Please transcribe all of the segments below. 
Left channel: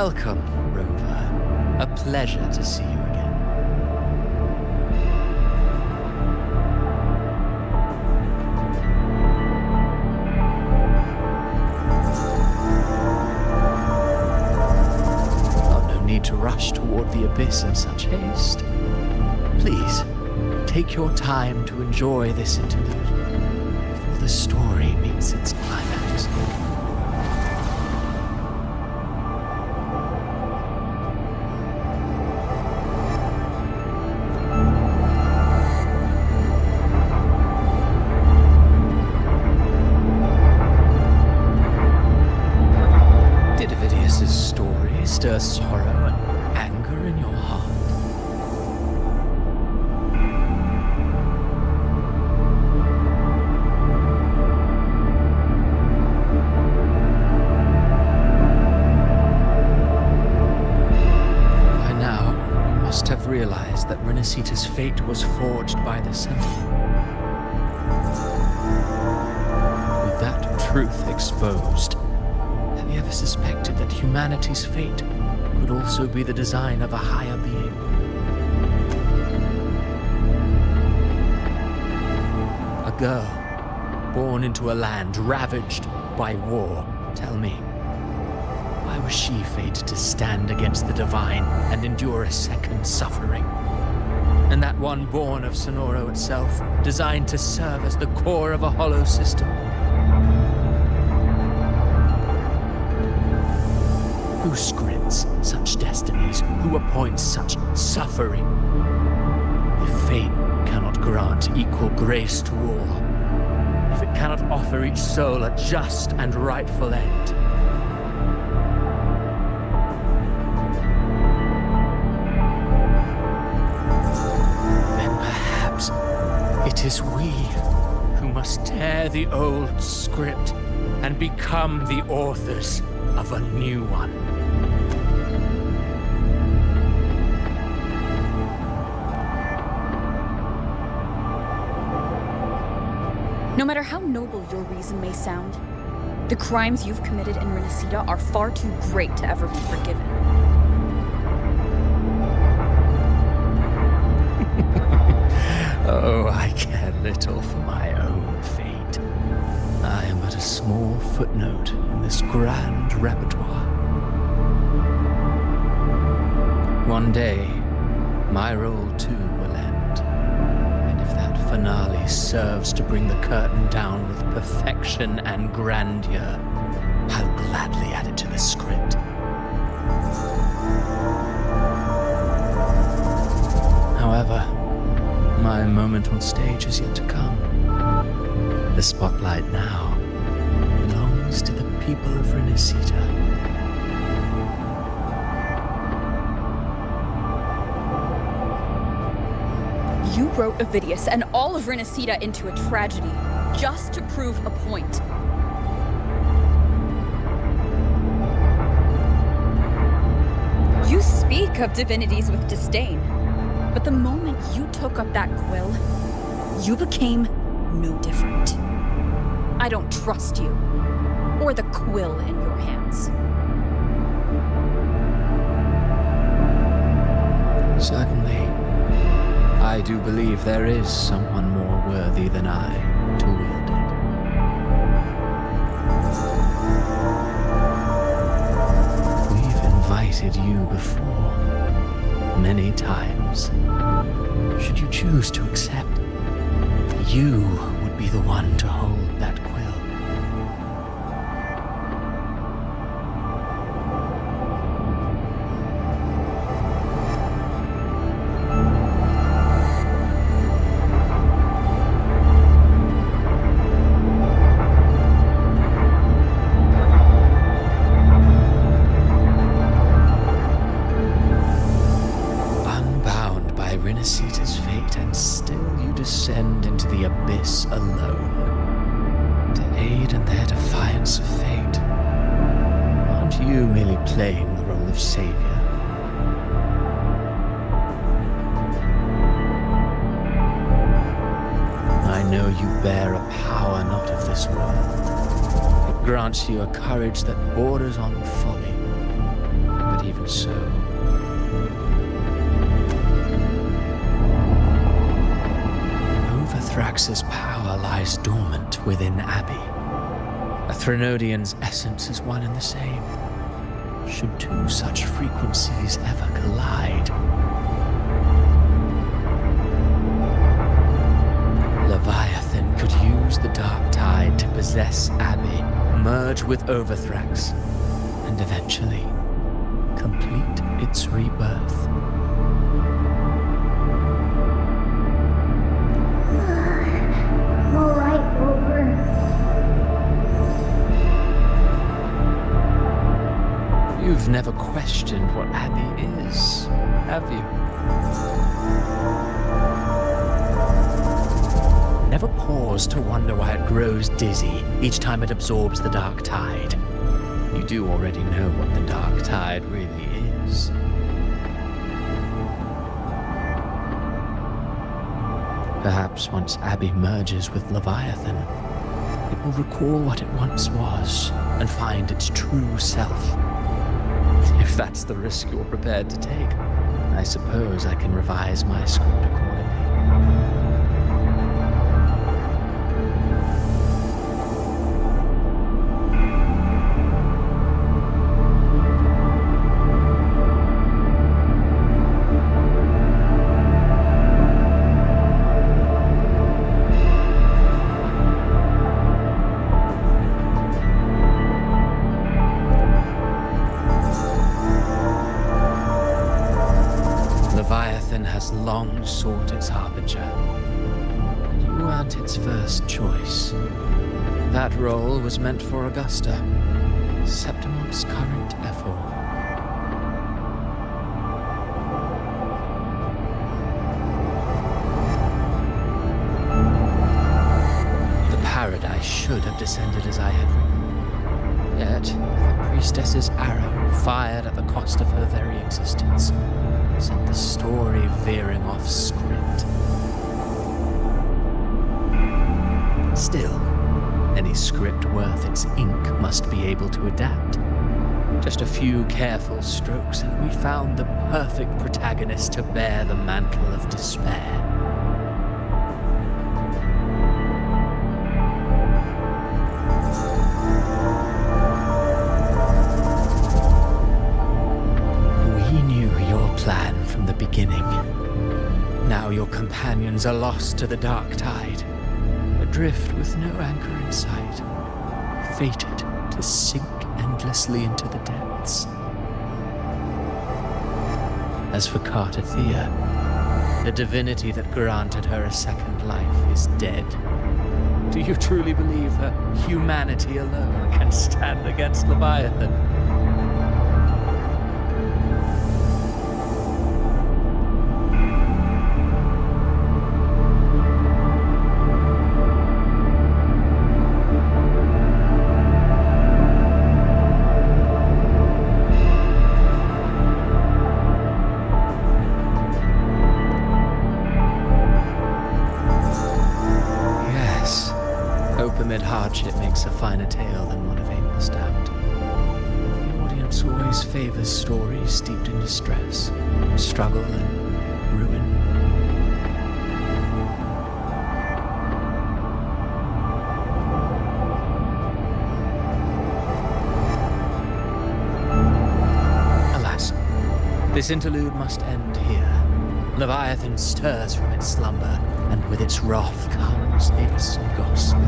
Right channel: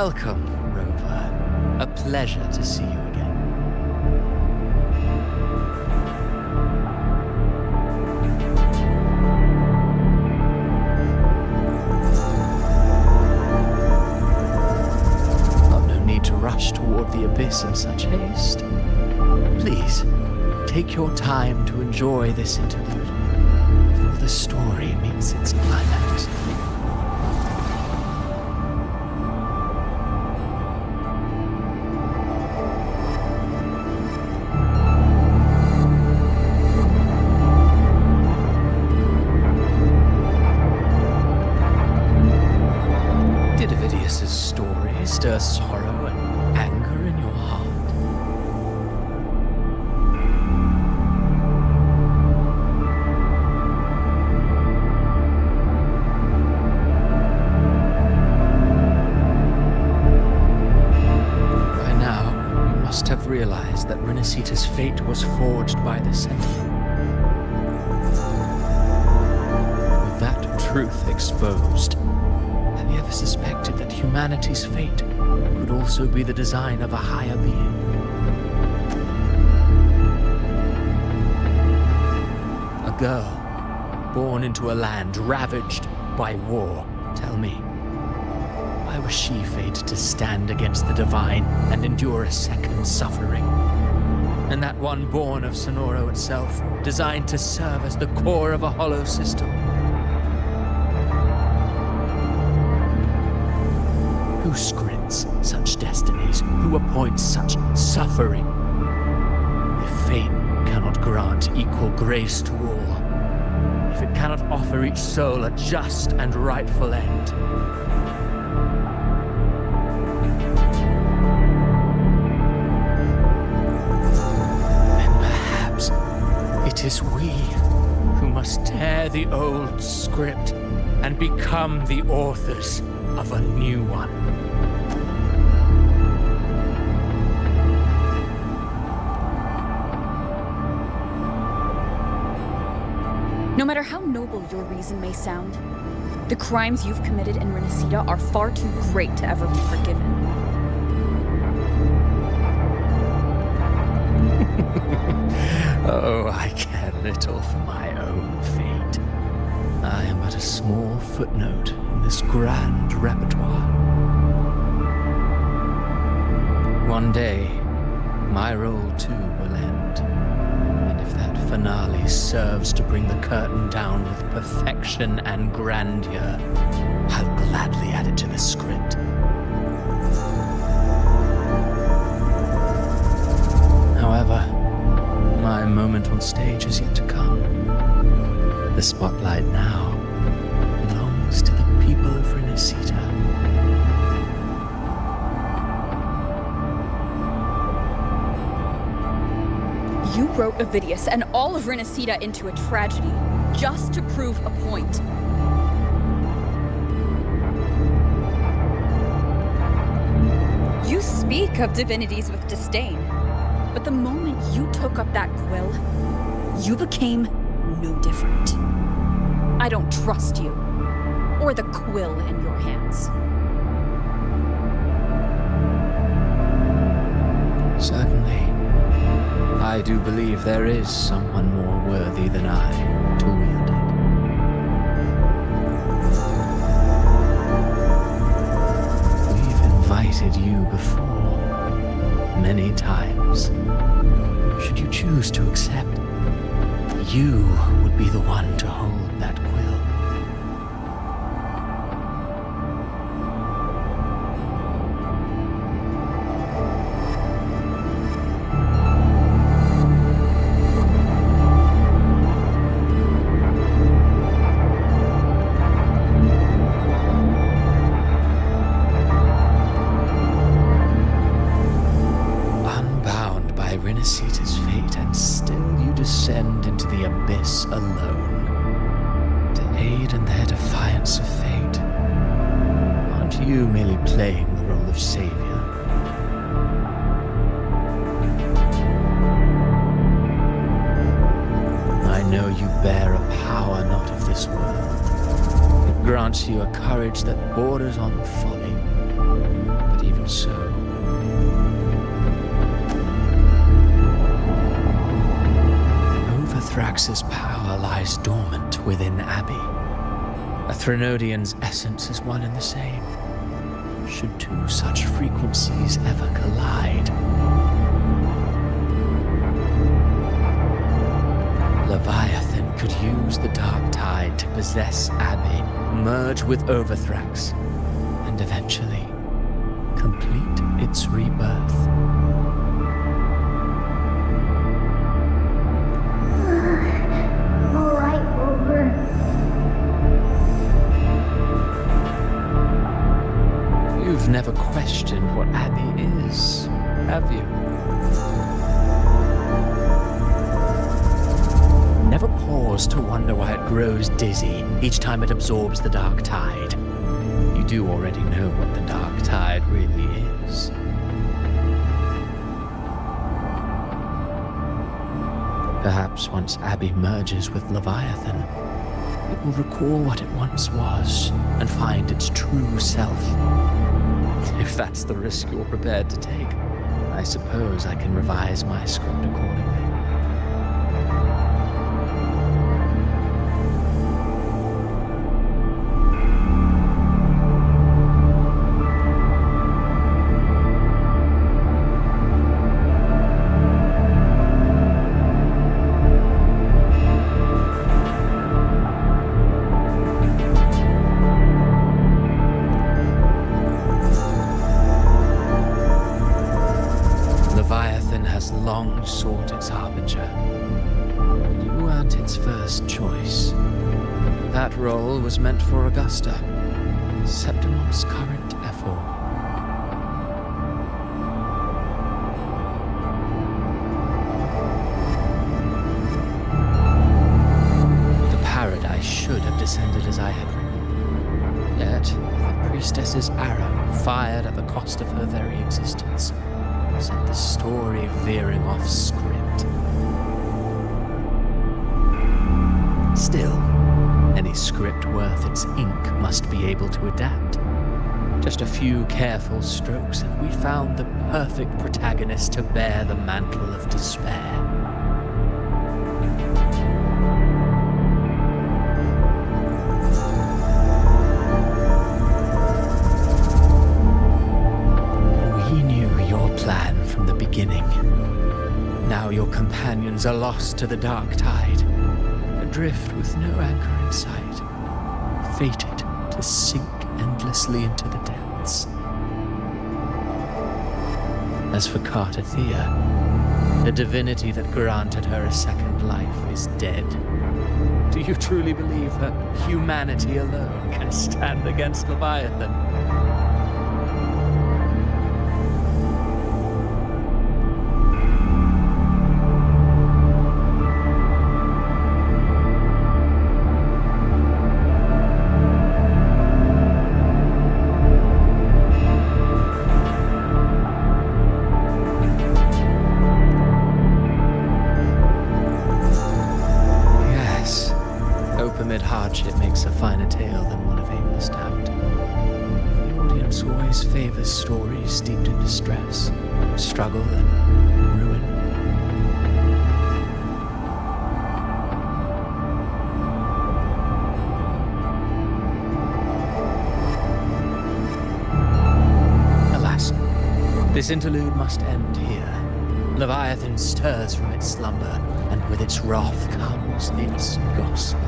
Welcome, Rover. A pleasure to see you again. Oh, no need to rush toward the abyss in such haste. Please, take your time to enjoy this interlude before the story meets its climax. Did Ovidius's story stir sorrow and anger in your heart? By now, you must have realized that Renacita's fate was forged by the Sentinel. With that truth exposed, have you ever suspected that humanity's fate could also be the design of a higher being? A girl born into a land ravaged by war. Tell me, why was she fated to stand against the divine and endure a second suffering? And that one born of Sonoro itself, designed to serve as the core of a hollow system? Who scripts such destinies? Who appoints such suffering? If fate cannot grant equal grace to all, if it cannot offer each soul a just and rightful end, then perhaps it is we who must tear the old script and become the authors of a new one. No matter how noble your reason may sound, the crimes you've committed in Renacita are far too great to ever be forgiven. Oh, I care little for my own fate. I am but a small footnote in this grand repertoire. One day, my role too will end. And if that finale serves to bring the curtain down with perfection and grandeur, I'll gladly add it to the script. However, my moment on stage is yet to come. The spotlight now belongs to the people of Renacita. You wrote Ovidius and all of Renacita into a tragedy, just to prove a point. You speak of divinities with disdain, but the moment you took up that quill, you became no different. I don't trust you, or the quill in your hands. Certainly. I do believe there is someone more worthy than I to wield it. We've invited you before, many times. Should you choose to accept, you would be the one to hold that quill. Renacita's fate, and still you descend into the abyss alone to aid in their defiance of fate. Aren't you merely playing the role of savior? I know you bear a power not of this world. It grants you a courage that borders on folly. But But even so, Overthrax's power lies dormant within Abby. A Threnodian's essence is one and the same. Should two such frequencies ever collide, Leviathan could use the dark tide to possess Abby, merge with Overthrax, and eventually complete its rebirth. All right, Rover. You've never questioned what Abby is, have you? Never paused to wonder why it grows dizzy each time it absorbs the dark tide. You do already know what the dark tide really is. Perhaps once Abby merges with Leviathan, it will recall what it once was and find its true self. If that's the risk you're prepared to take, I suppose I can revise my script accordingly. Leviathan has long sought its harbinger, but you aren't its first choice. That role was meant for Augusta, Septimon's current ephor. The paradise should have descended as I had written, yet the priestess's arrow, fired at the cost of her very existence, sent the story veering off script. Still, any script worth its ink must be able to adapt. Just a few careful strokes and we found the perfect protagonist to bear the mantle of despair. We knew your plan from the beginning. Now your companions are lost to the dark tide, adrift with no anchor in sight, fated to sink endlessly into the depths. As for Cartathea, the divinity that granted her a second life is dead. Do you truly believe her humanity alone can stand against Leviathan? Hope amid hardship makes a finer tale than one of aimless doubt. The audience always favors stories steeped in distress, struggle, and ruin. Alas, this interlude must end here. Leviathan stirs from its slumber, and with its wrath comes its gospel.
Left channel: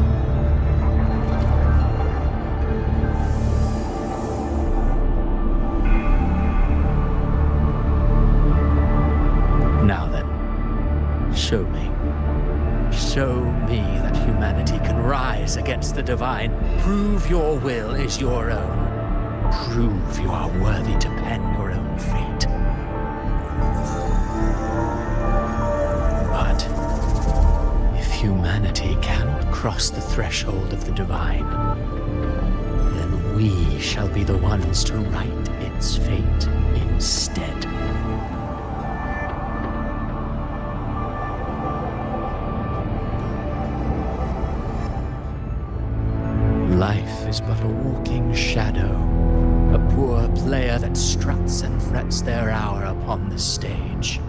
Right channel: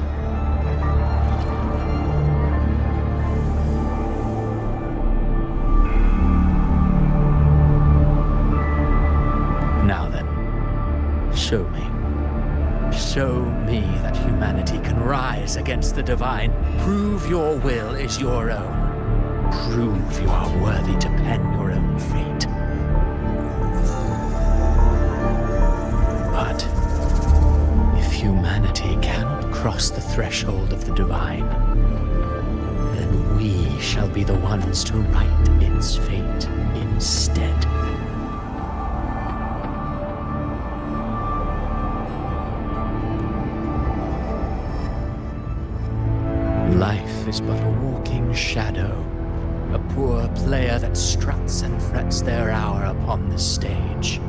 Now then, show me. Show me that humanity can rise against the divine. Prove your will is your own. Prove you are worthy to pen your own fate. But if humanity cannot cross the threshold of the divine, then we shall be the ones to write its fate instead. Life is but a walking shadow, A poor player that struts and frets their hour upon the stage.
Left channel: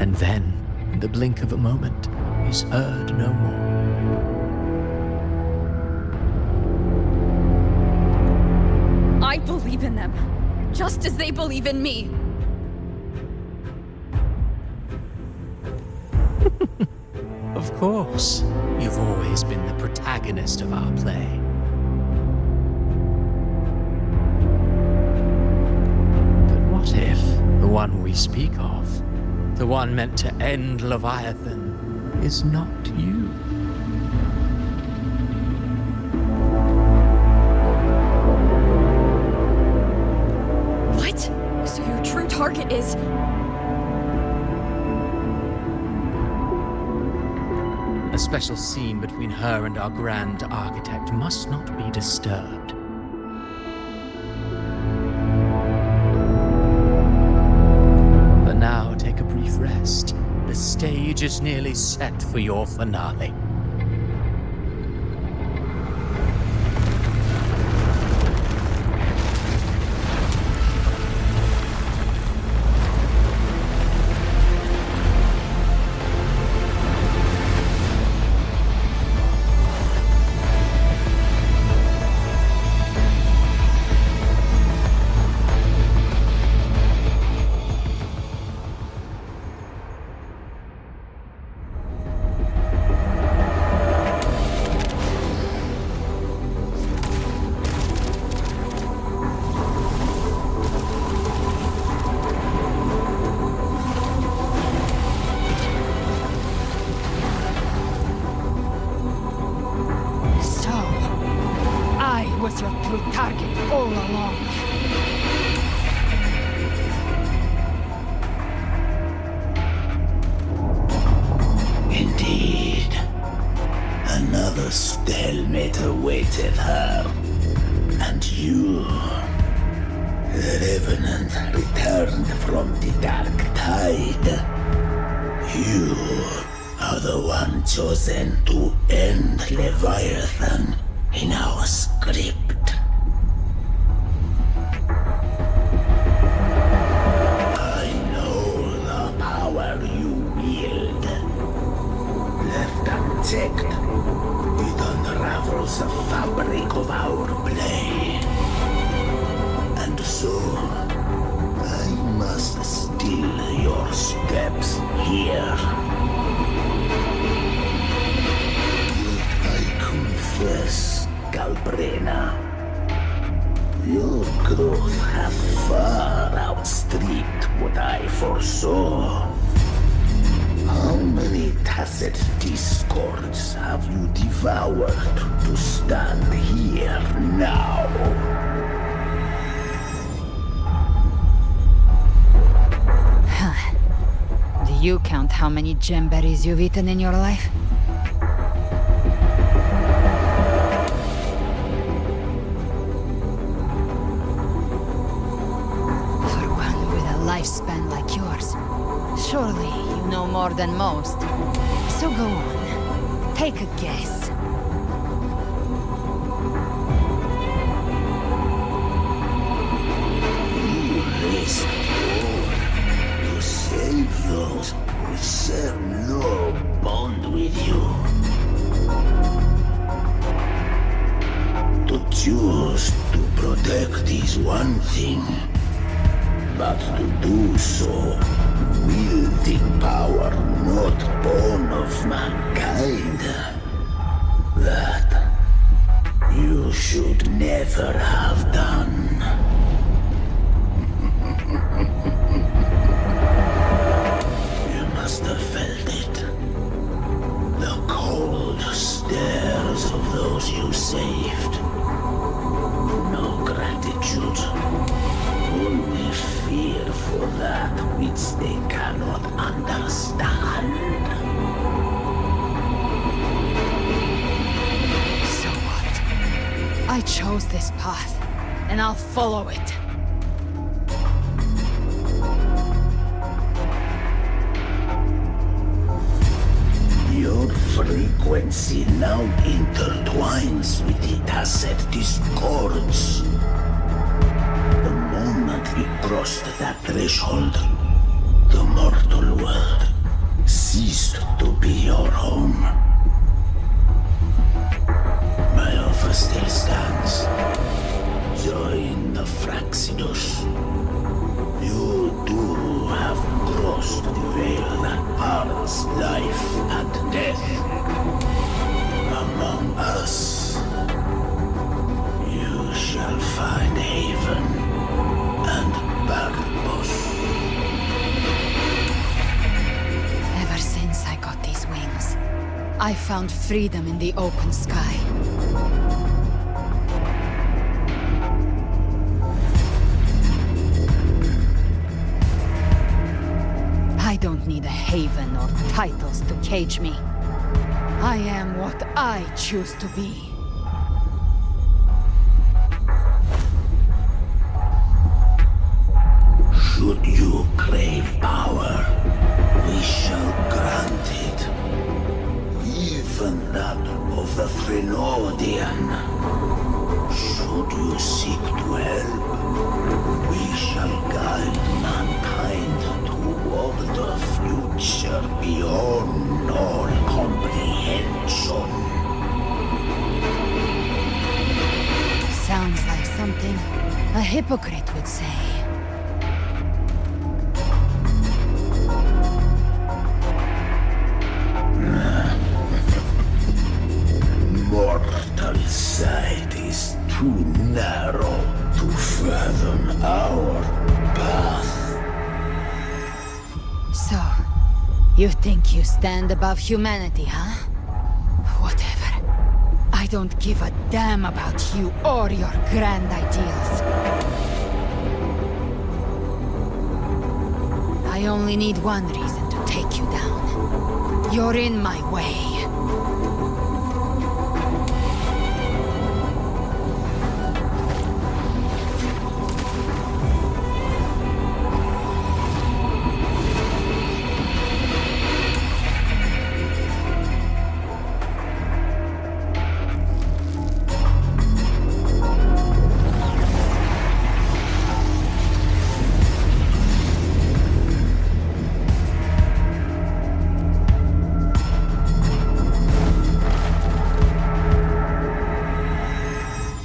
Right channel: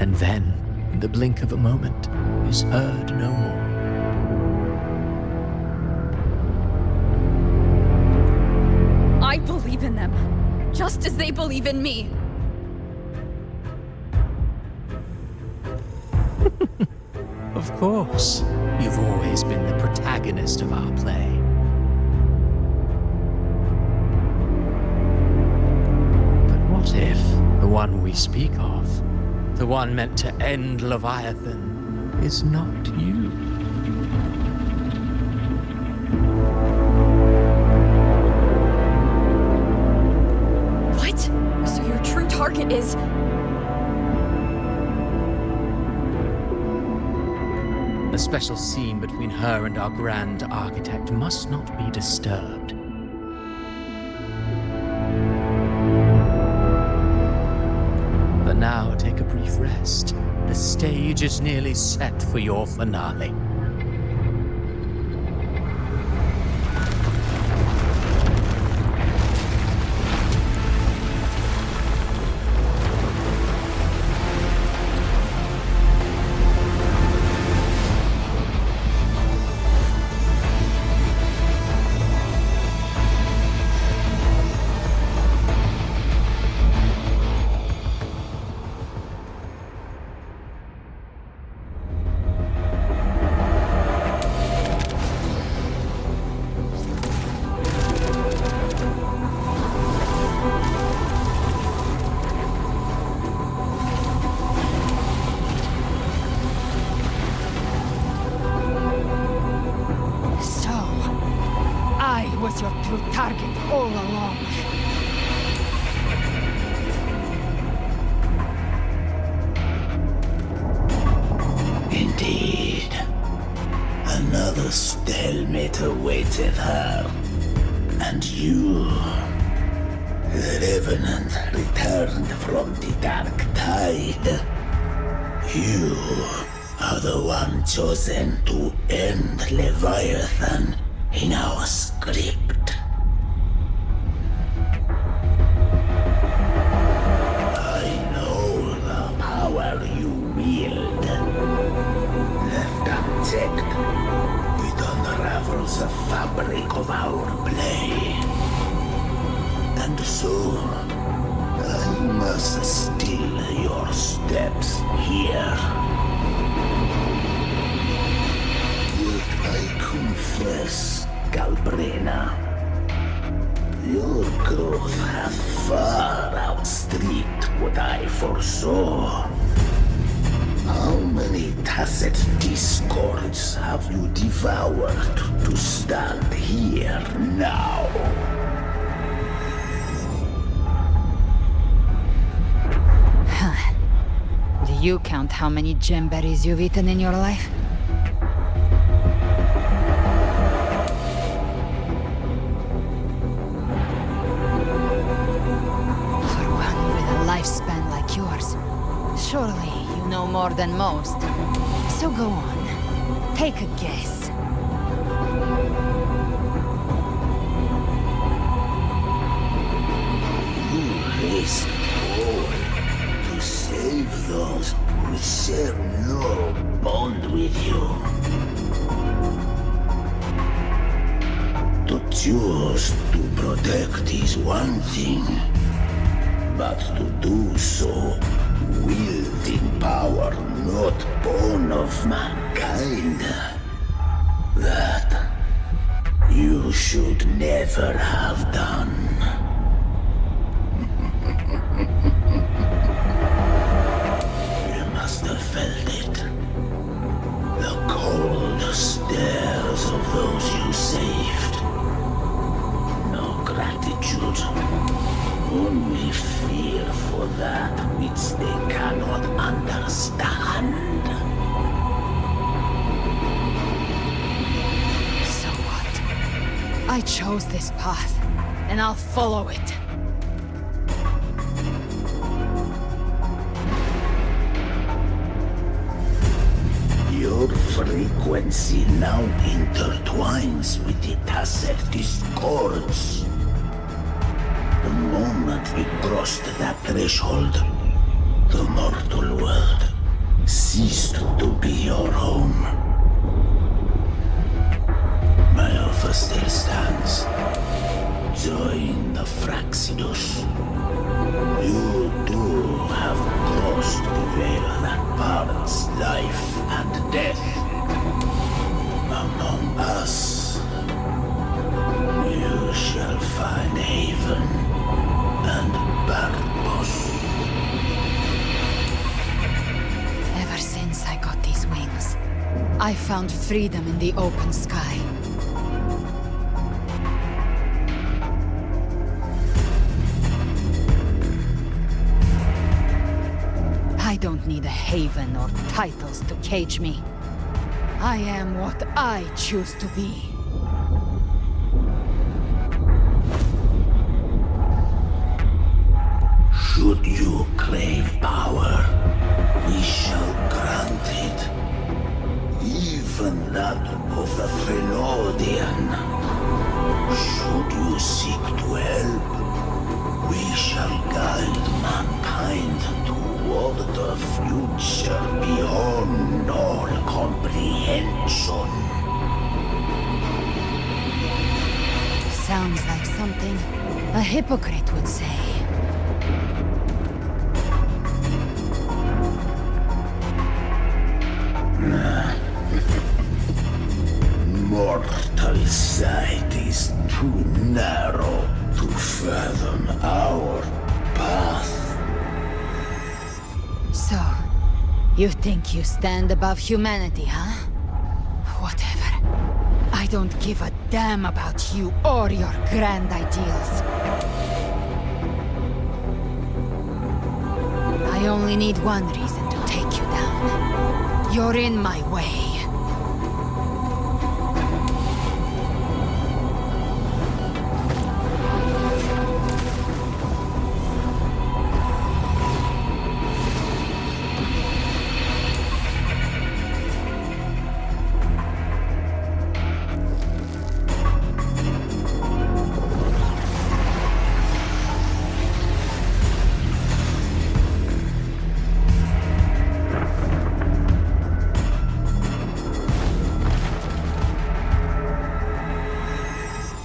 And then, in the blink of a moment, is heard no more. I believe in them, just as they believe in me. Of course, you've always been the protagonist of our play. But what if the one we speak of, the one meant to end Leviathan, is not you? What? So your true target is... A special scene between her and our grand architect must not be disturbed. But now take a brief rest. The stage is nearly set for your finale. Was your true target all along. Indeed. Another stalemate awaited her. And you, the Revenant, returned from the dark tide. You are the one chosen to end Leviathan in our script. I know the power you wield. Left unchecked, it unravels the fabric of our play. And so, I must steal your steps here. Yet I confess, Galbrena, your growth hath far outstripped what I foresaw. How many tacit discords have you devoured to stand here now? Do you count how many gemberries you've eaten in your life? For one with a lifespan like yours, surely you know more than most. So go on, take a guess. You risk all to save those who share no bond with you. To choose to protect is one thing, but to do so wielding power not born of mankind, that you should never have done. You must have felt it. The cold stares of those you saved. No gratitude. Only fear for that which they cannot understand. So what? I chose this path, and I'll follow it. Your frequency now intertwines with the tacet discords. The moment we crossed that threshold, the mortal world ceased to be your home. My offer still stands. Join the Fraxidus. You too have crossed the veil that parts life and death. Among us, you shall find haven and purpose. Ever since I got these wings, I found freedom in the open sky. I don't need a haven or titles to cage me. I am what I choose to be. Should you crave power, we shall grant it. Even that of the Frenodian. Should you seek to help, we shall guide mankind toward a future beyond all comprehension. Sounds like something a hypocrite would say. Mortal sight is too narrow to fathom our path. So, you think you stand above humanity, huh? Whatever. I don't give a damn about you or your grand ideals. I only need one reason to take you down. You're in my way.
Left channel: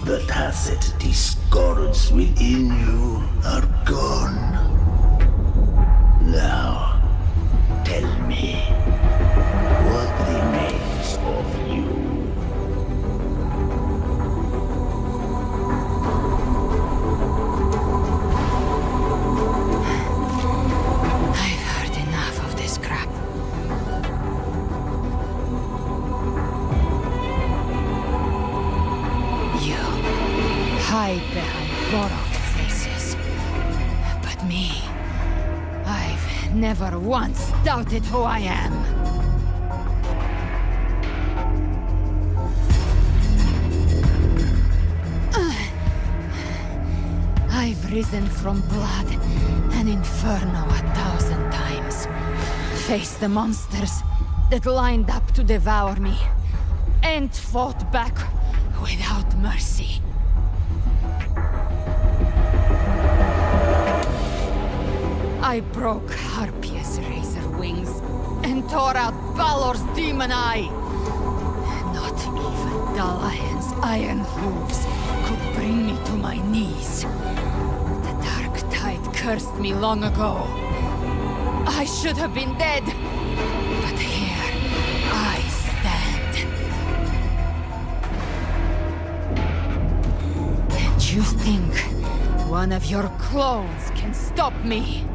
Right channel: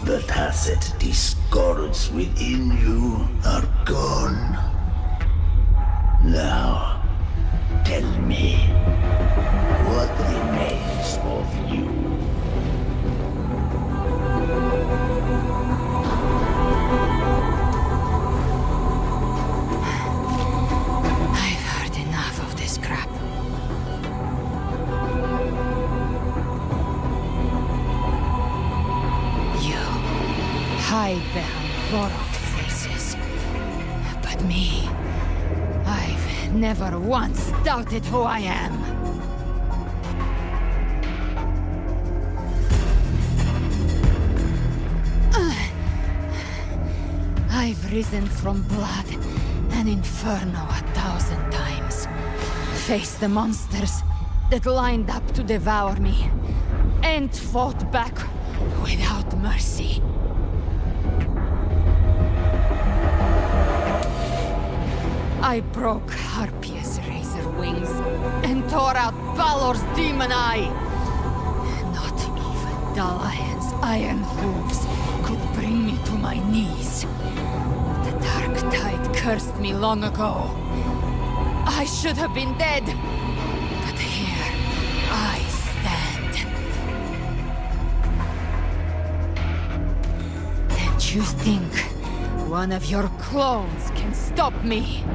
The tacit discords within you are gone. Now, tell me, what remains of you? I've heard enough of this crap. You hide behind borrowed faces. But me, I've never once doubted who I am. I've risen from blood and inferno 1,000 times. Faced the monsters that lined up to devour me, and fought back without mercy. I broke Harpia's razor wings and tore out Balor's demon eye. Not even Dalahan's iron hooves could bring me to my knees. The dark tide cursed me long ago. I should have been dead, but here I stand. And you think one of your clones can stop me?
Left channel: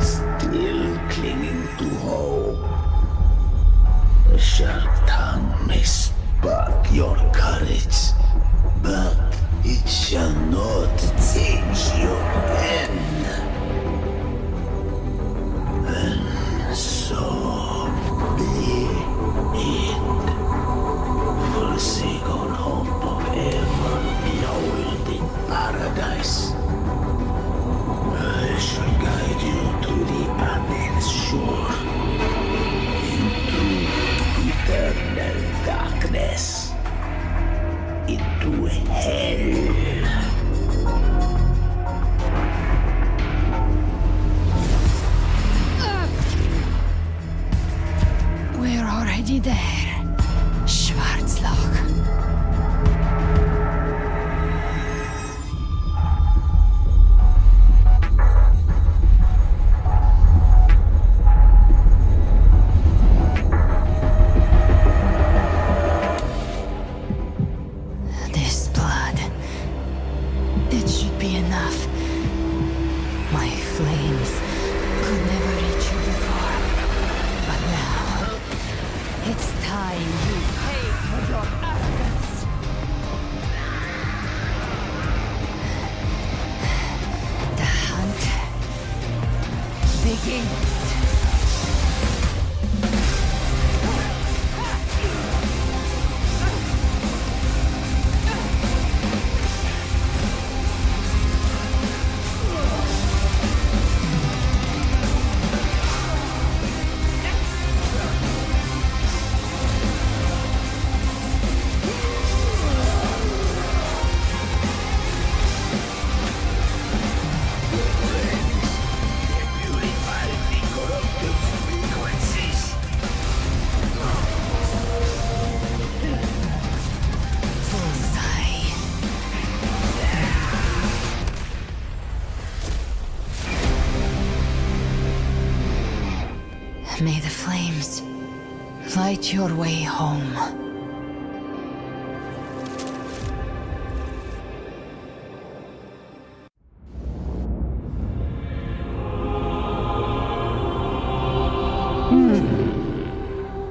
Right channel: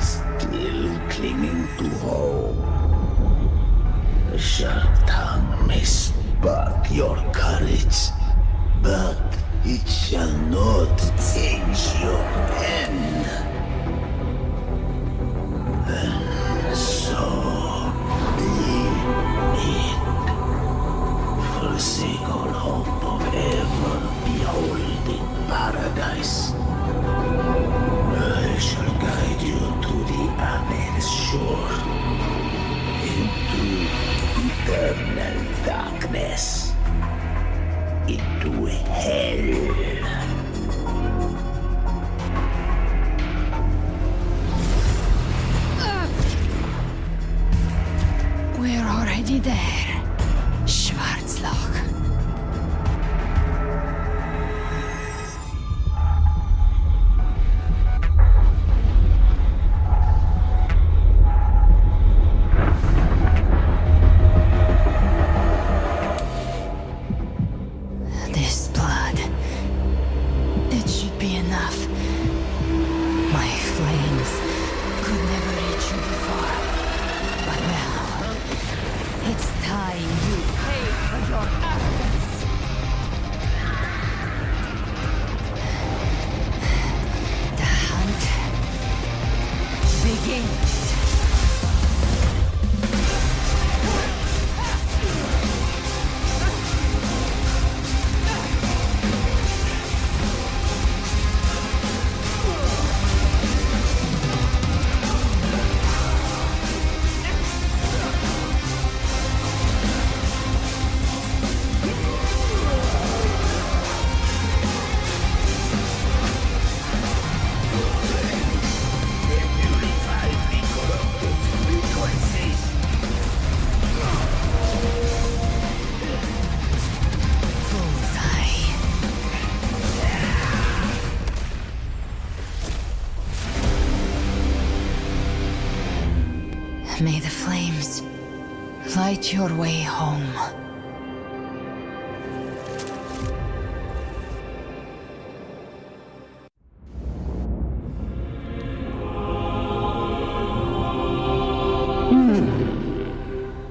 Still clinging to hope. The sharp tongue may spark your courage, but it shall not change your end. And so be it. Forsake all hope of ever beholding paradise. Already there, Schwarzloch. This blood. It should be enough. My flames could never reach you before. But now, it's time you pay for your arrogance. The hunt begins. May the flames light your way home.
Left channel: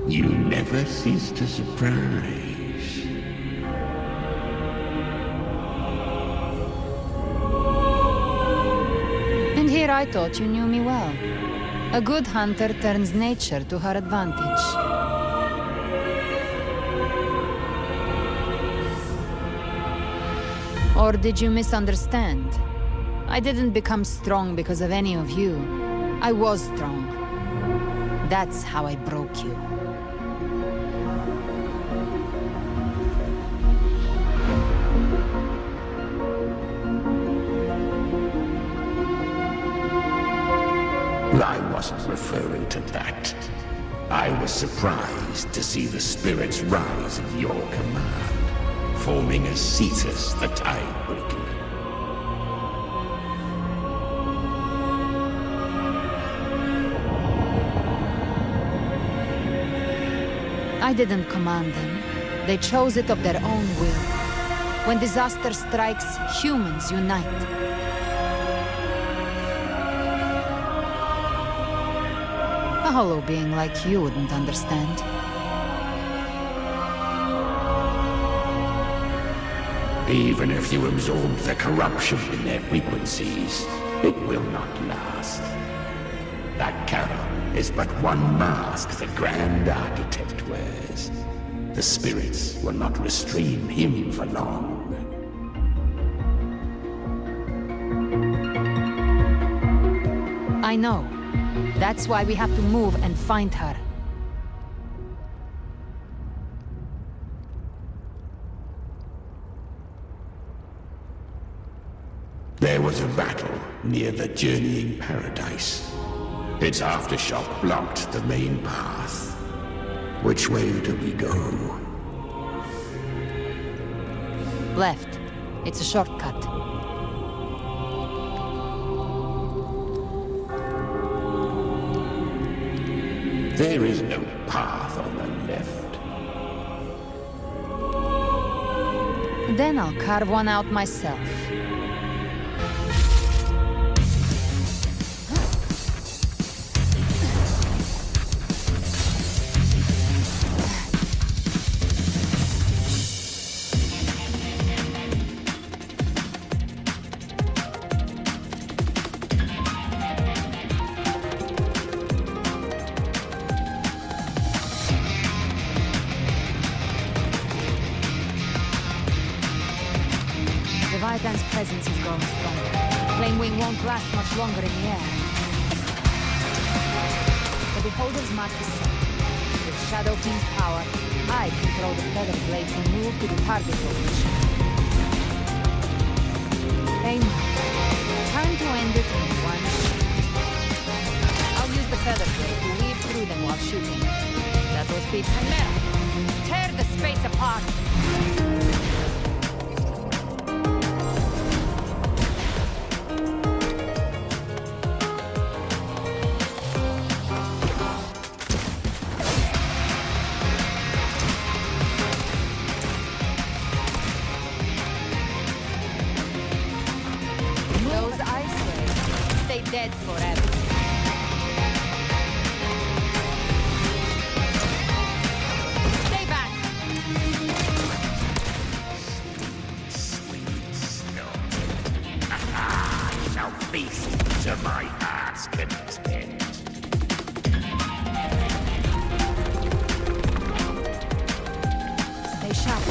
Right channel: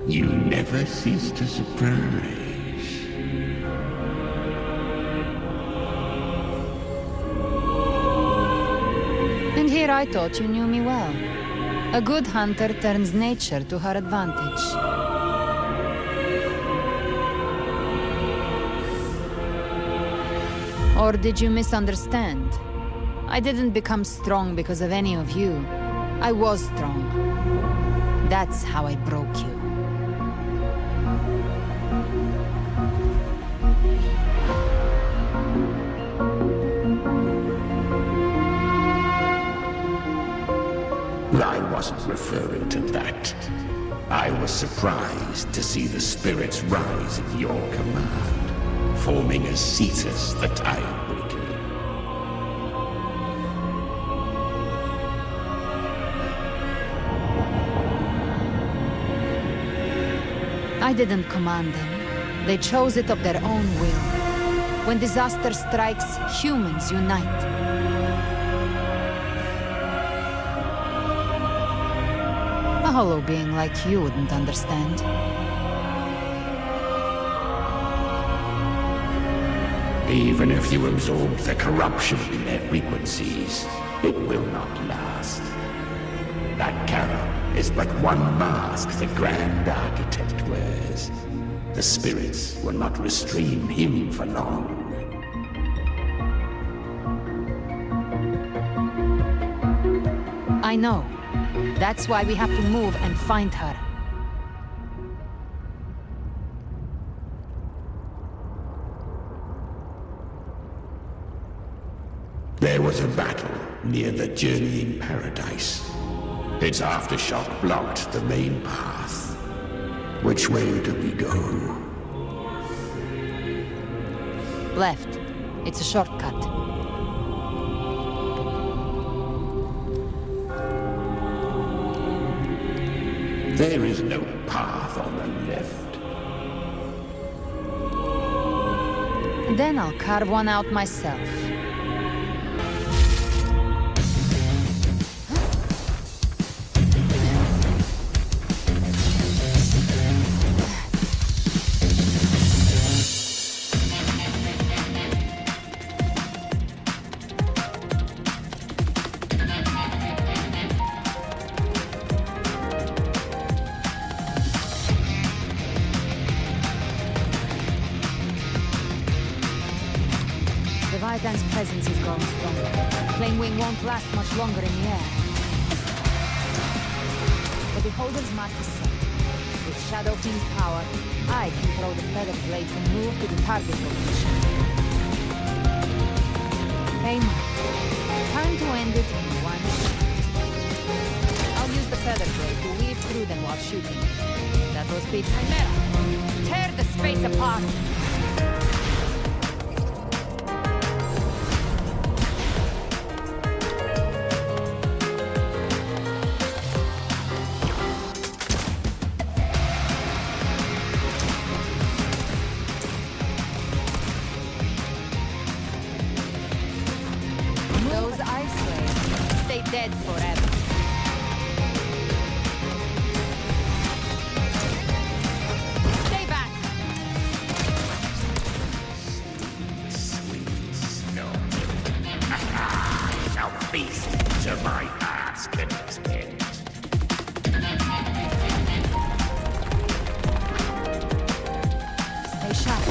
You never cease to surprise. And here I thought you knew me well. A good hunter turns nature to her advantage. Or did you misunderstand? I didn't become strong because of any of you. I was strong. That's how I broke you. I wasn't referring to that. I was surprised to see the spirits rise at your command, forming as Cetus the Tidebreaker. I didn't command them. They chose it of their own will. When disaster strikes, humans unite. A hollow being like you wouldn't understand. Even if you absorb the corruption in their frequencies, it will not last. That carol is but one mask the Grand Architect wears. The spirits will not restrain him for long. I know. That's why we have to move and find her. There was a battle near the Journeying Paradise. Its aftershock blocked the main path. Which way do we go? Left. It's a shortcut. There is no path on the left. Then I'll carve one out myself. Leviathan's presence is growing stronger. Flame Wing won't last much longer in the air. The Beholder's mark is set. With Shadow King's power, I can throw the Feather Blade to move to the target location. Aim. Time to end it in one shot. I'll use the Feather Blade to weave through them while shooting. That shadows be chimera. Tear the space apart. Those ice waves stay dead forever. Stay back. Sweet snow. Shall feast to my heart's content. Stay sharp.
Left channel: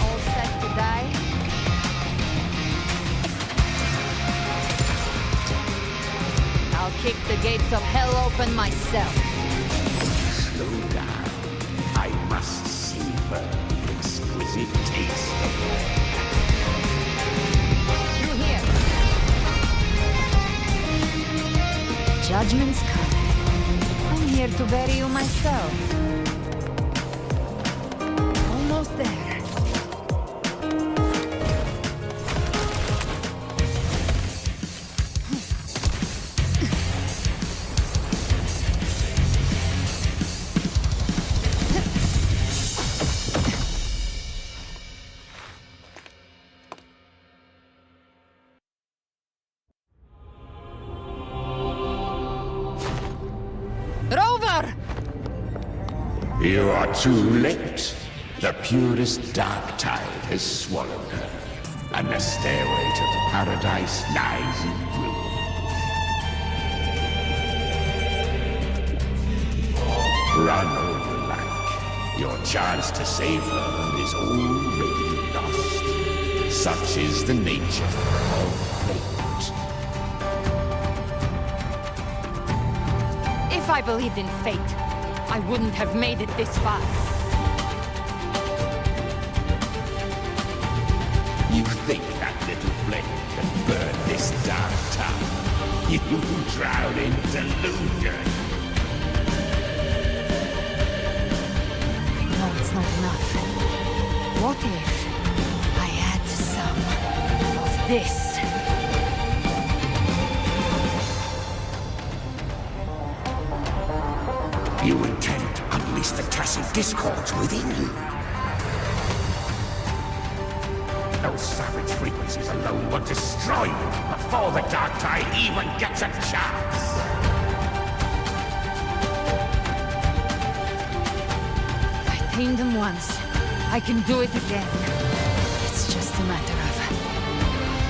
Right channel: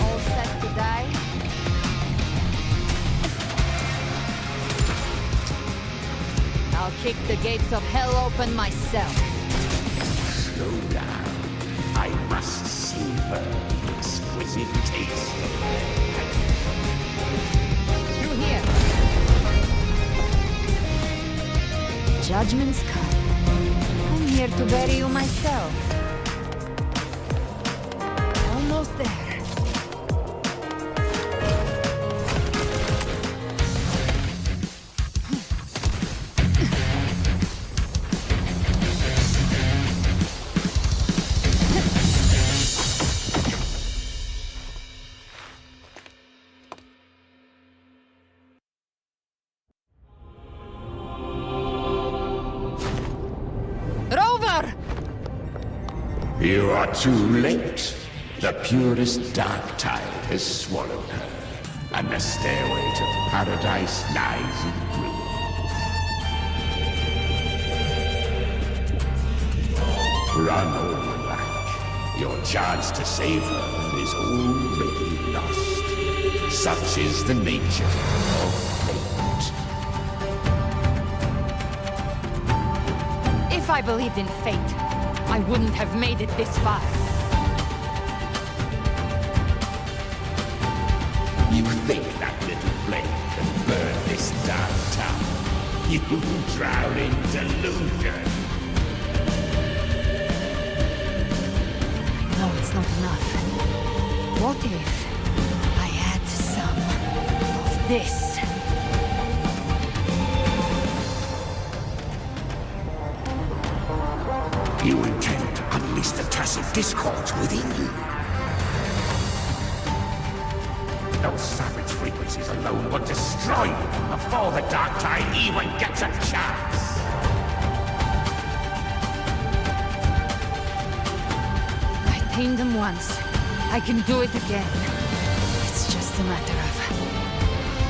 All set to die. I'll kick the gates of hell open myself. Slow down. I must savor the exquisite taste of Through here. Judgment's come. I'm here to bury you myself. Almost there. Rover! You are too late. The purest dark tide has swallowed her, and the stairway to paradise lies in ruins. Run all you like. Your chance to save her is already lost. Such is the nature of fate. If I believed in fate, I wouldn't have made it this far. You think that little flame can burn this dark town? You drown in delusion. I know it's not enough. What if I add some of this? You intend to unleash the tacit discords within you. Those savage frequencies alone will destroy you before the dark tide even gets a chance. I tamed them once. I can do it again. It's just a matter of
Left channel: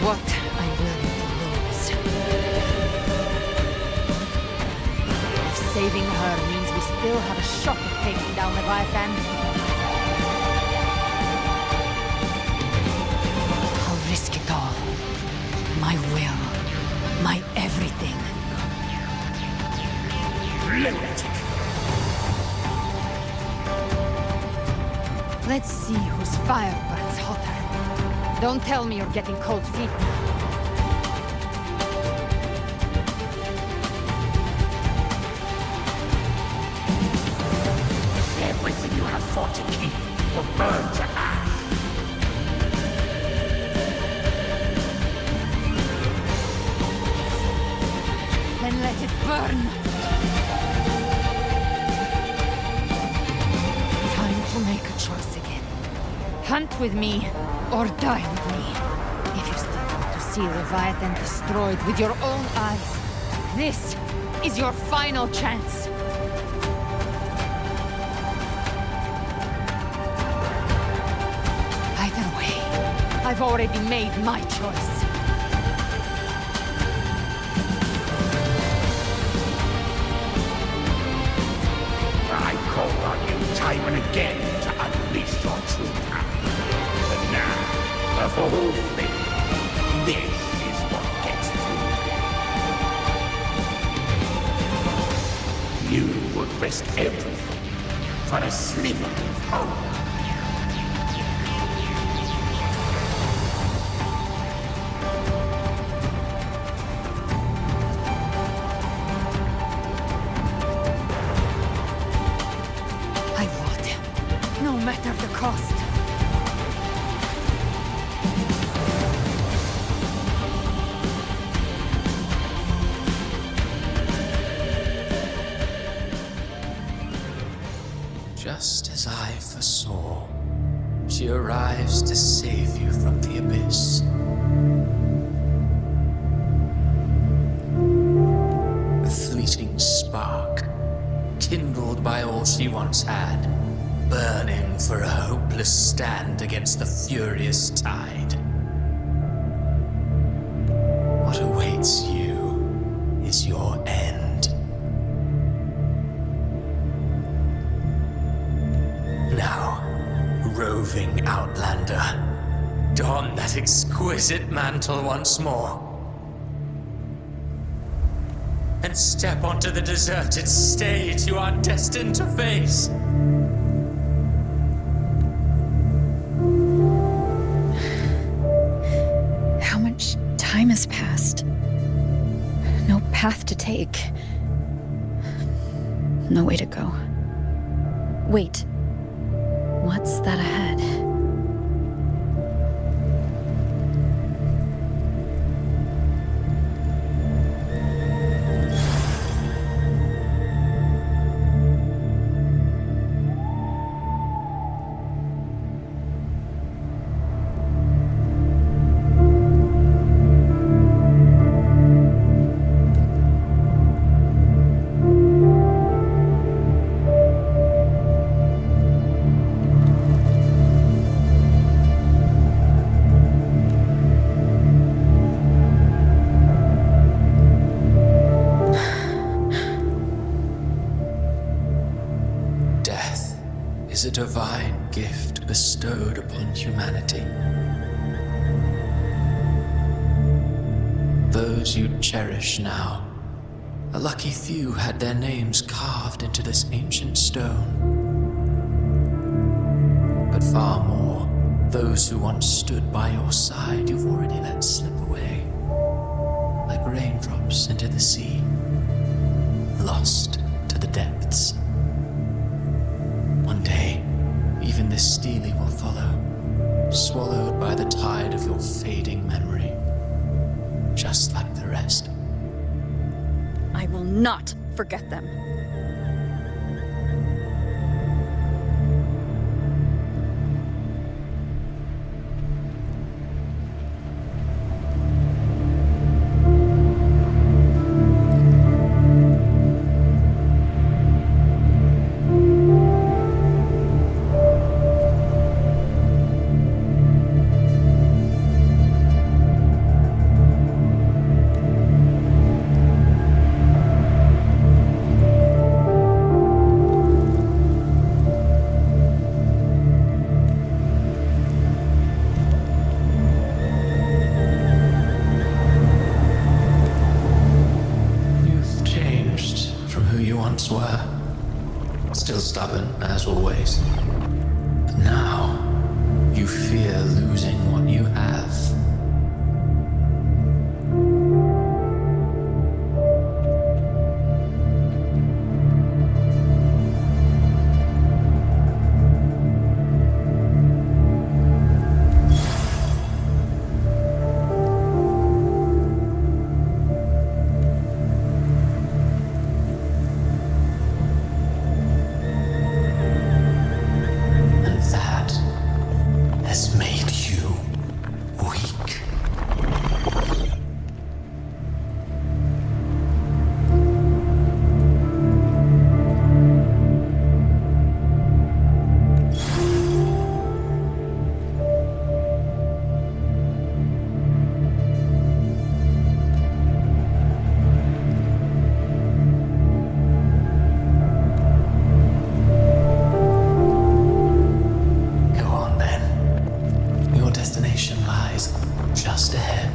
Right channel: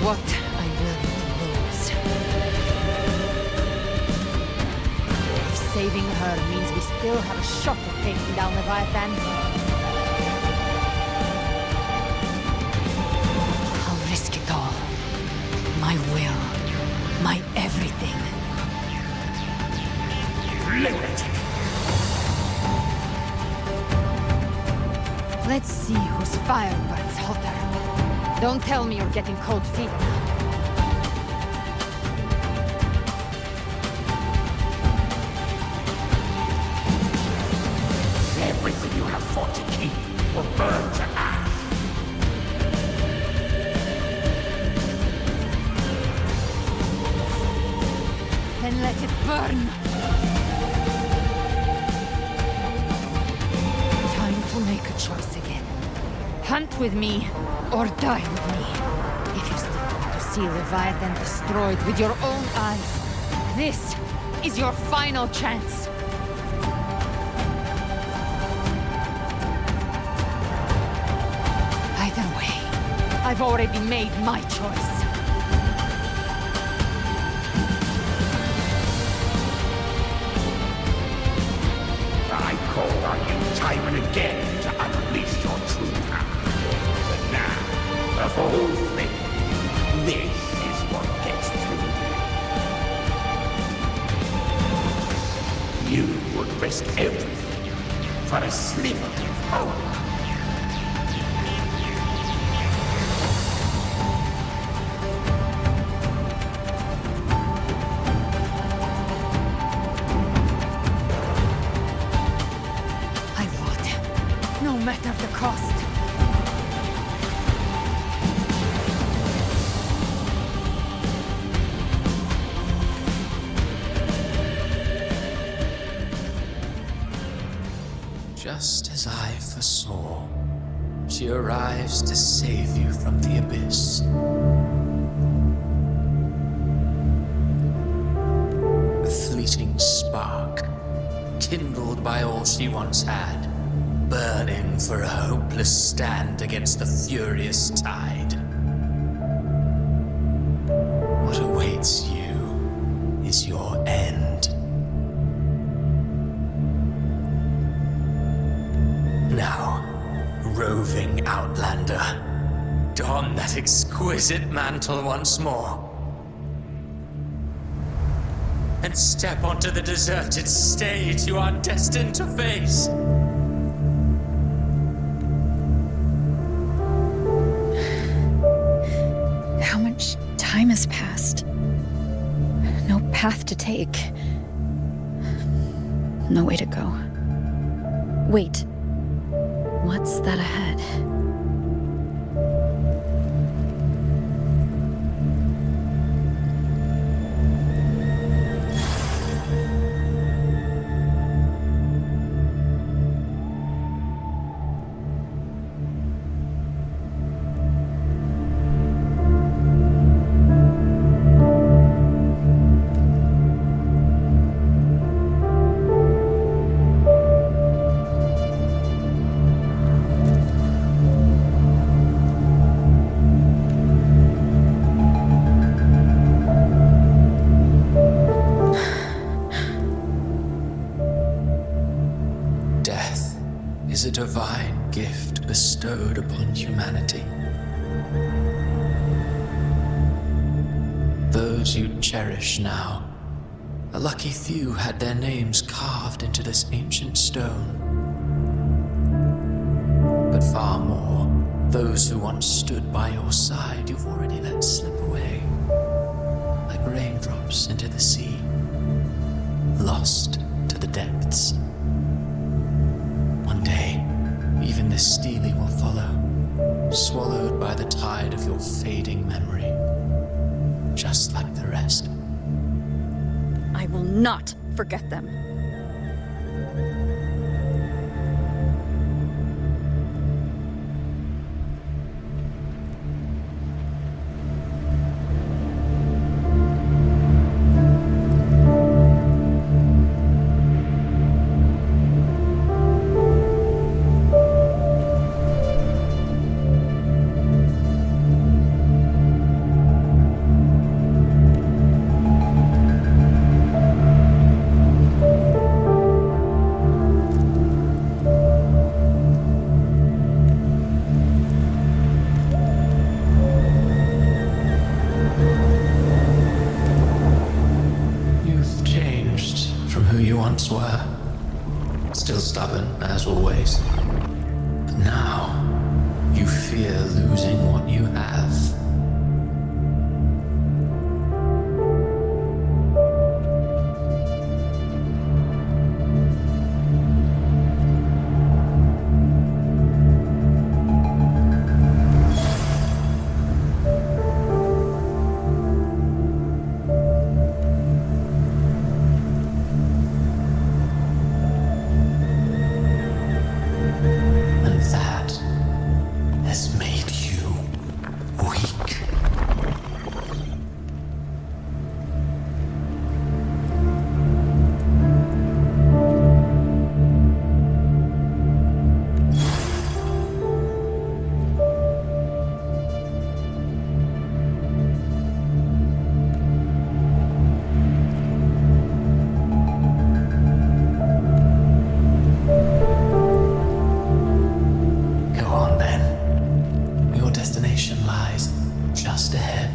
what I'm willing to lose. If saving her means we still have a shot at taking down Leviathan, I'll risk it all. My will. My everything. Lunatic! Let's see whose fire burns hotter. Don't tell me you're getting cold feet now. Everything you have fought to keep will burn to ash. Then let it burn! Time to make a choice again. Hunt with me, or die with me. If you still want to see Leviathan destroyed with your own eyes, this is your final chance. Either way, I've already made my choice. I called on you time and again to unleash your true power. But now, of all things, this is what gets through them. You would risk everything for a sliver of hope. cost. Just as I foresaw, she arrives to save you from the abyss. A fleeting spark, kindled by all she once had, burning for a hopeless stand against the furious tide. What awaits you is your end. Now, roving outlander, don that exquisite mantle once more and step onto the deserted stage you are destined to face. How much time has passed? No path to take. No way to go. Wait. What's that ahead? Death is a divine gift bestowed upon humanity. Those you cherish now, a lucky few had their names carved into this ancient stone. But far more, those who once stood by your side you've already let slip away, like raindrops into the sea, lost to the depths. One day, even this stele will follow, swallowed by the tide of your fading memory, just like the rest. I will not forget them. Who you once were. Still stubborn, as always. But now, you fear losing what you have. Just ahead.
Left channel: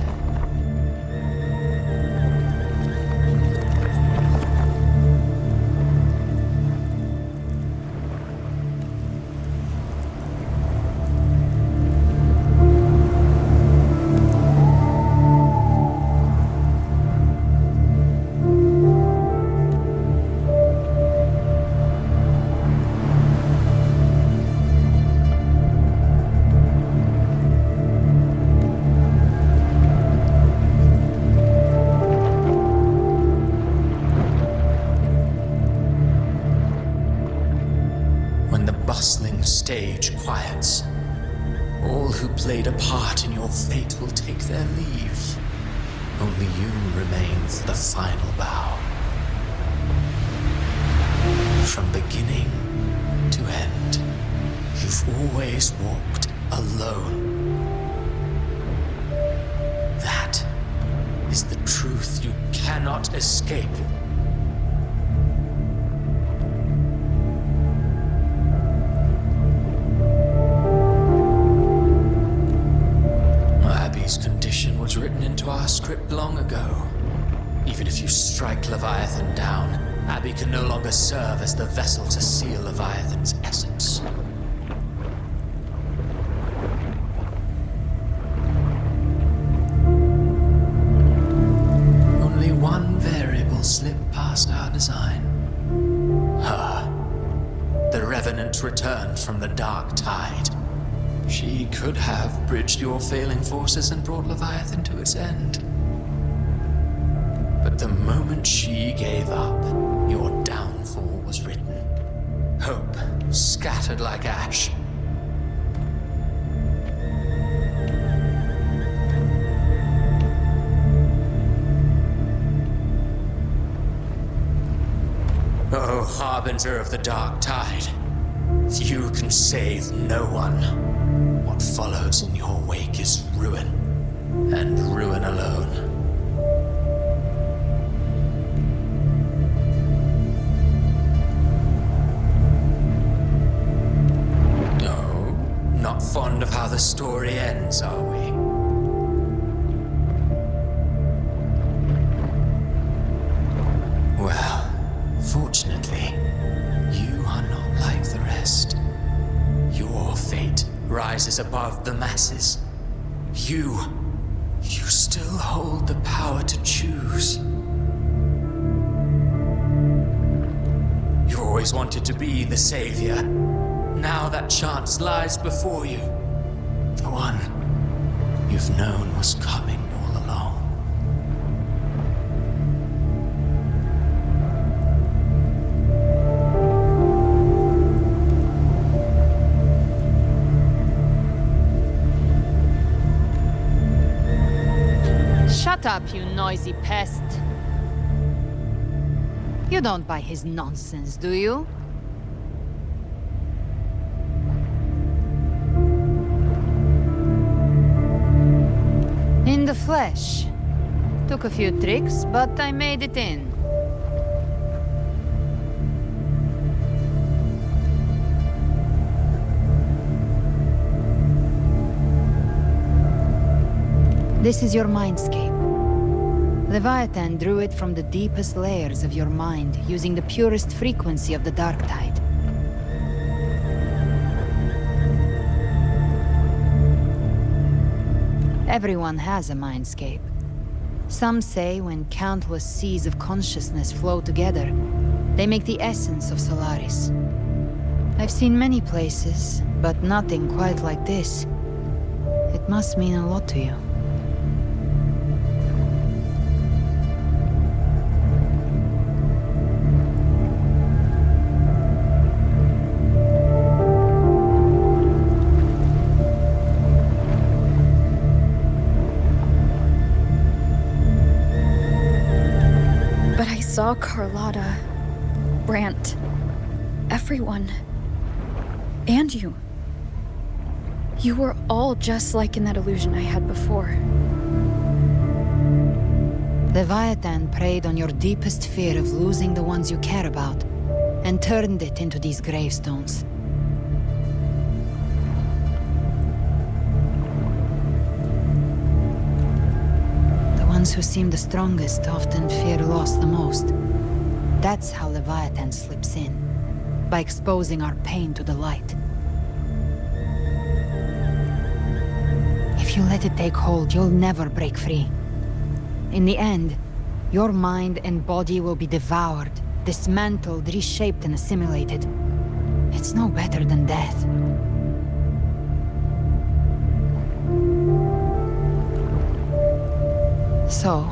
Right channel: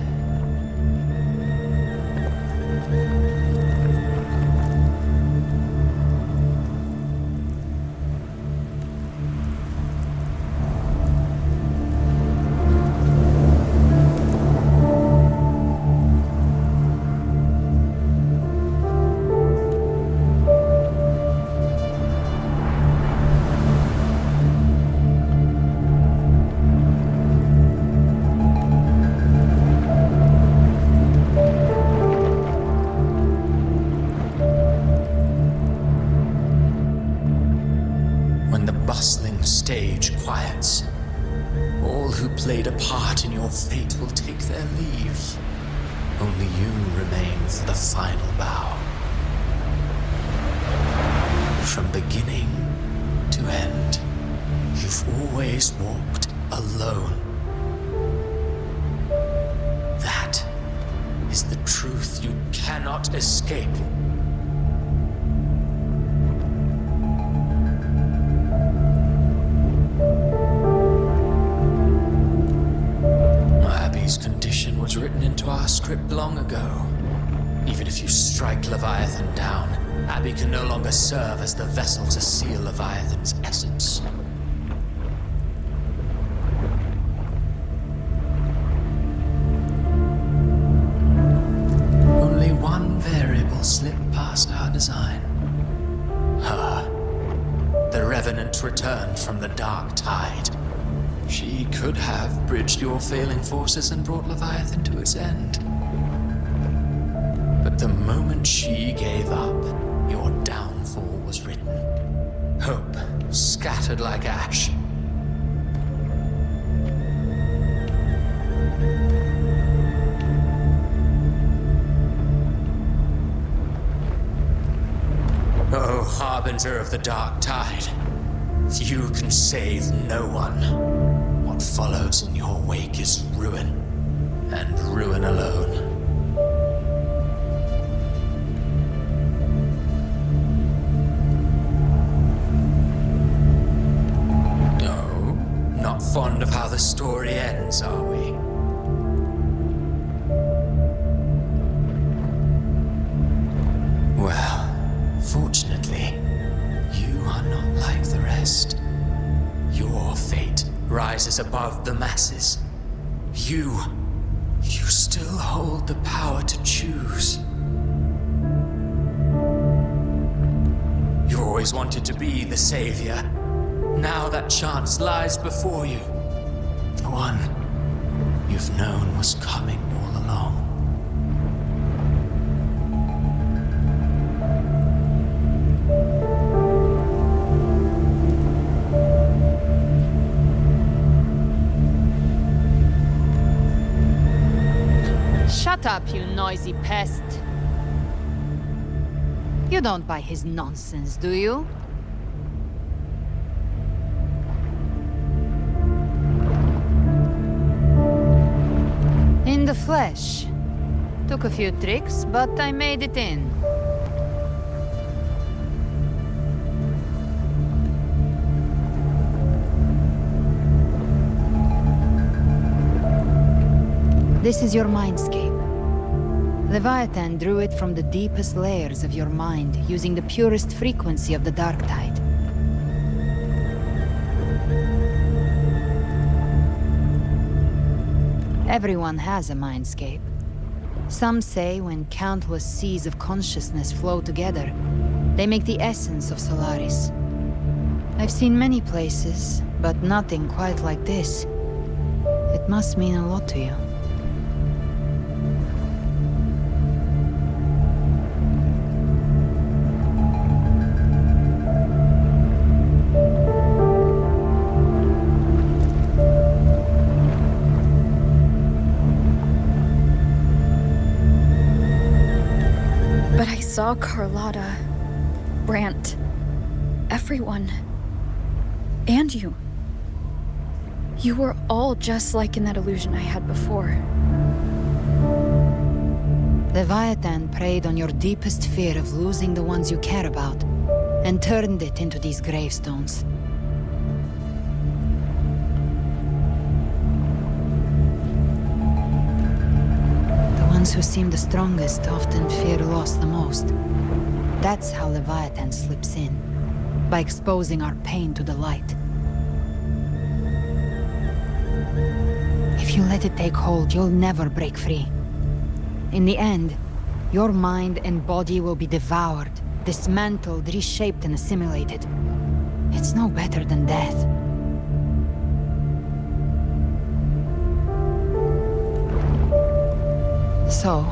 rage quiets, all who played a part in your fate will take their leave. Only you remain for the final bow. From beginning to end, you've always walked alone. That is the truth you cannot escape. Abby's condition was written into our script long ago. Even if you strike Leviathan down, Abby can no longer serve as the vessel to seal Leviathan's essence. Only one variable slipped past our design. Her. The Revenant returned from the dark tide. She could have bridged your failing forces and brought Leviathan to its end. But the moment she gave up, your downfall was written. Hope scattered like ash. Oh, harbinger of the dark tide, you can save no one. What follows in your wake is ruin, and ruin alone. No, not fond of how the story ends, are we? Well, fortunately, you are not like the rest. Your fate rises above the masses. You still hold the power to choose. You always wanted to be the savior. Now that chance lies before you. The one you've known was coming all along. Shut up, you noisy pest. You don't buy his nonsense, do you? In the flesh. Took a few tricks, but I made it in. This is your mindscape. Leviathan drew it from the deepest layers of your mind, using the purest frequency of the dark tide. Everyone has a mindscape. Some say when countless seas of consciousness flow together, they make the essence of Solaris. I've seen many places, but nothing quite like this. It must mean a lot to you. But I saw Carlotta, Brant, everyone. And you. You were all just like in that illusion I had before. Leviathan preyed on your deepest fear of losing the ones you care about, and turned it into these gravestones. The ones who seem the strongest often fear loss the most. That's how Leviathan slips in, by exposing our pain to the light. If you let it take hold, you'll never break free. In the end, your mind and body will be devoured, dismantled, reshaped, and assimilated. It's no better than death. So,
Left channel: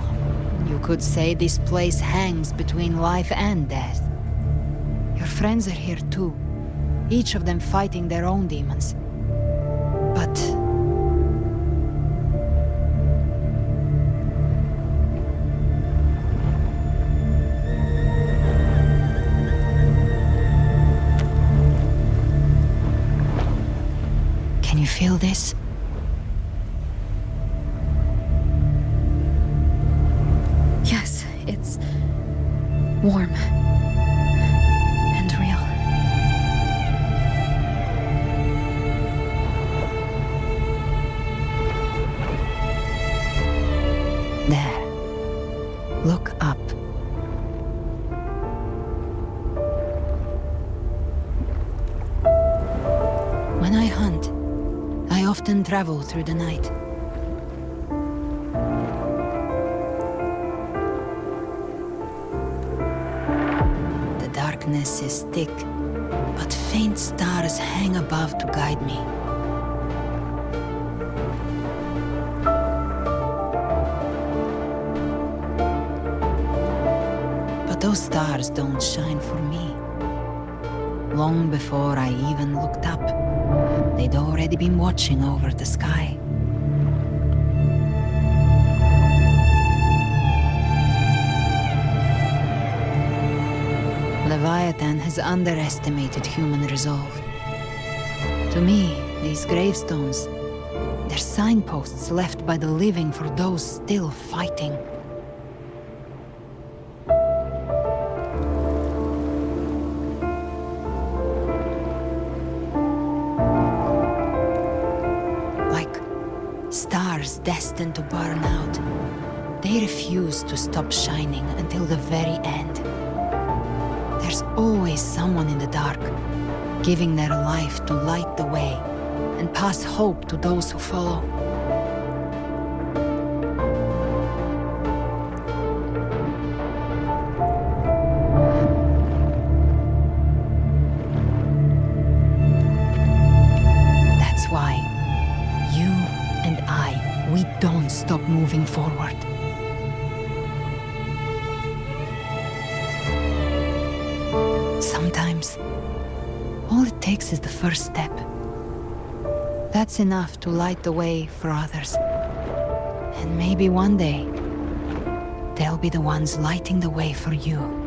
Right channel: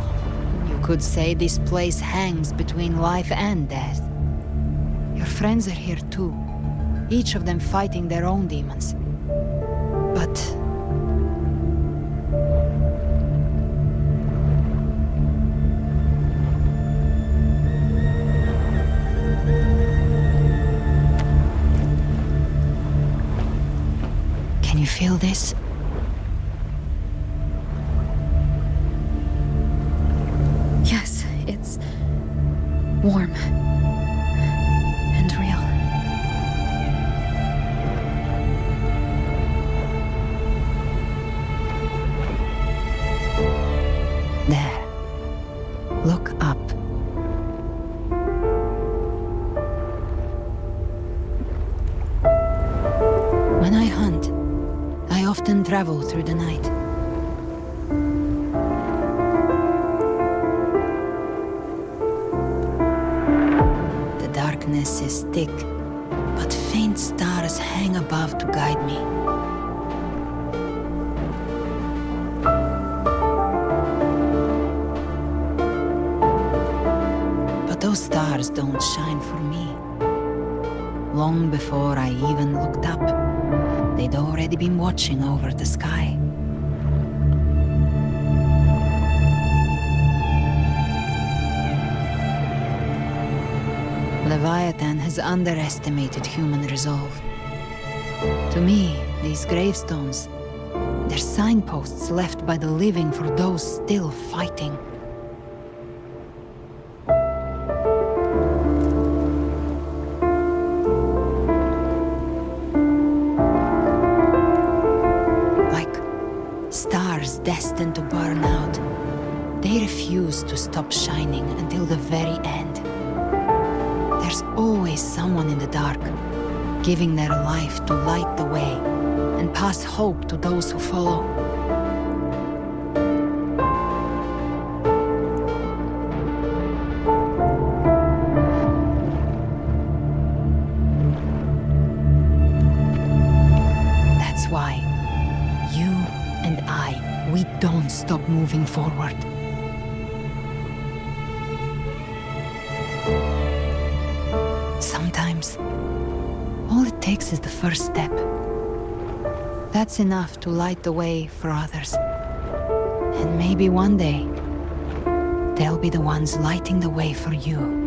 you could say this place hangs between life and death. Your friends are here too, each of them fighting their own demons. But can you feel this? Yes, it's warm and real. There. Look up. When I hunt, I often travel through the night. The darkness is thick, but faint stars hang above to guide me. But those stars don't shine for me. Long before I even looked up, they'd already been watching over the sky. Leviathan has underestimated human resolve. To me, these gravestones, they're signposts left by the living for those still fighting. Like stars destined to burn out, they refuse to stop shining until the very end. There's always someone in the dark, giving their life to light the way and pass hope to those who follow. That's why you and we don't stop moving forward. Sometimes, all it takes is the first step. That's enough to light the way for others. And maybe one day, they'll be the ones lighting the way for you.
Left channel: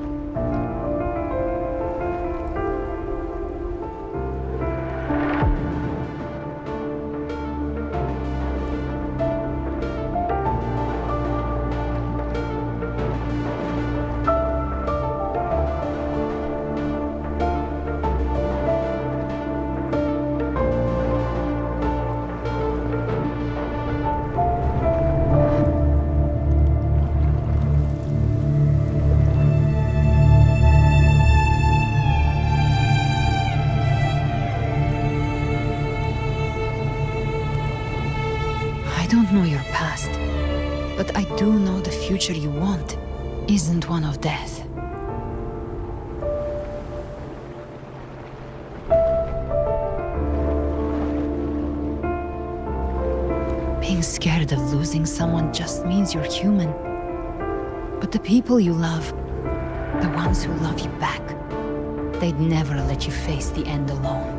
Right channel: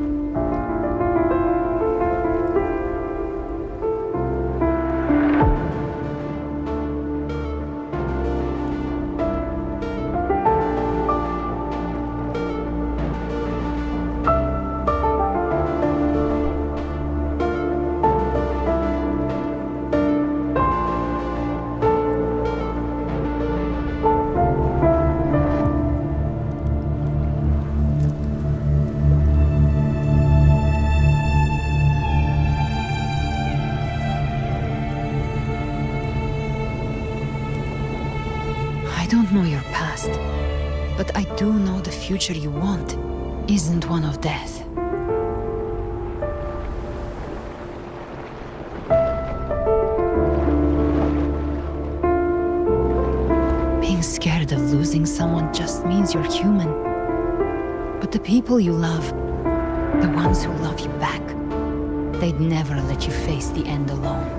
I don't know your past, but I do know the future you want isn't one of death. Being scared of losing someone just means you're human. But the people you love, the ones who love you back, they'd never let you face the end alone.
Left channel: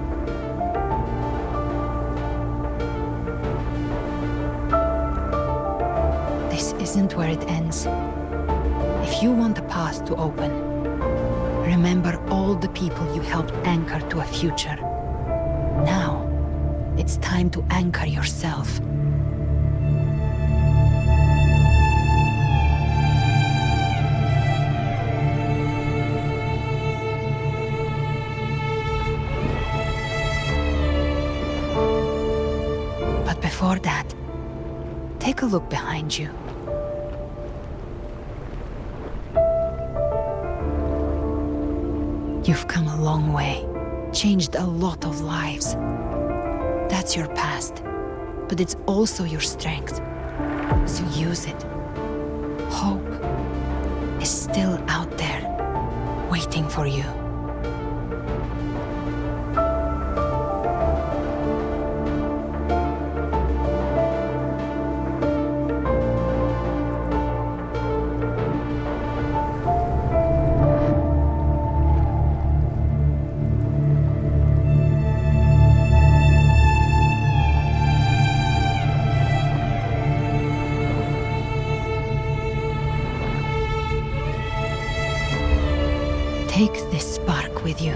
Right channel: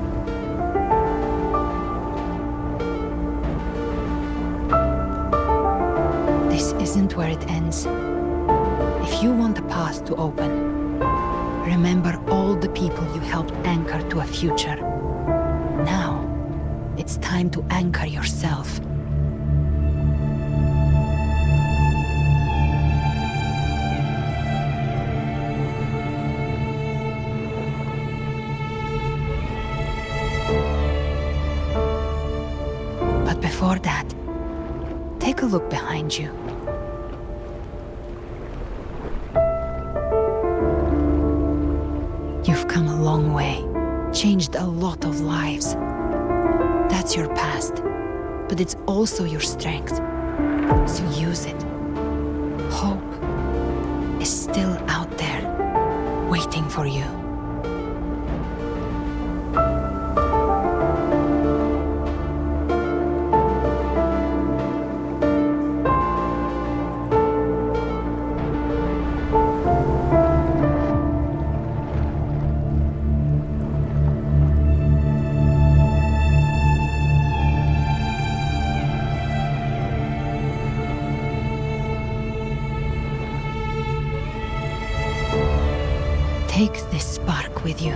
This isn't where it ends. If you want the path to open, remember all the people you helped anchor to a future. Now, it's time to anchor yourself. But before that, take a look behind you. You've come a long way, changed a lot of lives. That's your past, but it's also your strength. So use it. Hope is still out there, waiting for you. Take this spark with you.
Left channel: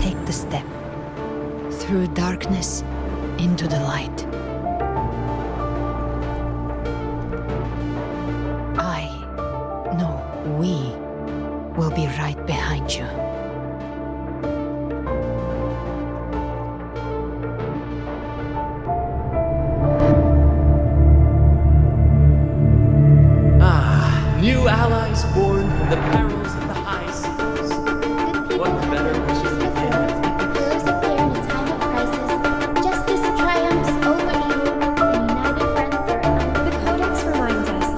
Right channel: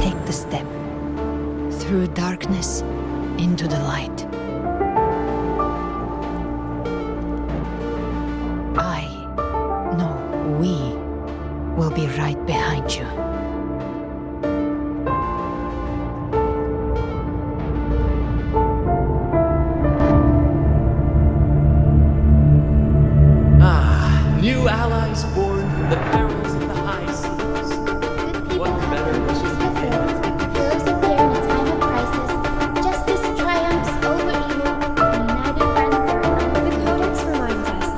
Take the step through darkness into the light. I know we will be right behind you. New allies born from the perils of the high seas. Good people What better have wishes issues to before. end? Heroes appear in a time of crisis. Justice triumphs over evil, and united friends are The Codex reminds us,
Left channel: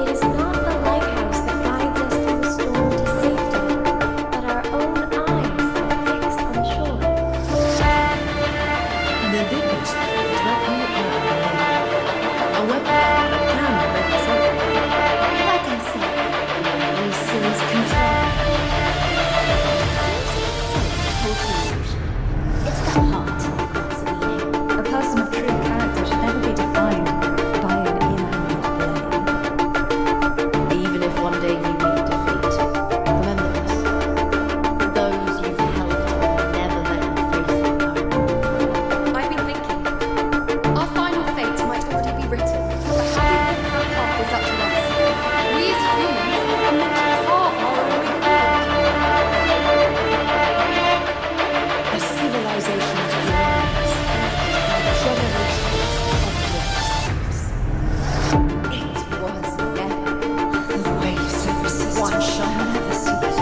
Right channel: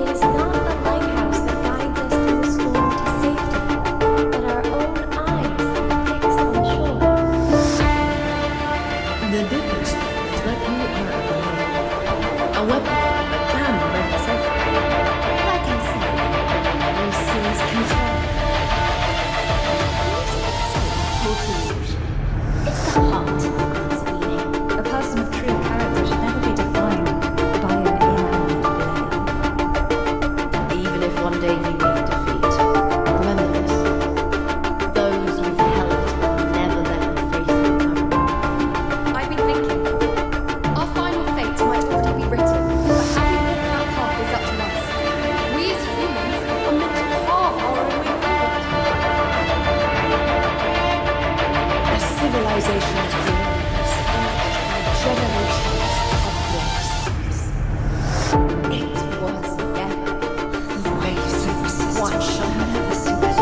it is not the lighthouse that guides us through the storm to safety, but our own eyes fixed on shore. The difference is that you are a weapon that can break the cycle. like I said, we seize control. Music itself holds illusion. It's the heart that grants the meaning. A person of true character should never be defined by an inanimate blade. Even if one day you meet defeat, remember this. Those you've helped will never let you face it alone. I've been thinking, our final fate might already be written, but how we walk that path is up to us. We as humans are meant to carve our own way forward. A civilization is glorious by generations of warriors. It was never the waves of resistance. One shall never cease.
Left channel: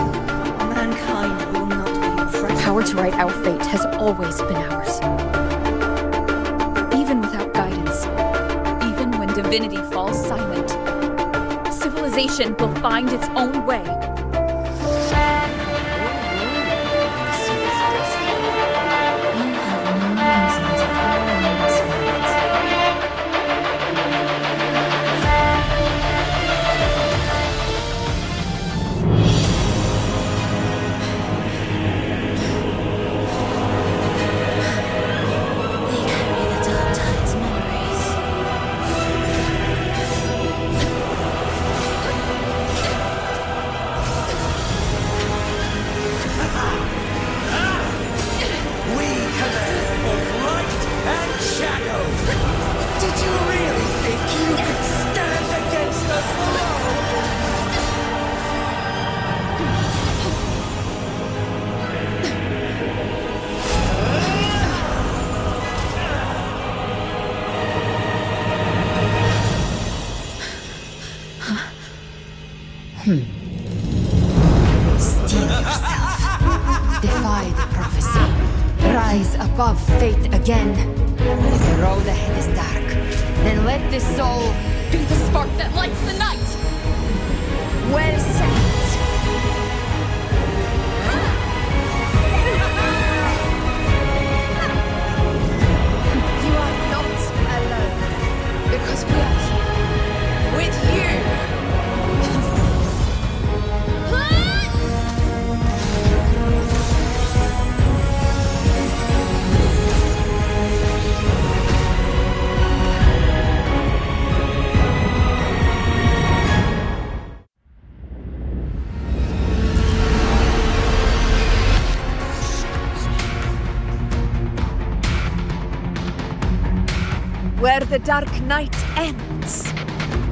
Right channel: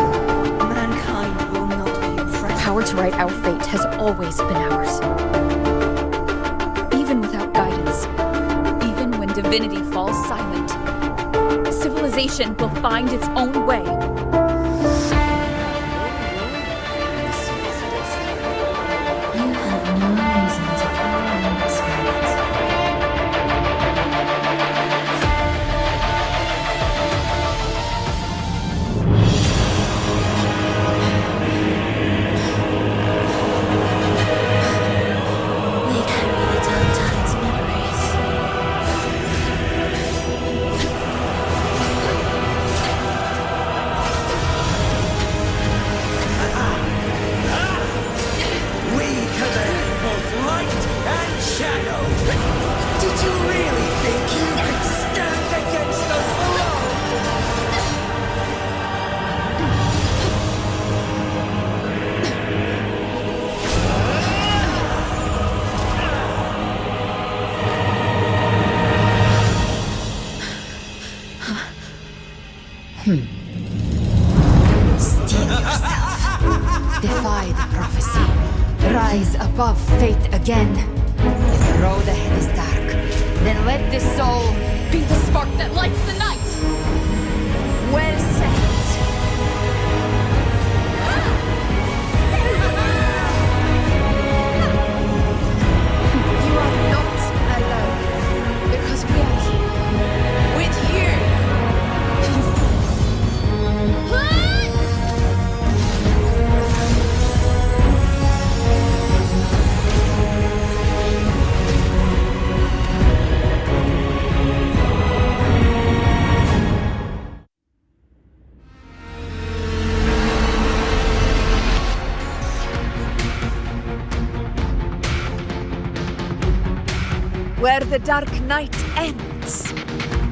Mankind will not be oppressed. Power to write our fate has always been ours. Even without guidance, even when divinity falls silent, civilization will find its own way. You have no reason to follow in this world. They carry the dark tide's memories. We command both light and shadow. Did you really think you could stand against us alone? Steel yourself. Defy the prophecy. Rise above fate again. If the road ahead is dark, then let the soul Be the spark that lights the night! well said. You are not alone, because we are here with you. Where the dark night ends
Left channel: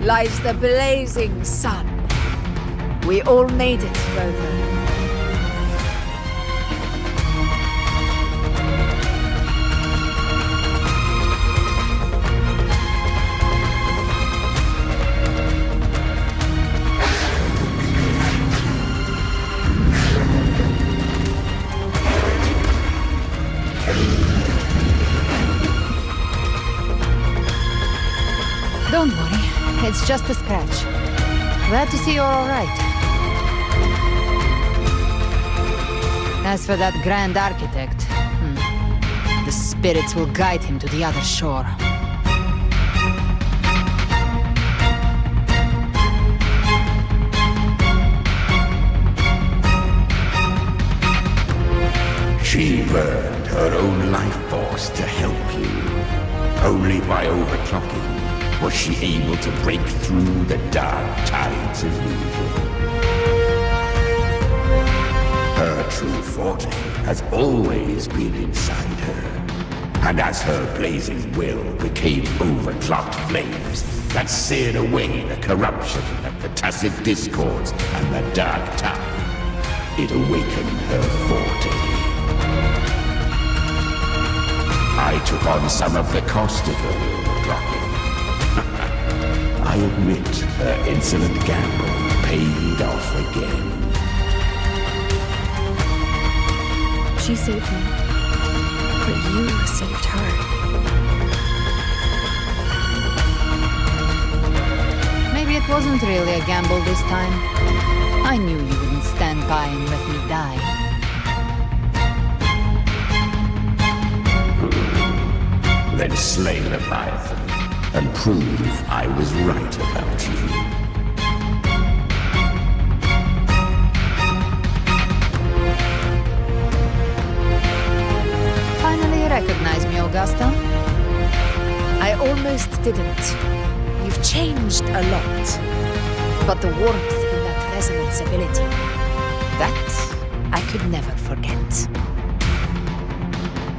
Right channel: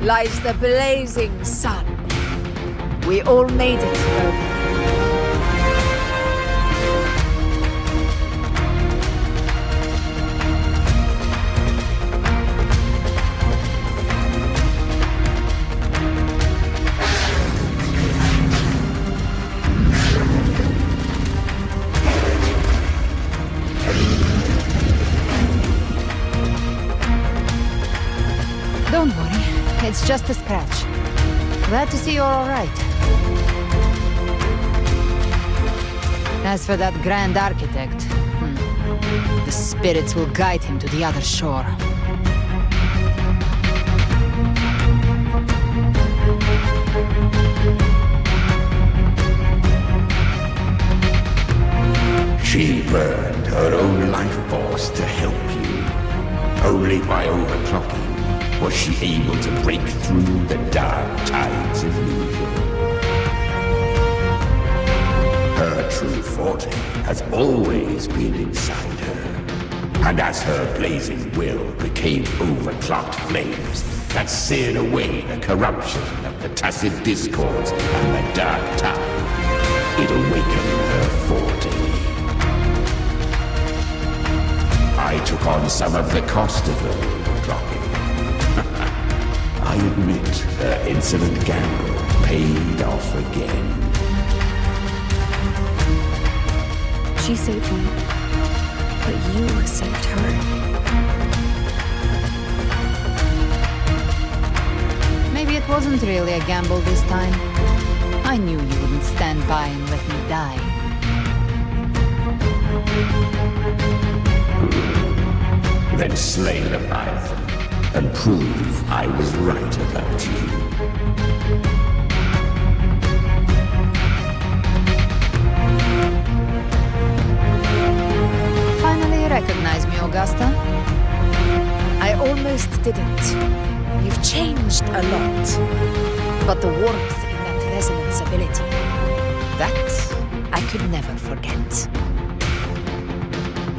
lies the blazing sun. We all made it, Rover. Don't worry, it's just a scratch. Glad to see you're all right. As for that grand architect, the spirits will guide him to the other shore. She burned her own life force to help you. Only by overclocking was she able to break through the dark tide's illusion. Her true forte has always been inside her. And as her blazing will became overclocked flames that seared away the corruption of the tacit discords and the dark tide, it awakened her forte. I took on some of the cost of her overclocking. I admit her insolent gamble paid off again. She saved me, but you saved her. Maybe it wasn't really a gamble this time. I knew you wouldn't stand by and let me die. Then slay Leviathan and prove I was right about you. Finally you recognize me, Augusta? I almost didn't. You've changed a lot. But the warmth in that resonance ability, that I could never forget.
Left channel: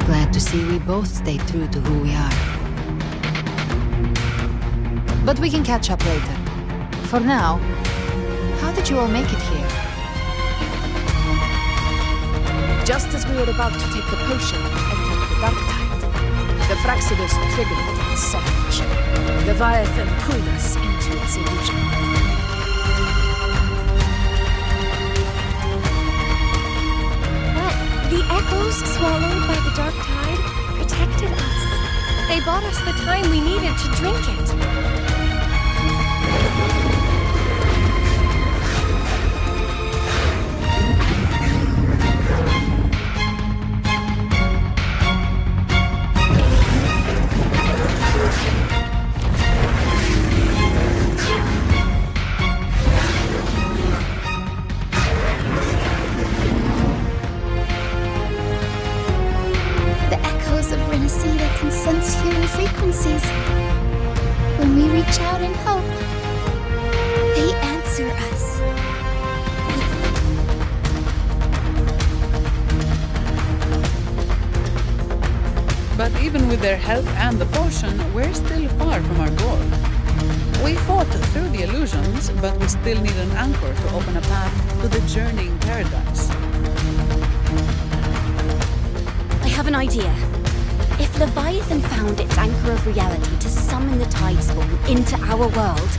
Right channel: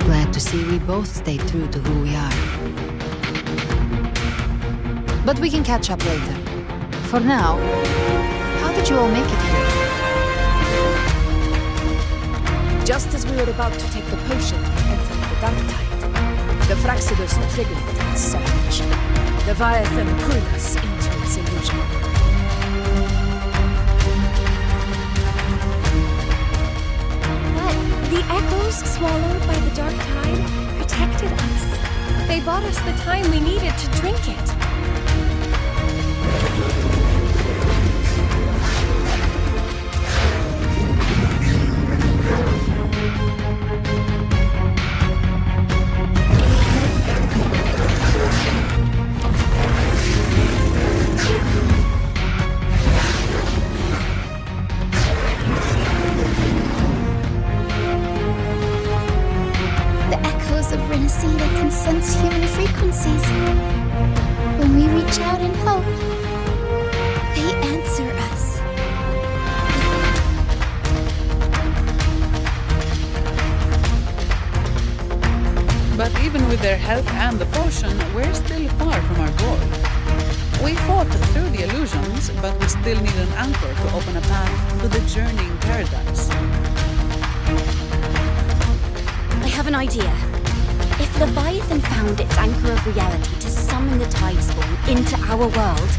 Glad to see we both stayed true to who we are. But we can catch up later. For now, how did you all make it here? Just as we were about to take the potion and enter the dark tide, the Fraxidus triggered its surge. Leviathan pulled us into its illusion. But the echoes swallowed by the dark tide protected us. They bought us the time we needed to drink it. Can sense human frequencies. When we reach out in hope, they answer us. But even with their help and the potion, we're still far from our goal. We fought through the illusions, but we still need an anchor to open a path to the journeying paradise. I have an idea. If Leviathan found its anchor of reality to summon the Tidespawn into our world,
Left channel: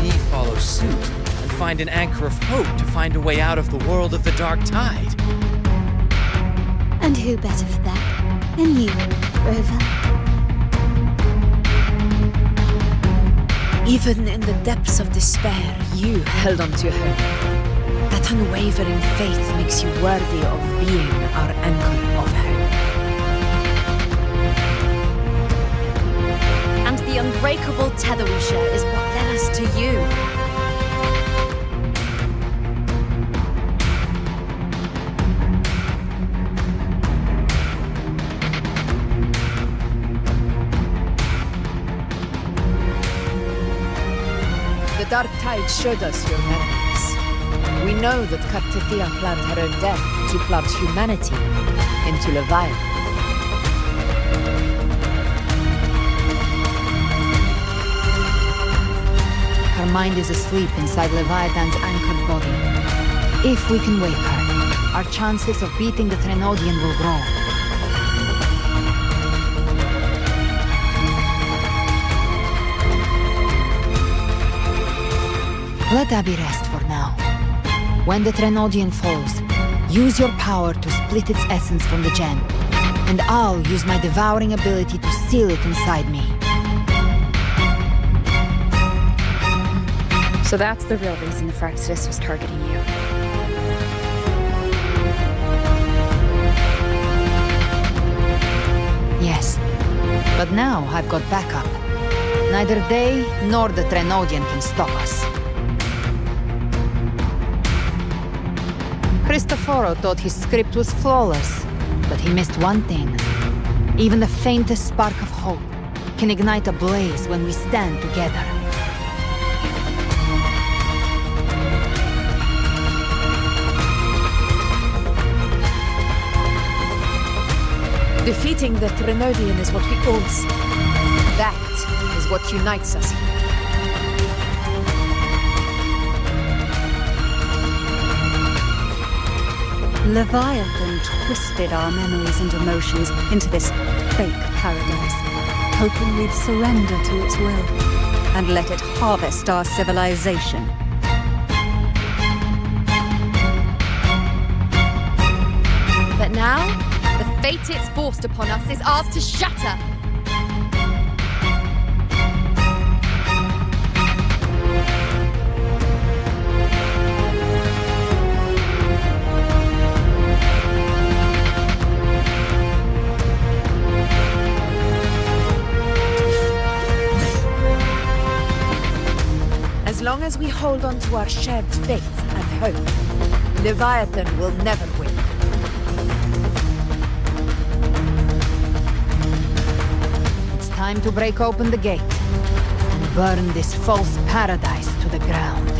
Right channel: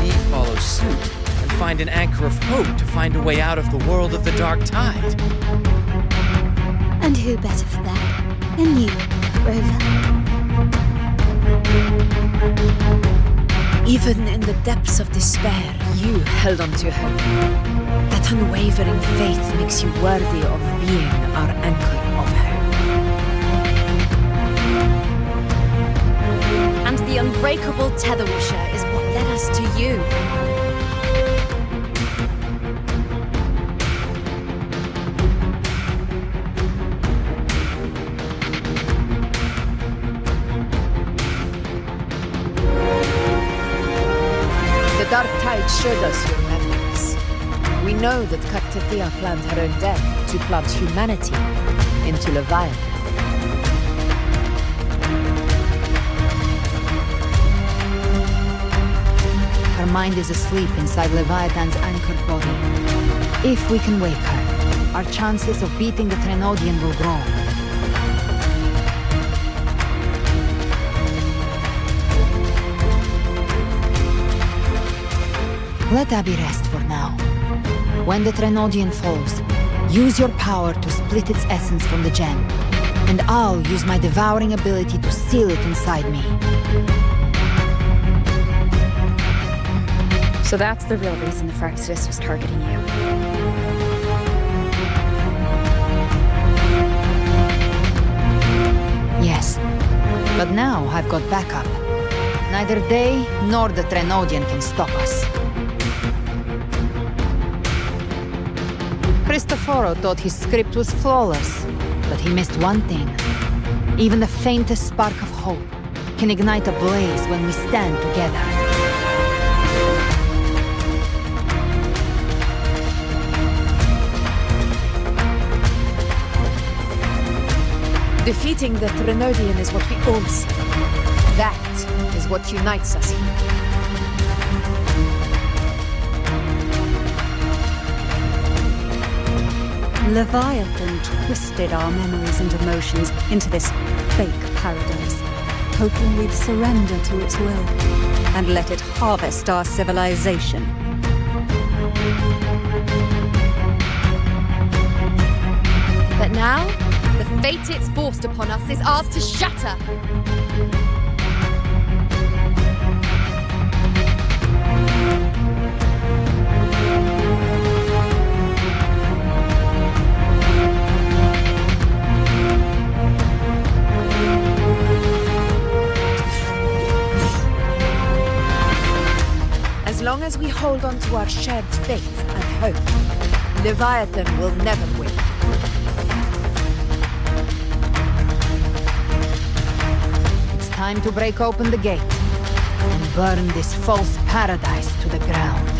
we follow suit and find an anchor of hope to find a way out of the world of the dark tide. And who better for that than you, Rover? Even in the depths of despair, you held on to hope. That unwavering faith makes you worthy of being our anchor of hope. and the unbreakable tether we share is what led us to you. The dark tide showed us your memories. We know that Kartithia planned her own death to plant humanity into Leviathan. Her mind is asleep inside Leviathan's anchored body. If we can wake her, our chances of beating the Trenodian will grow. Let Abby rest for now. When the Trenodian falls, use your power to split its essence from the gem, and I'll use my devouring ability to seal it inside me. So that's the real reason the Fraxidus was targeting you. Yes, but now I've got backup. Neither they nor the Trenodian can stop us. Cristoforo thought his script was flawless, but he missed one thing. Even the faintest spark of hope can ignite a blaze when we stand together. Defeating the Threnodian is what we all see. That is what unites us here. Leviathan twisted our memories and emotions into this fake paradise, hoping we'd surrender to its will and let it harvest our civilization. But now, the fate it's forced upon us is ours to shatter. As long as we hold on to our shared faith and hope, Leviathan will never win. It's time to break open the gate and burn this false paradise to the ground.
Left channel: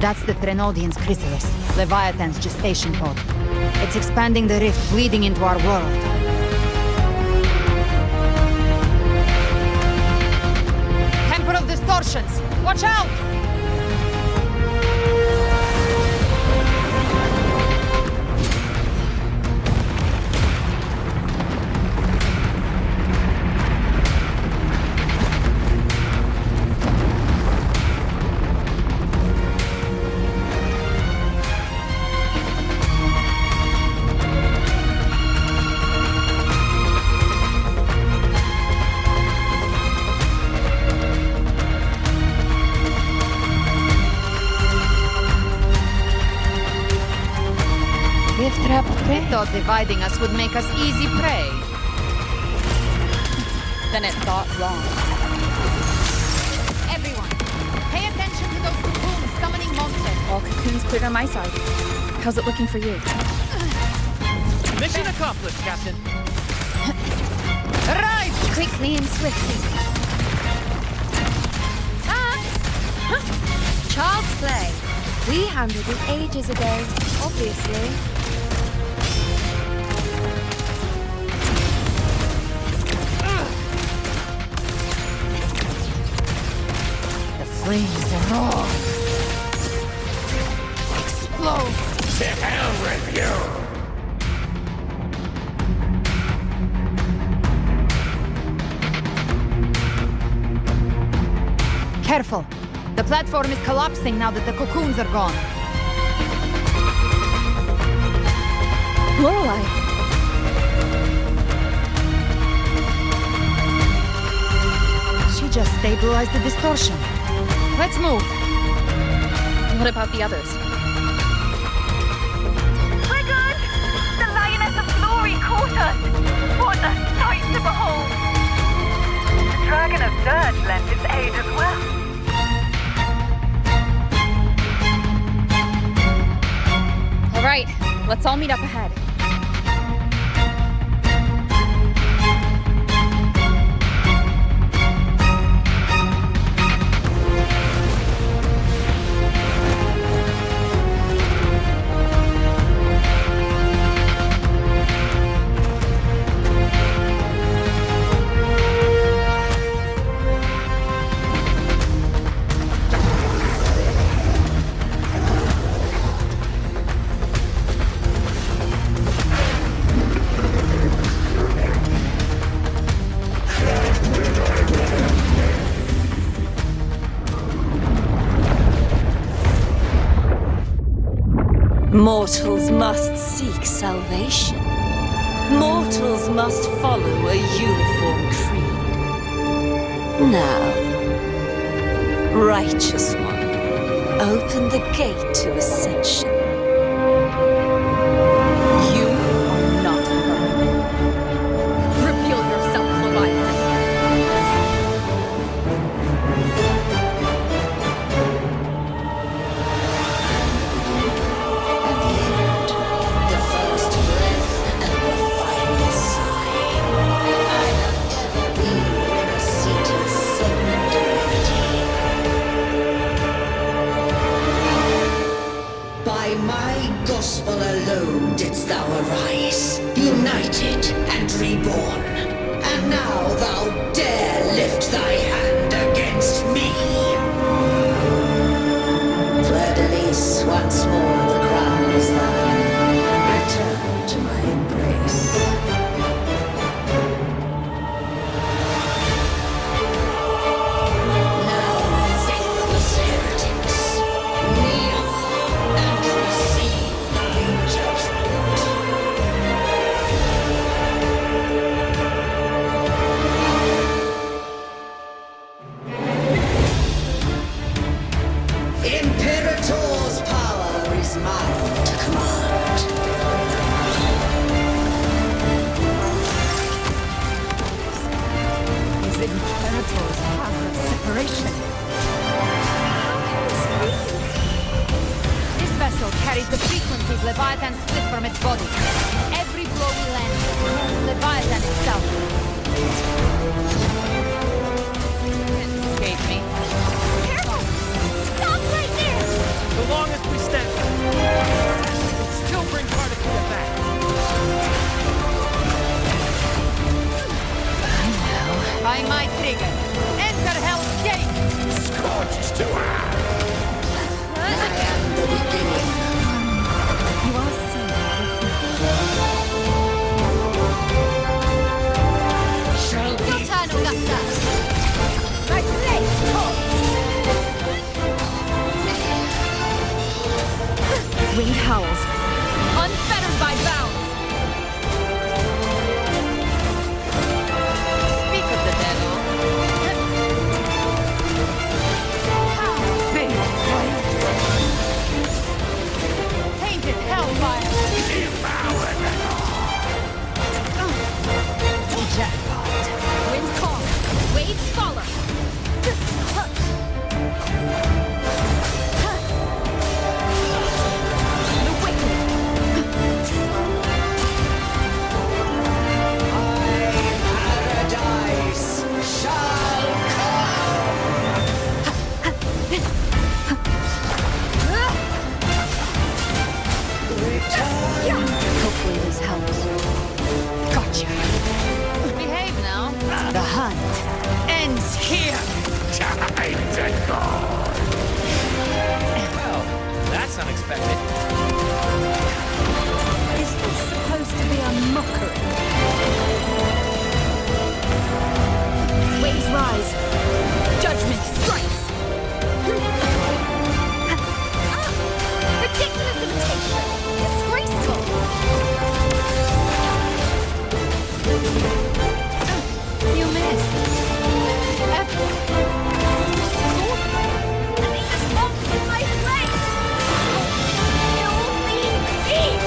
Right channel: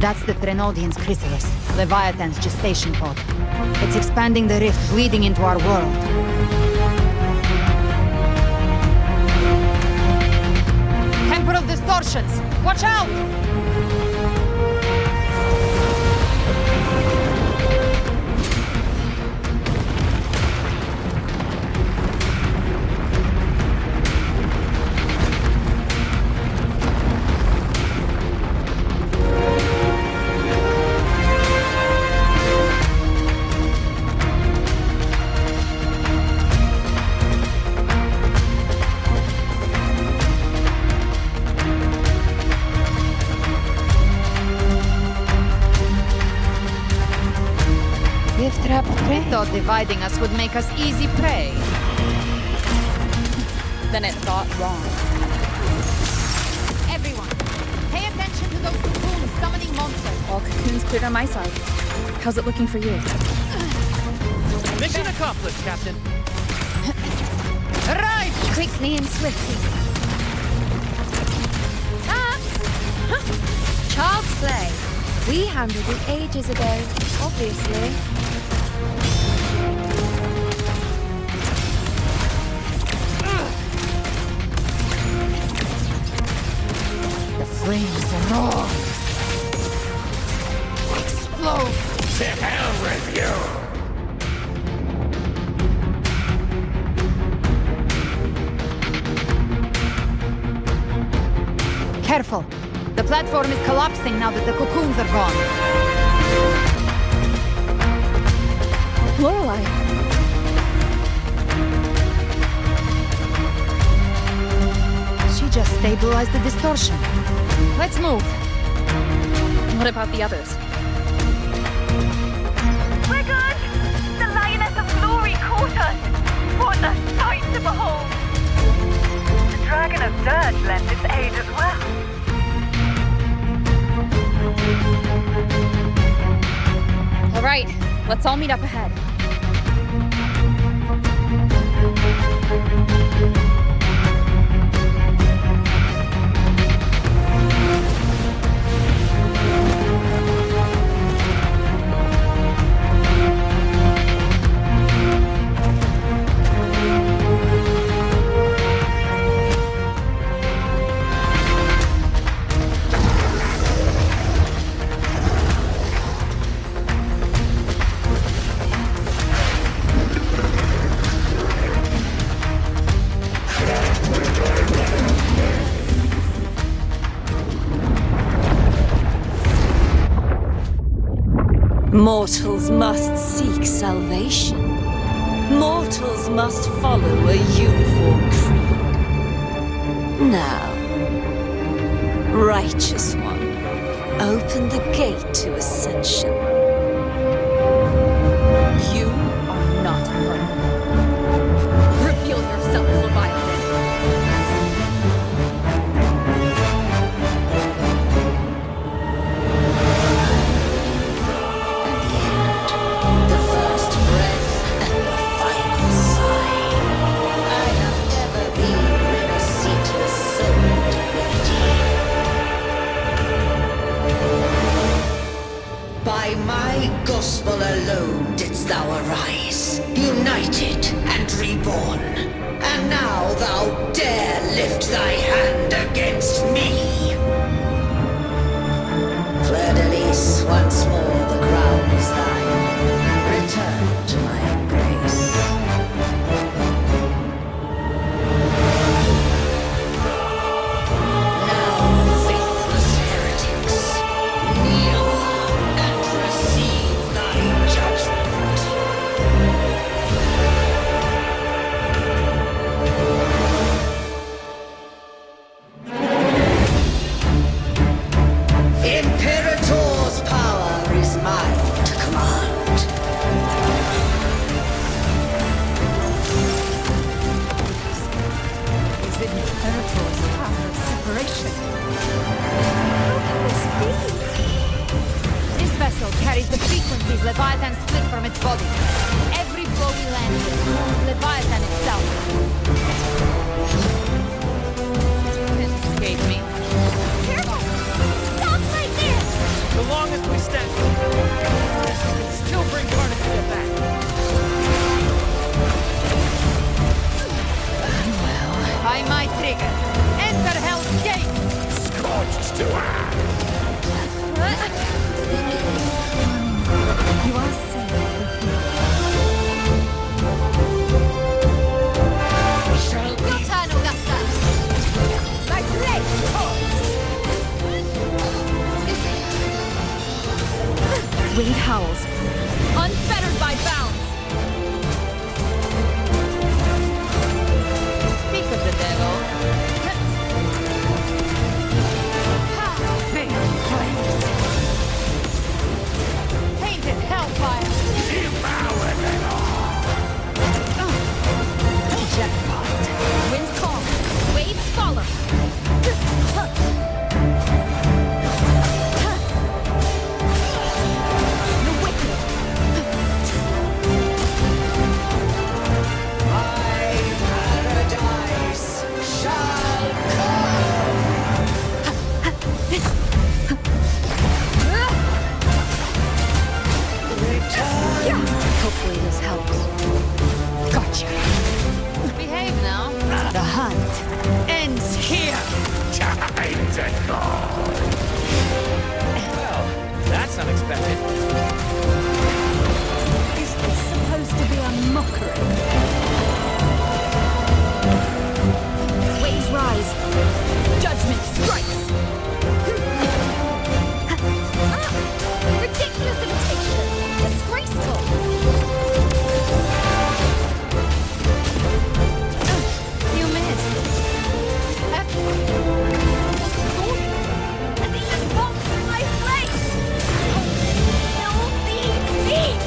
That's the Threnodian's chrysalis, Leviathan's gestation pod. It's expanding the rift, bleeding into our world. Temple of Distortions! Watch out! They thought dividing us would make us easy prey. Then it thought wrong. Everyone, pay attention to those cocoons summoning monsters. All cocoons cleared on my side. How's it looking for you? Mission accomplished, Captain. Right! Quickly and swiftly. Child's play. We handled it ages ago, obviously. The flames roar. Explode. To hell with you! Careful. The platform is collapsing now that the cocoons are gone. Lorelei. She just stabilized the distortion. Let's move. What about the others? We're good! The Lioness of Glory caught us! What a sight to behold! The Dragon of Dirge lent its aid as well. All right, let's all meet up ahead. Mortals must seek salvation. Mortals must follow a uniform creed. Now, righteous one, open the gate to ascension. You are not her. Reveal yourself, Leviathan. By my gospel alone didst thou arise, united and reborn, and now thou dare lift thy hand against me. Fleur-de-lis, once more the crown is thine. Return to my embrace. Now, faithless heretics, kneel and receive thy judgment. Imperator's power is mine to command. Is it Imperator's power of separation? How can this be? This vessel carries the frequencies Leviathan split from its body. Every blow we land here wounds Leviathan itself. Can't escape me. Careful! Stop right there! So long as we stand, we can still bring Cardiff back. Well, by my trigger. Enter Hell's Gate! Scorched to earth! I am the beginning. You are safe with me. Shall be Your turn, Augusta! My blade calls! Winged howls. Unfettered by bounds! Speak of the devil. Fading flames! Tainted hellfire! Devour them all! Jackpot! Wind calm! Waves follow! The wicked! my paradise shall come. Return. Hopefully this helps. Gotcha! Behave now. The hunt ends here! Time to go! Well, that's unexpected. Is this supposed to be a mockery? Waves rise. Judgment strikes. Ridiculous imitation! Disgraceful! You missed. Effort. Sword! And even bombs in my place! Oh, filthy thief!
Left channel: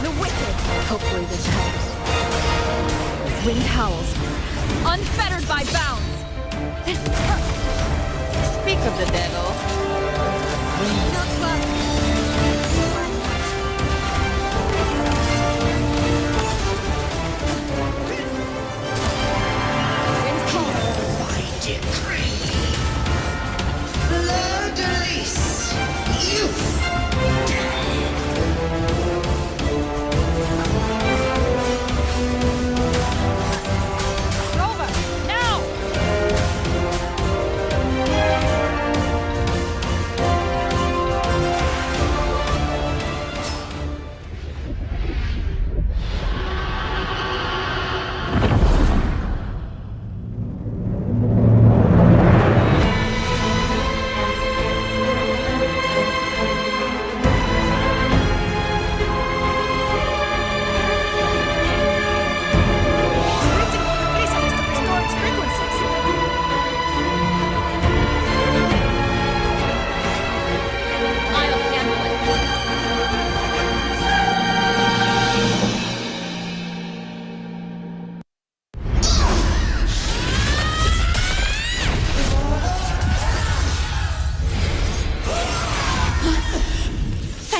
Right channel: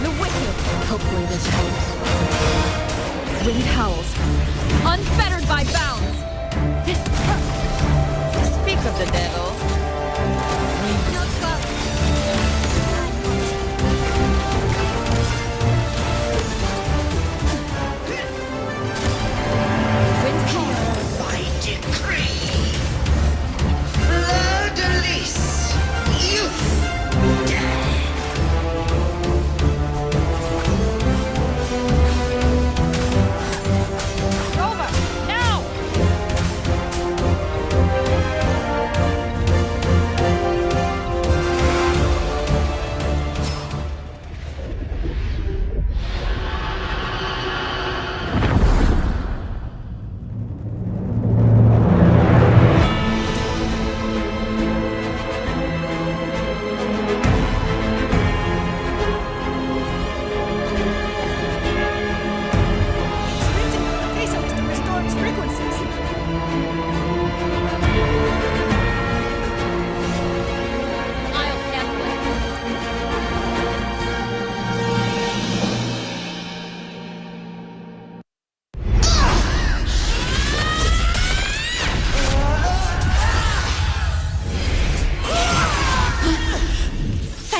The wicked. Hopefully this helps. Winged howls. Unfettered by bounds. Speak of the devil. Not well. Wind calm. By decree. Fleur-de-lis, youth, dead. Rover, now!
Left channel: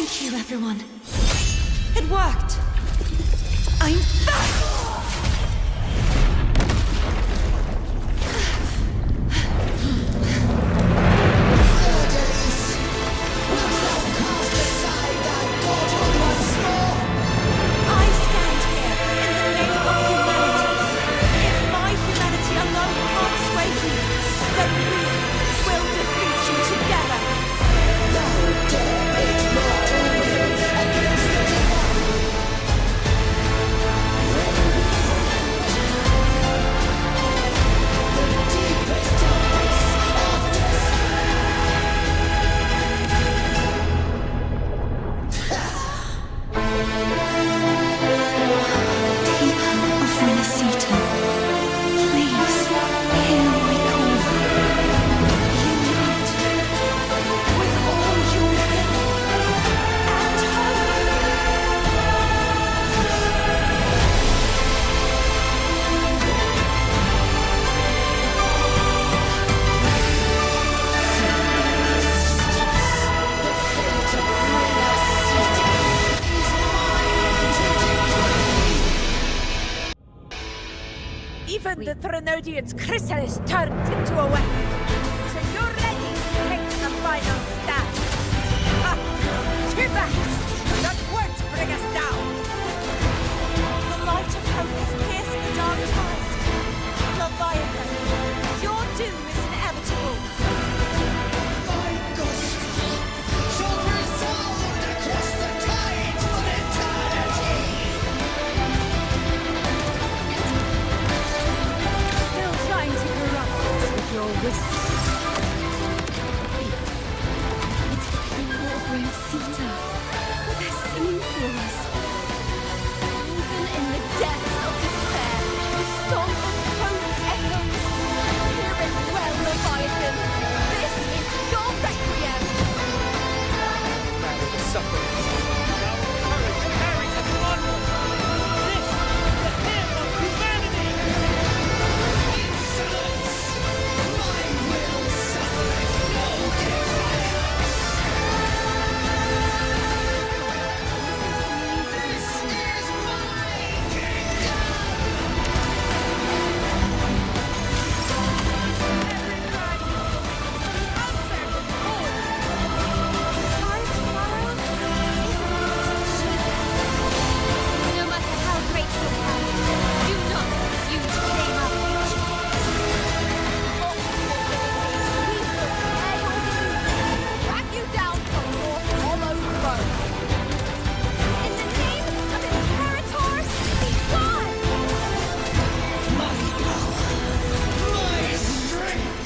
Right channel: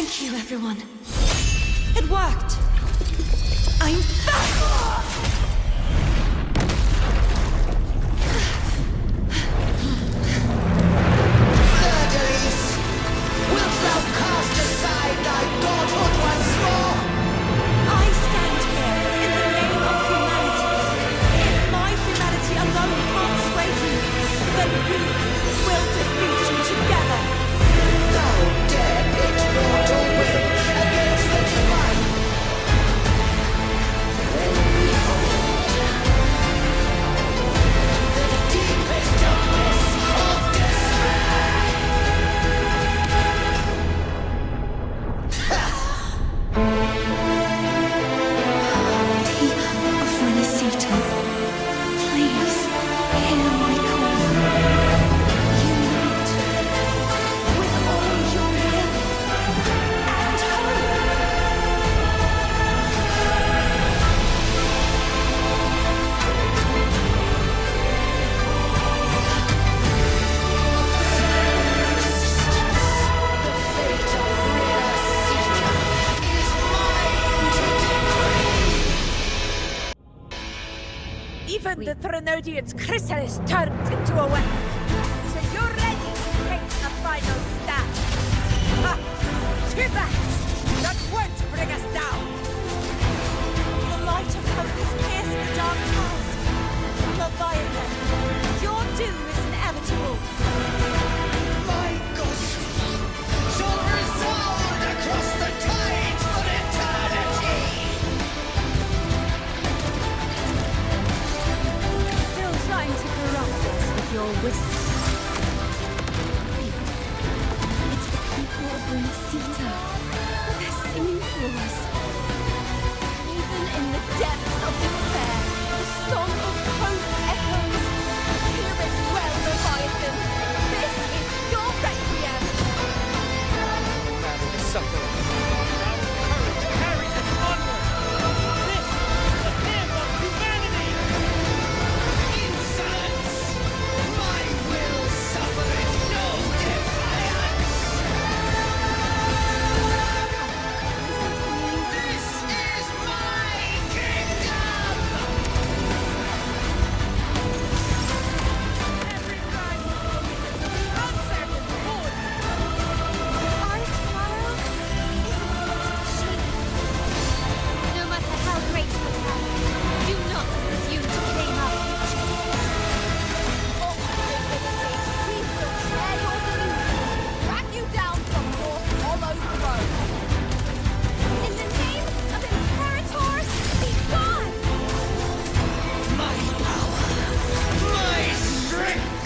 Thank you, everyone. It worked. I'm back! Fiordelise, wilt thou cast aside thy godhood once more? I stand here in the name of humanity. If my humanity alone can't sway you, then we will defeat you together. Thou dare pit mortal will against the divine. When we hold the deepest darkness of despair. People of Renacita, please hear my call. Unite with all your will and hope. The fate of Renacita is mine to decree. Even the Threnodian's chrysalis turned into a weapon. So you're ready to take the final stand. Ha! Too bad! That won't bring us down! The light of hope has pierced the dark tide. Leviathan, your doom is inevitable. My gospel shall resound across the tides of eternity. Still trying to corrupt us with your wisdom. Wait, it's the people of Renacita. They're singing for us. Even in the depths of despair, the song of hope echoes. Hear it well, Leviathan. This is your requiem. Matter the suffering. Our courage carries us onward. This is the hymn of humanity. Insolence! My will suffereth no defiance. This is my kingdom. Every crime you commit will be answered in full. Our tomorrow isn't just a shape. No matter how great your power, do not presume to claim our future. Oh, divinity, we will tear your delusion, drag you down from your hollow throne. In the name of Imperators, be gone! My power, my strength.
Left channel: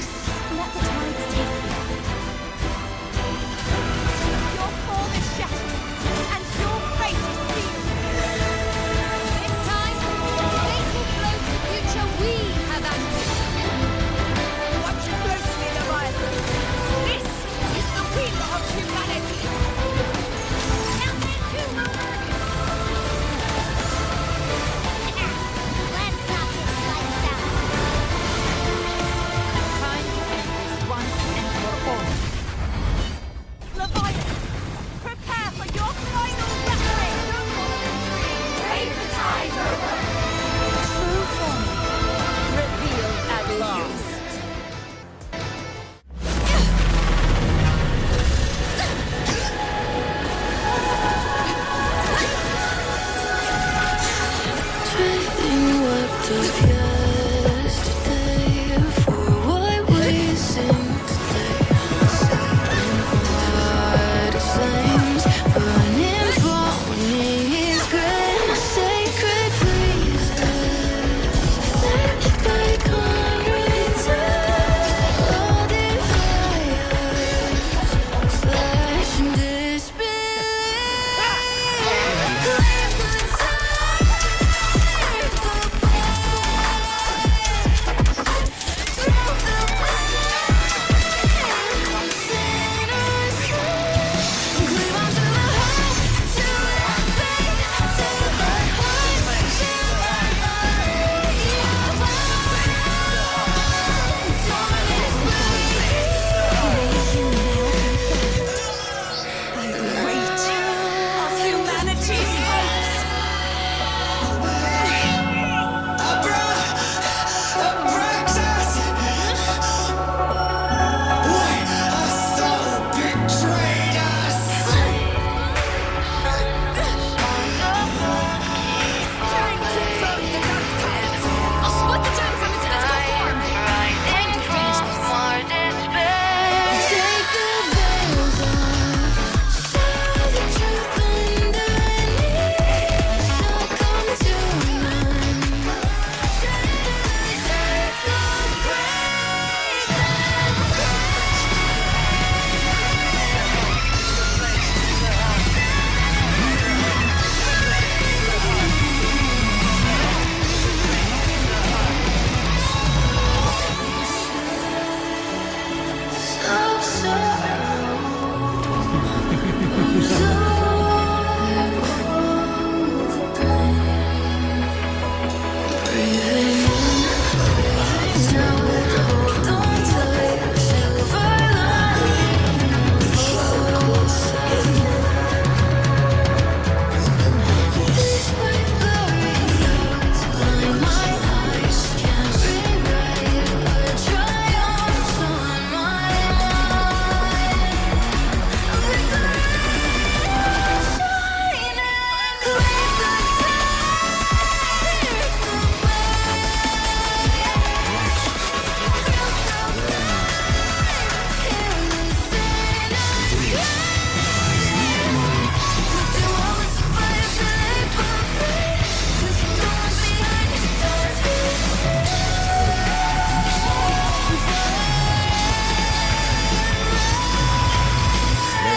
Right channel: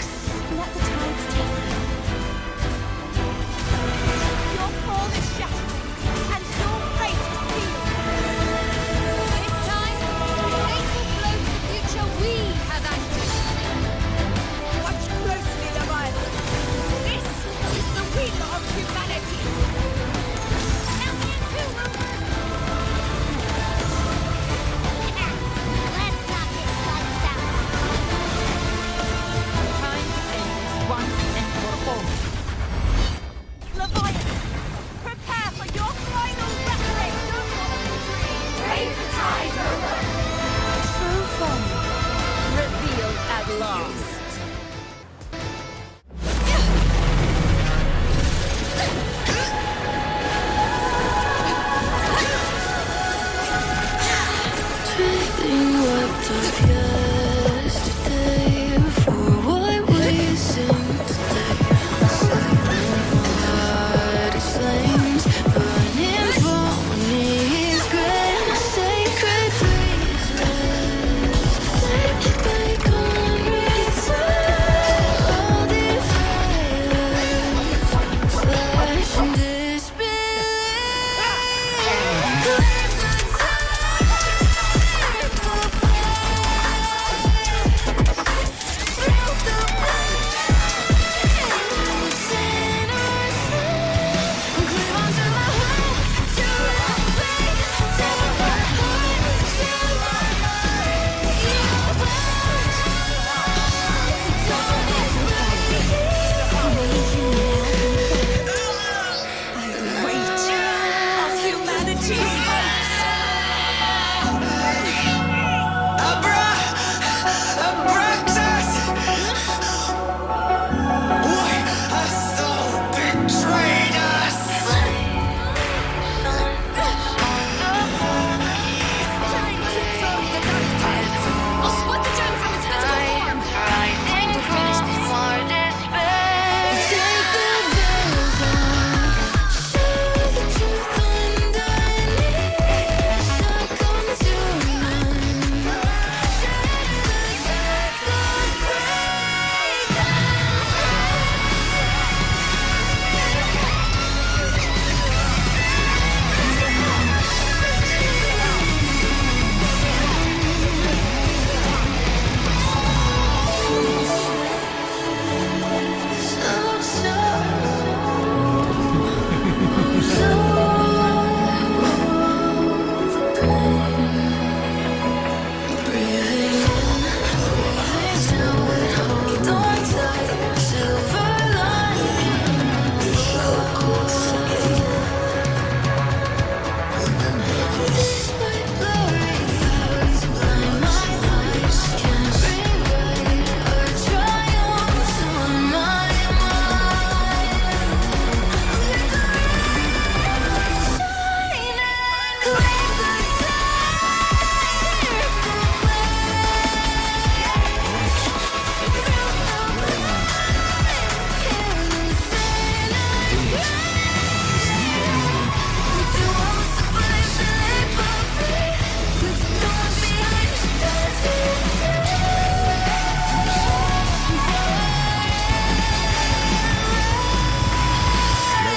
Let the tides take you. Your form is shattering, and your fate is sealed. This time, fate will flow to the future we have anchored. Watch closely, Leviathan. This is the will of humanity. Count me in two, Rover. Let's not get lights out. Time to end this once and for all. Leviathan, prepare for your final wrestling. Don't follow the dream. Save the tide, Rover. True form revealed at last.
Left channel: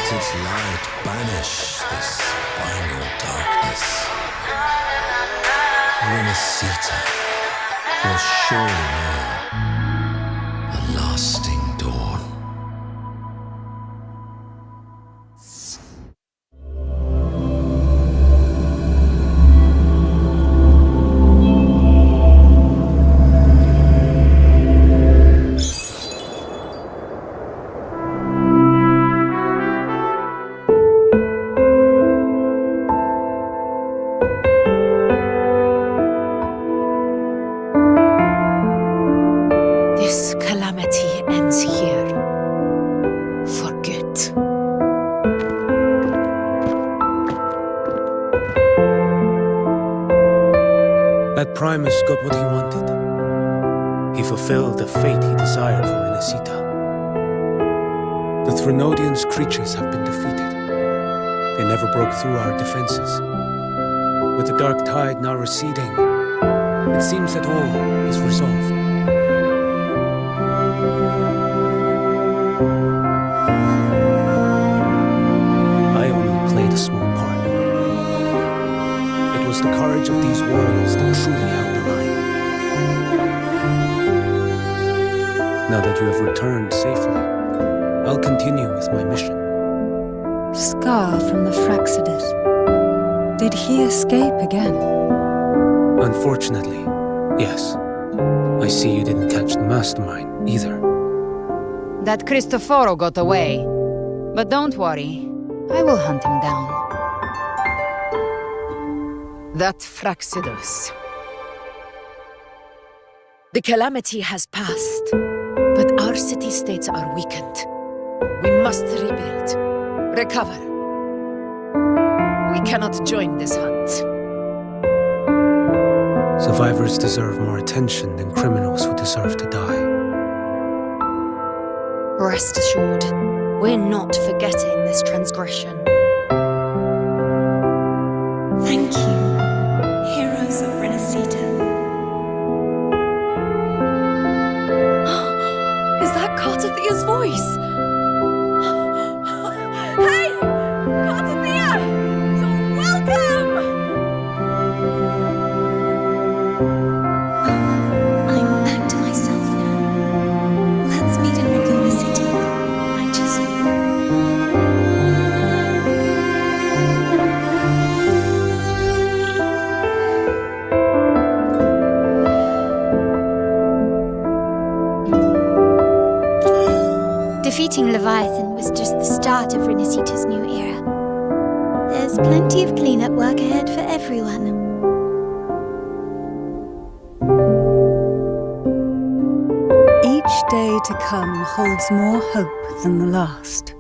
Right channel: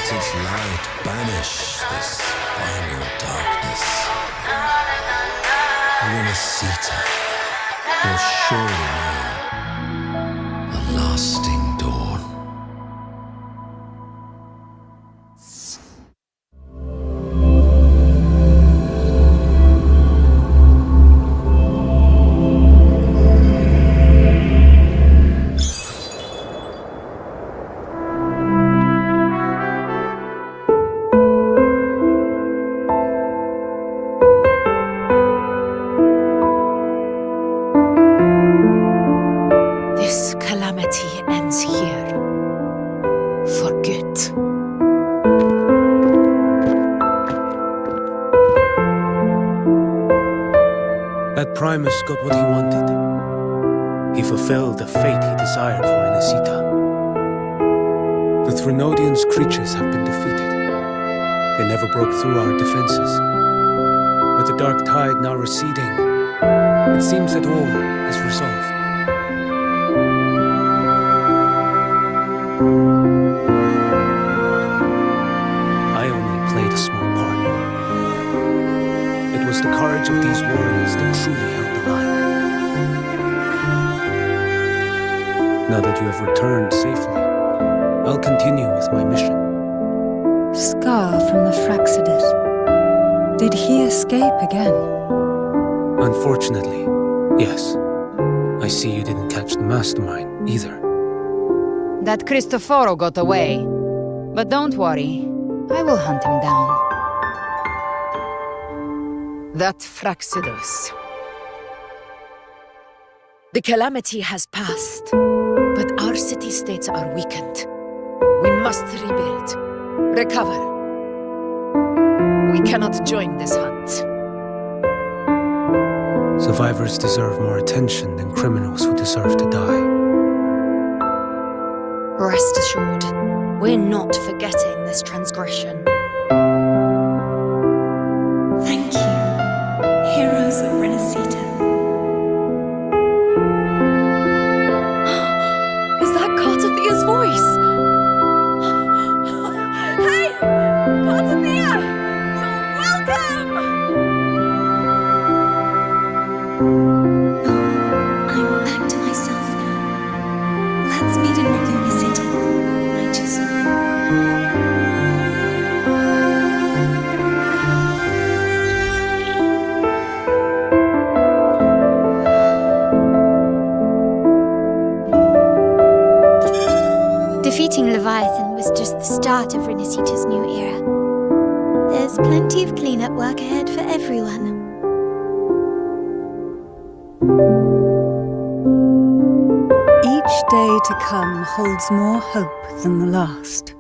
Let its light banish this final darkness. Renacita will surely know a lasting dawn. This calamity ends here. For good. That Primus got what he wanted. He fulfilled the fate he desired for Renacita. The Threnodians' creatures have been defeated. They never broke through our defenses. With the dark tide now receding, it seems that all is resolved. I only played a small part. It was the courage of these warriors that truly held the line. Now that you have returned safely, I'll continue with my mission. Scar from the Fraxidus. Did he escape again? Unfortunately, yes. I see you didn't catch the mastermind either. That Cristoforo got away. But don't worry, I will hunt him down. That Fraxidus. The calamity has passed, but our city-states are weakened. We must rebuild, recover. We cannot join this hunt. Survivors deserve more attention than criminals who deserve to die. Rest assured, we're not forgetting this transgression. Thank you, heroes of Renacita. Is that Cartathia's voice? Hey! Cartathia! You're welcome! I'm back to myself now. Let's meet in Laguna City, righteous. Defeating Leviathan was just the start of Renacita's new era. There's plenty of cleanup work ahead for everyone. Each day to come holds more hope than the last.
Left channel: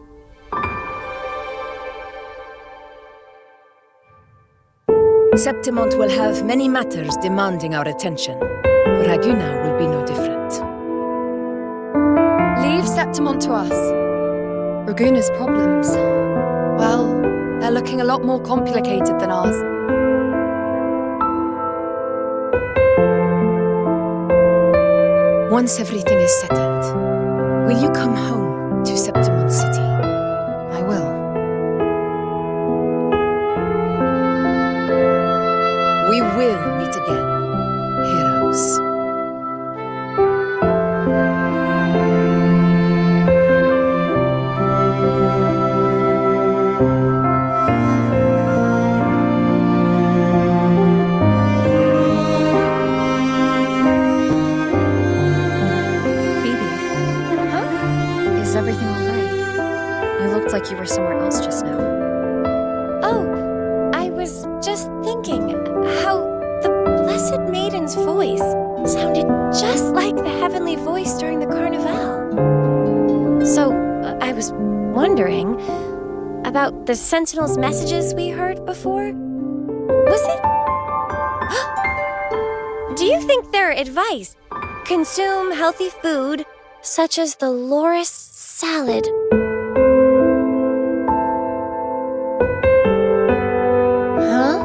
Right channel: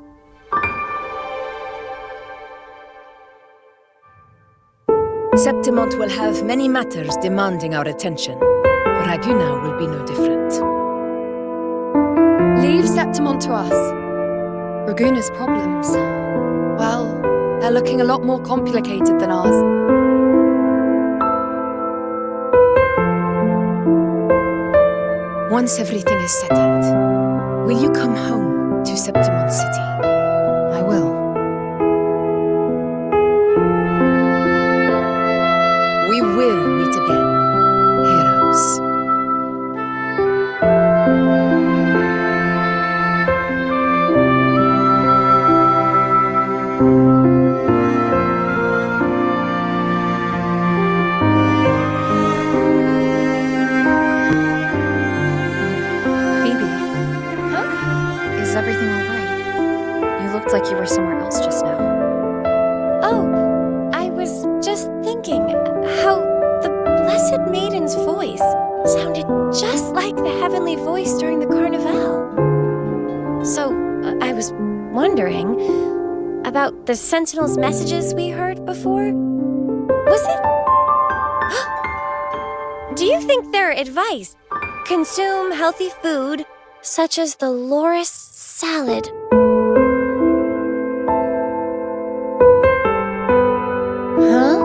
Septimont will have many matters demanding our attention. Raguna will be no different. Leave Septimont to us. Raguna's problems, well, they're looking a lot more complicated than ours. Once everything is settled, will you come home to Septimont City? I will. We will meet again, heroes. Phoebe. Huh? Is everything all right? You looked like you were somewhere else just now. Oh, I was just thinking how the Blessed Maiden's voice sounded just like the heavenly voice during the Carnival. So, I was wondering about the Sentinel's messages we heard before. Was it? Do you think their advice, consume healthy food, such as the loris salad, huh?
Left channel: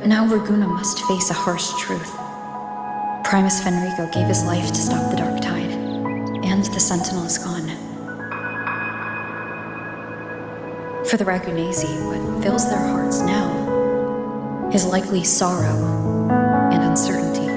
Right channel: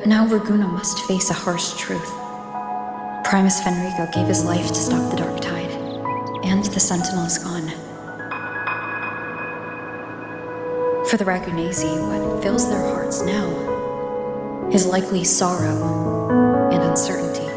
But now Raguna must face a harsh truth. Primus Fenrico gave his life to stop the Dark Tide, and the Sentinel is gone. For the Ragunesi, what fills their hearts now is likely sorrow and uncertainty.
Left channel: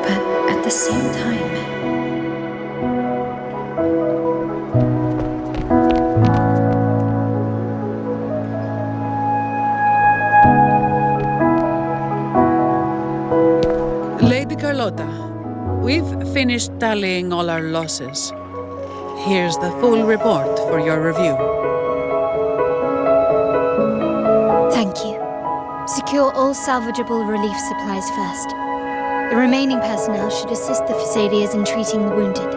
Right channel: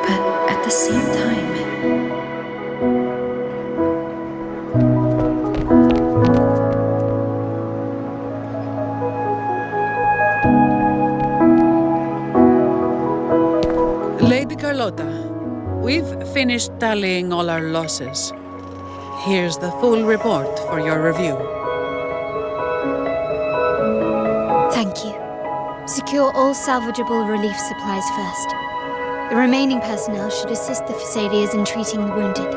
But at the same time, Lady Carlotta, we've finished tallying all our losses. Here's the full report for your review. Thank you. Secure all salvageable relief supplies first. The remaining personnel should assist the Phasadeas in treating the wounded.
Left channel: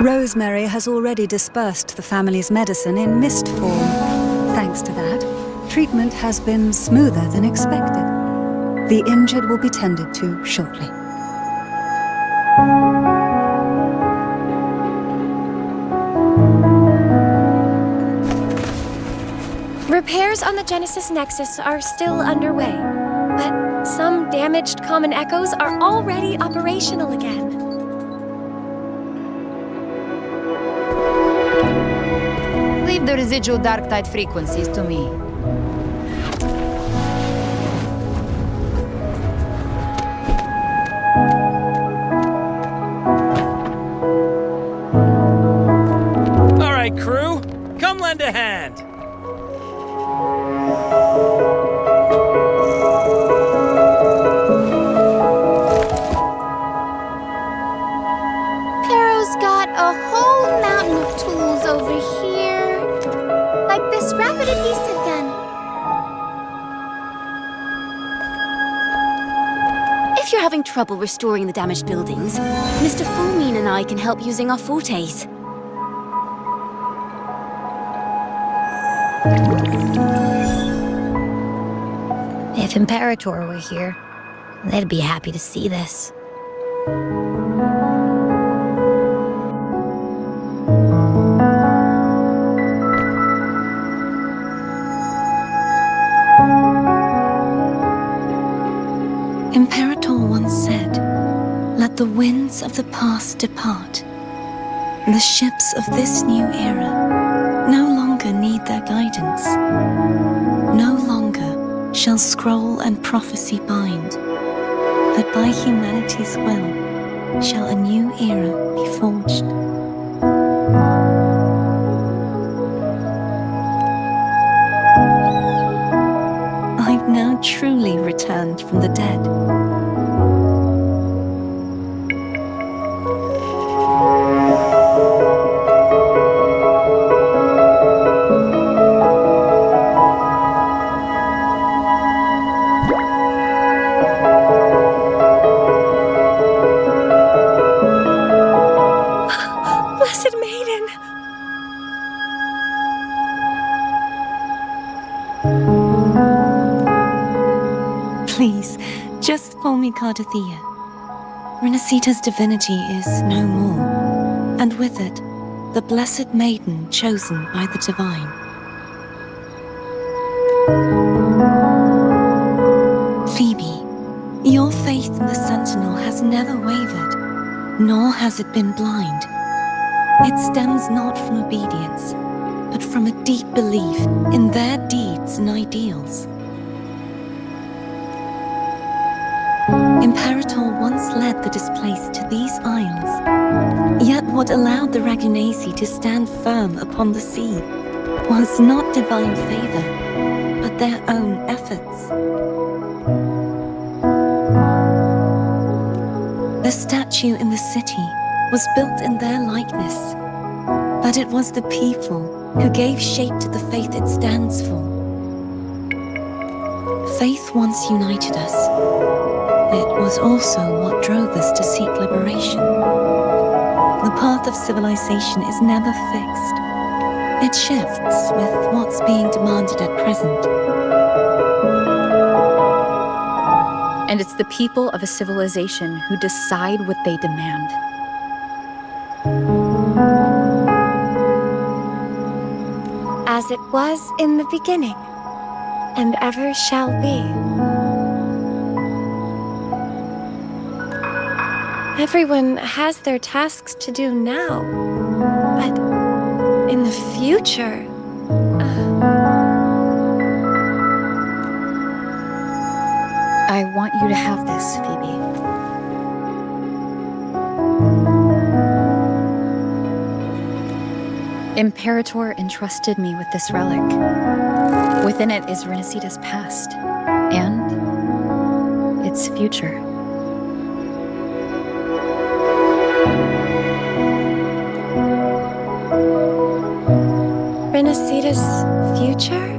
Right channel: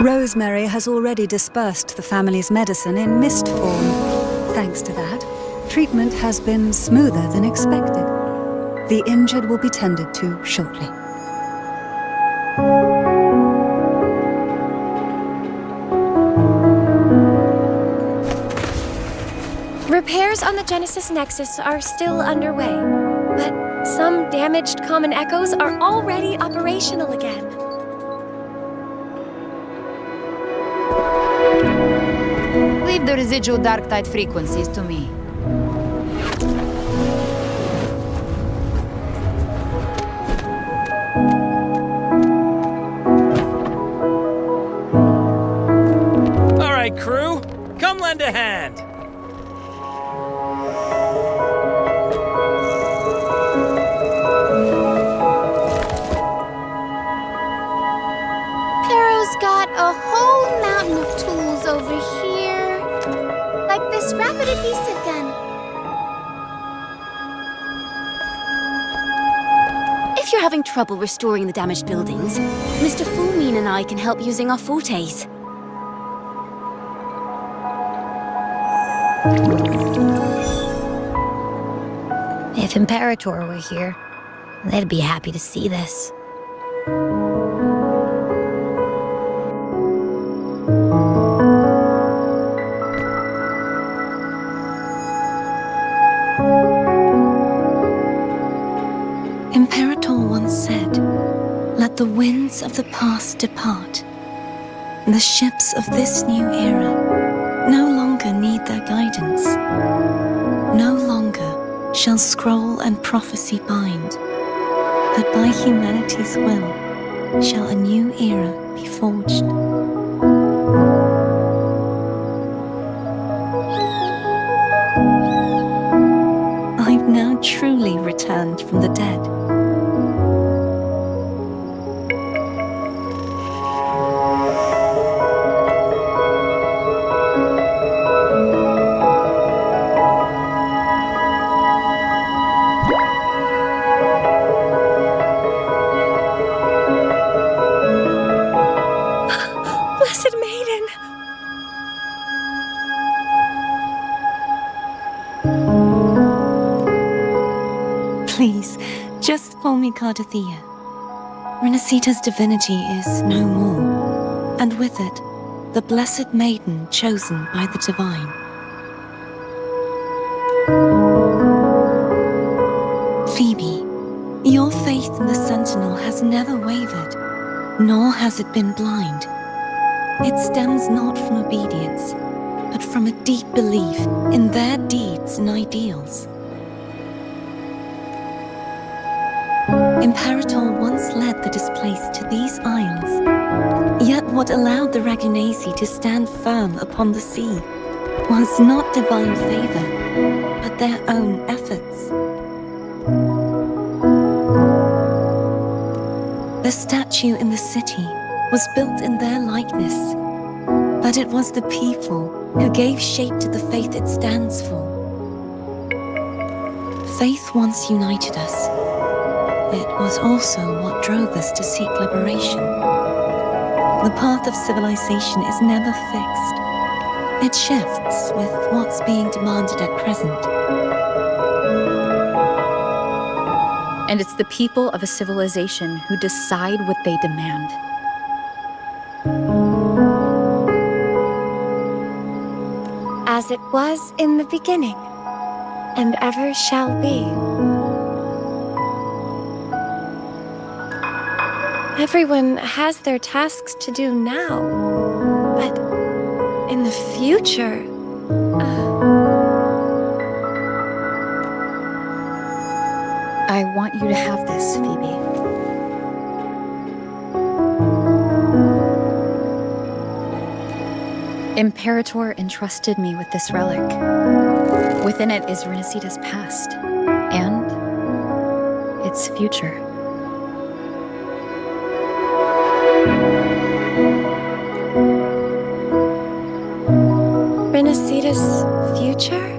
Rosemary has already dispersed the family's medicine in mist form. Thanks to that, treatment has been smoother than expected. The injured will be tended to shortly. Repairs on the Genesis Nexus are still underway, but some damaged common echoes are already operational again. Leave the residual dark tide frequencies to me. All right, crew, come lend a hand. Pero's got a whole mountain of tools over here. Like this rapid adhesive gun. If you're having trouble restoring the damaged buildings, Mr. Fulmine and I can help using our fortes. If Imperator were here, they'd be happy to see this. Imperator once said, "Let the winds of the past depart. The ships of this new era no longer need their guidance. No longer shall scroll and prophecy bind, but by humanity's will shall a new era be forged." I've now truly returned from the dead. Blessed Maiden! Please, just call me Cardothea. Renacita's divinity is no more, and with it, the blessed maiden chosen by the divine. Phoebe, your faith in the Sentinel has never wavered, nor has it been blind. It stems not from obedience, but from a deep belief in their deeds and ideals. Imperator once led the displaced to these isles, yet what allowed the Ragunesi to stand firm upon the sea was not divine favor, but their own efforts. The statue in the city was built in their likeness, but it was the people who gave shape to the faith it stands for. Faith once united us. It was also what drove us to seek liberation. The path of civilization is never fixed. It shifts with what's being demanded at present. And it's the people of a civilization who decide what they demand. As it was in the beginning, and ever shall be. Everyone has their tasks to do now, but in the future, I want you to have this, Phoebe. Imperator entrusted me with this relic. Within it is Renacita's past and its future. Renacita's future?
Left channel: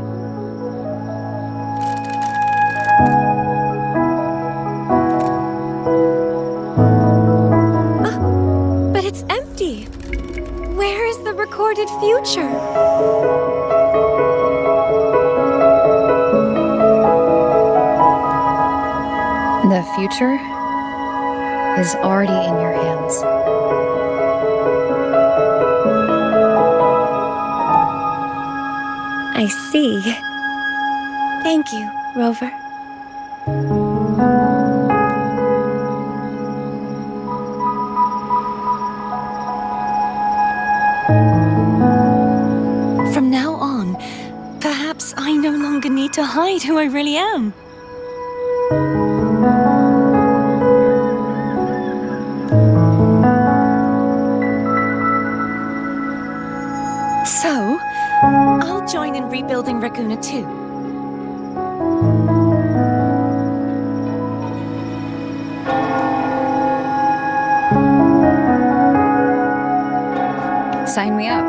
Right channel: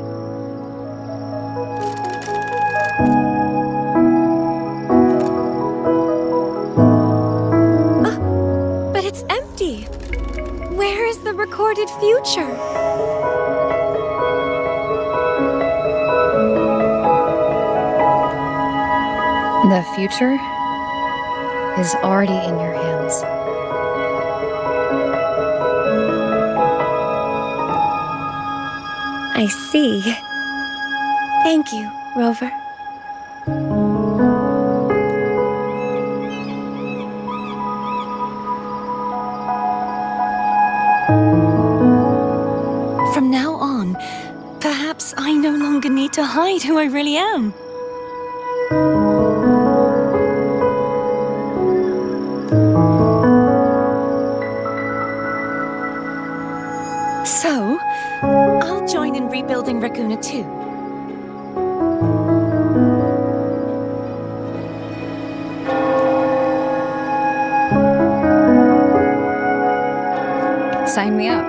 But it's empty. Where is the recorded future? The future is already in your hands. I see. Thank you, Rover. From now on, perhaps I no longer need to hide who I really am. So, I'll join in rebuilding Raguna too. Sign me up.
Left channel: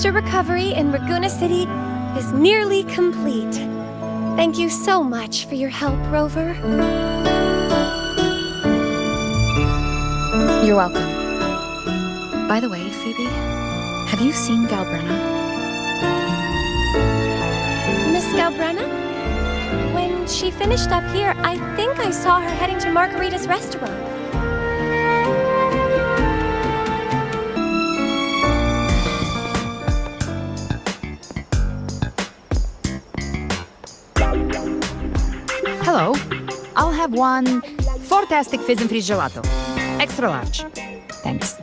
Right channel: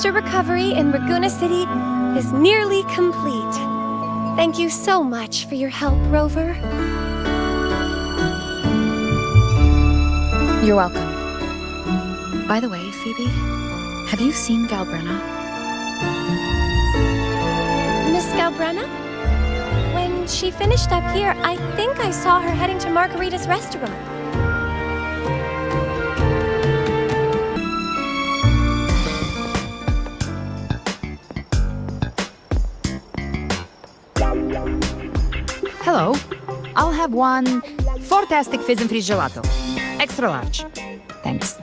Monster recovery in Raguna City is nearly complete. Thank you so much for your help, Rover. You're welcome. By the way, Phoebe, have you seen Galbrenna? Miss Galbrenna? When she finished up here, I think I saw her heading to Margarita's restaurant. Hello. I'll have one fantastic fizz and freeze gelato. Extra large. Thanks.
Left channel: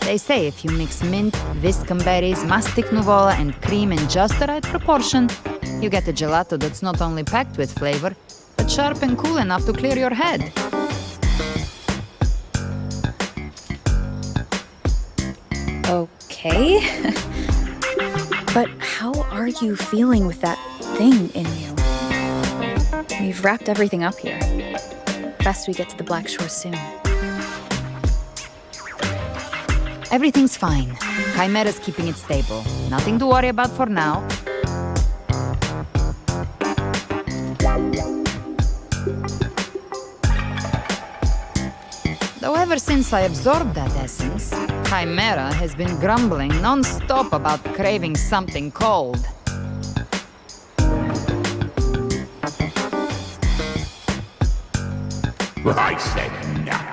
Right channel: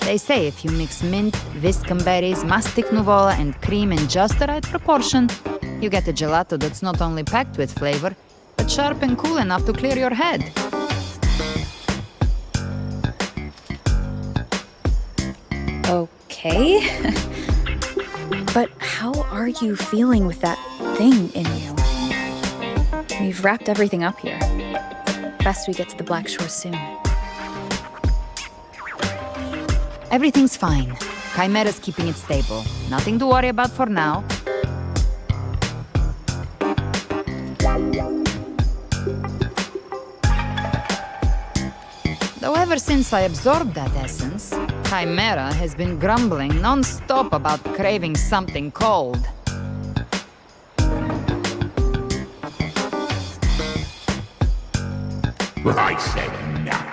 They say if you mix mint, viscum berries, mastic nuvola, and cream in just the right proportion, you get a gelato that's not only packed with flavor, but sharp and cool enough to clear your head. Okay. But how are you feeling with that thing in you? We've wrapped everything up here. Best we get to the Black Shore soon. Everything's fine. Chimera's keeping it stable. Nothing to worry about for now. Though ever since I absorbed that essence, Chimera has been grumbling non-stop about craving something cold. I said nothing.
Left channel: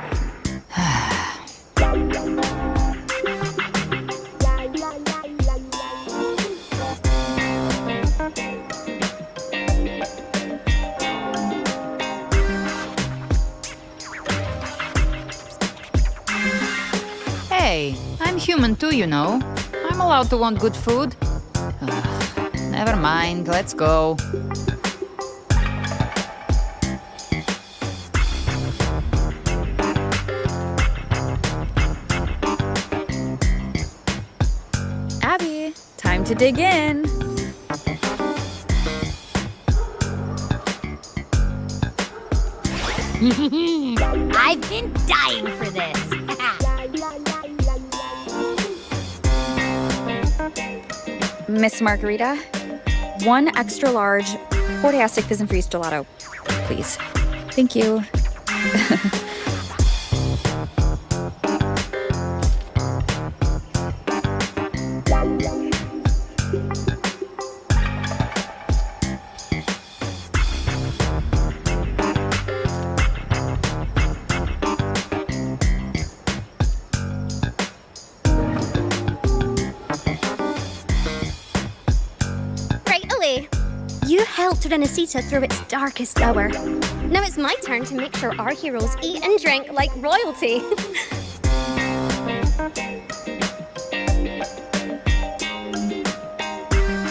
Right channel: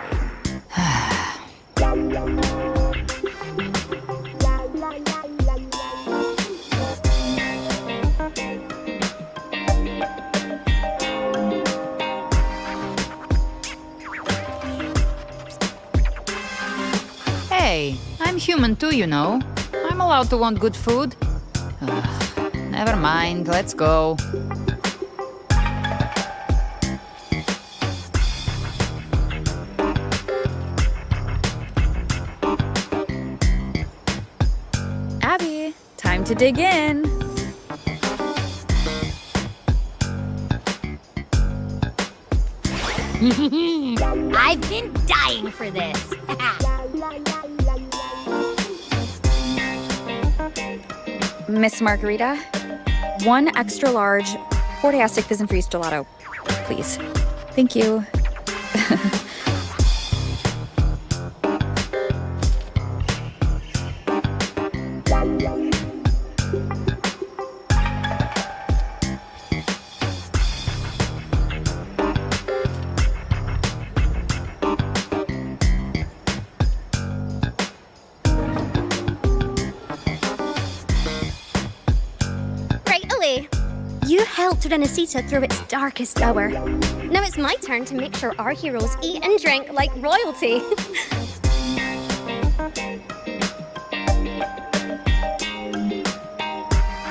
Hey, I'm human too, you know. I'm allowed to want good food. Never mind, let's go. Abby, time to dig in. I've been dying for this. Miss Margarita, one extra large Fortastic Fizz and Freeze gelato, please. Thank you. You helped Renesita through its darkest hour. Now it's my turn to make sure our heroes eat and drink like royalty.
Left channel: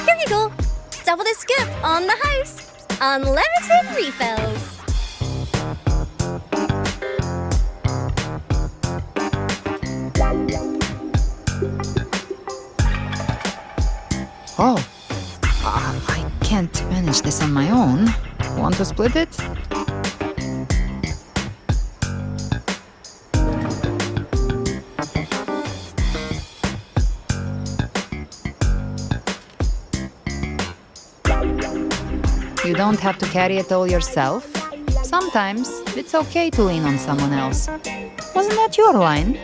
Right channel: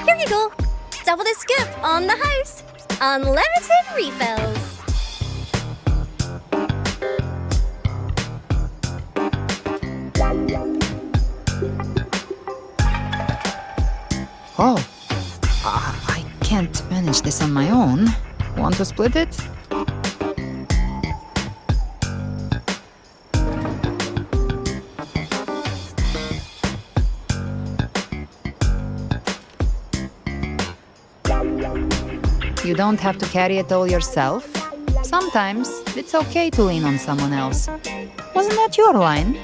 Here you go. Double the scoop on the house. Unlimited refills. Oh. I can't manage this on my own. Want to split it? You don't have to carry it all yourself. Sometimes it's okay to lean on someone else. Wasn't that your line?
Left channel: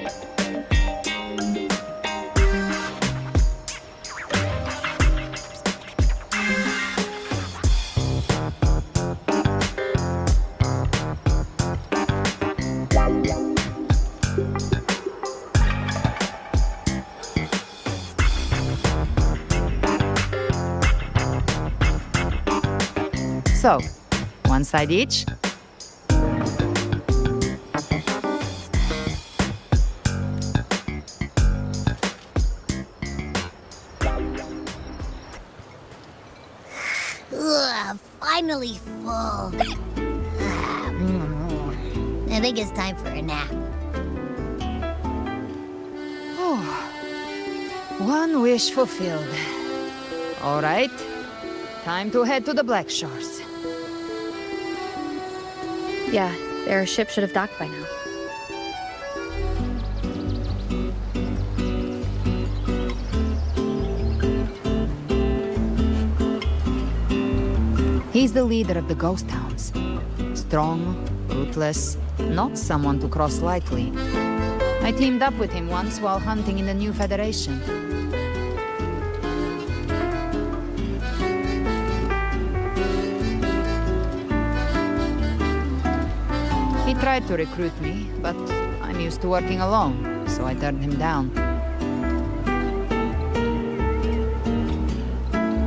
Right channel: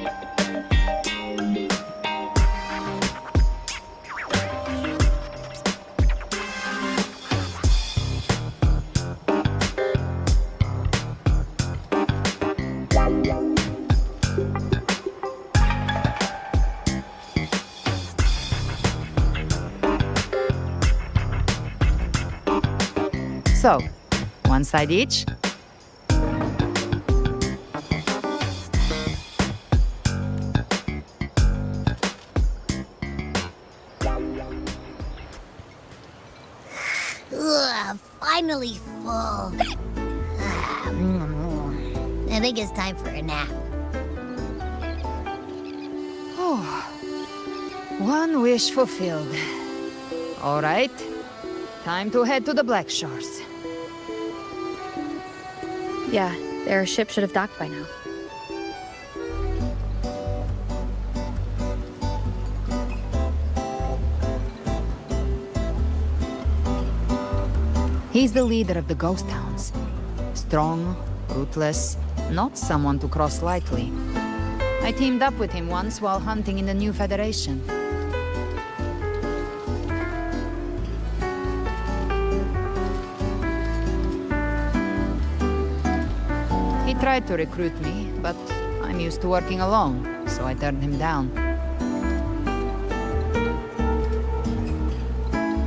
So, one side each. Ugh, finally full. I think it's time for a nap. Oh, One wish fulfilled. All right. Time to head to the Black Shores. Yeah, their ship should have docked by now. He's the leader of the ghost towns. Strong, ruthless, not someone to cross lightly. I teamed up with him once while hunting in the New Federation. He tried to recruit me, but I'm used to working alone, so I turned him down.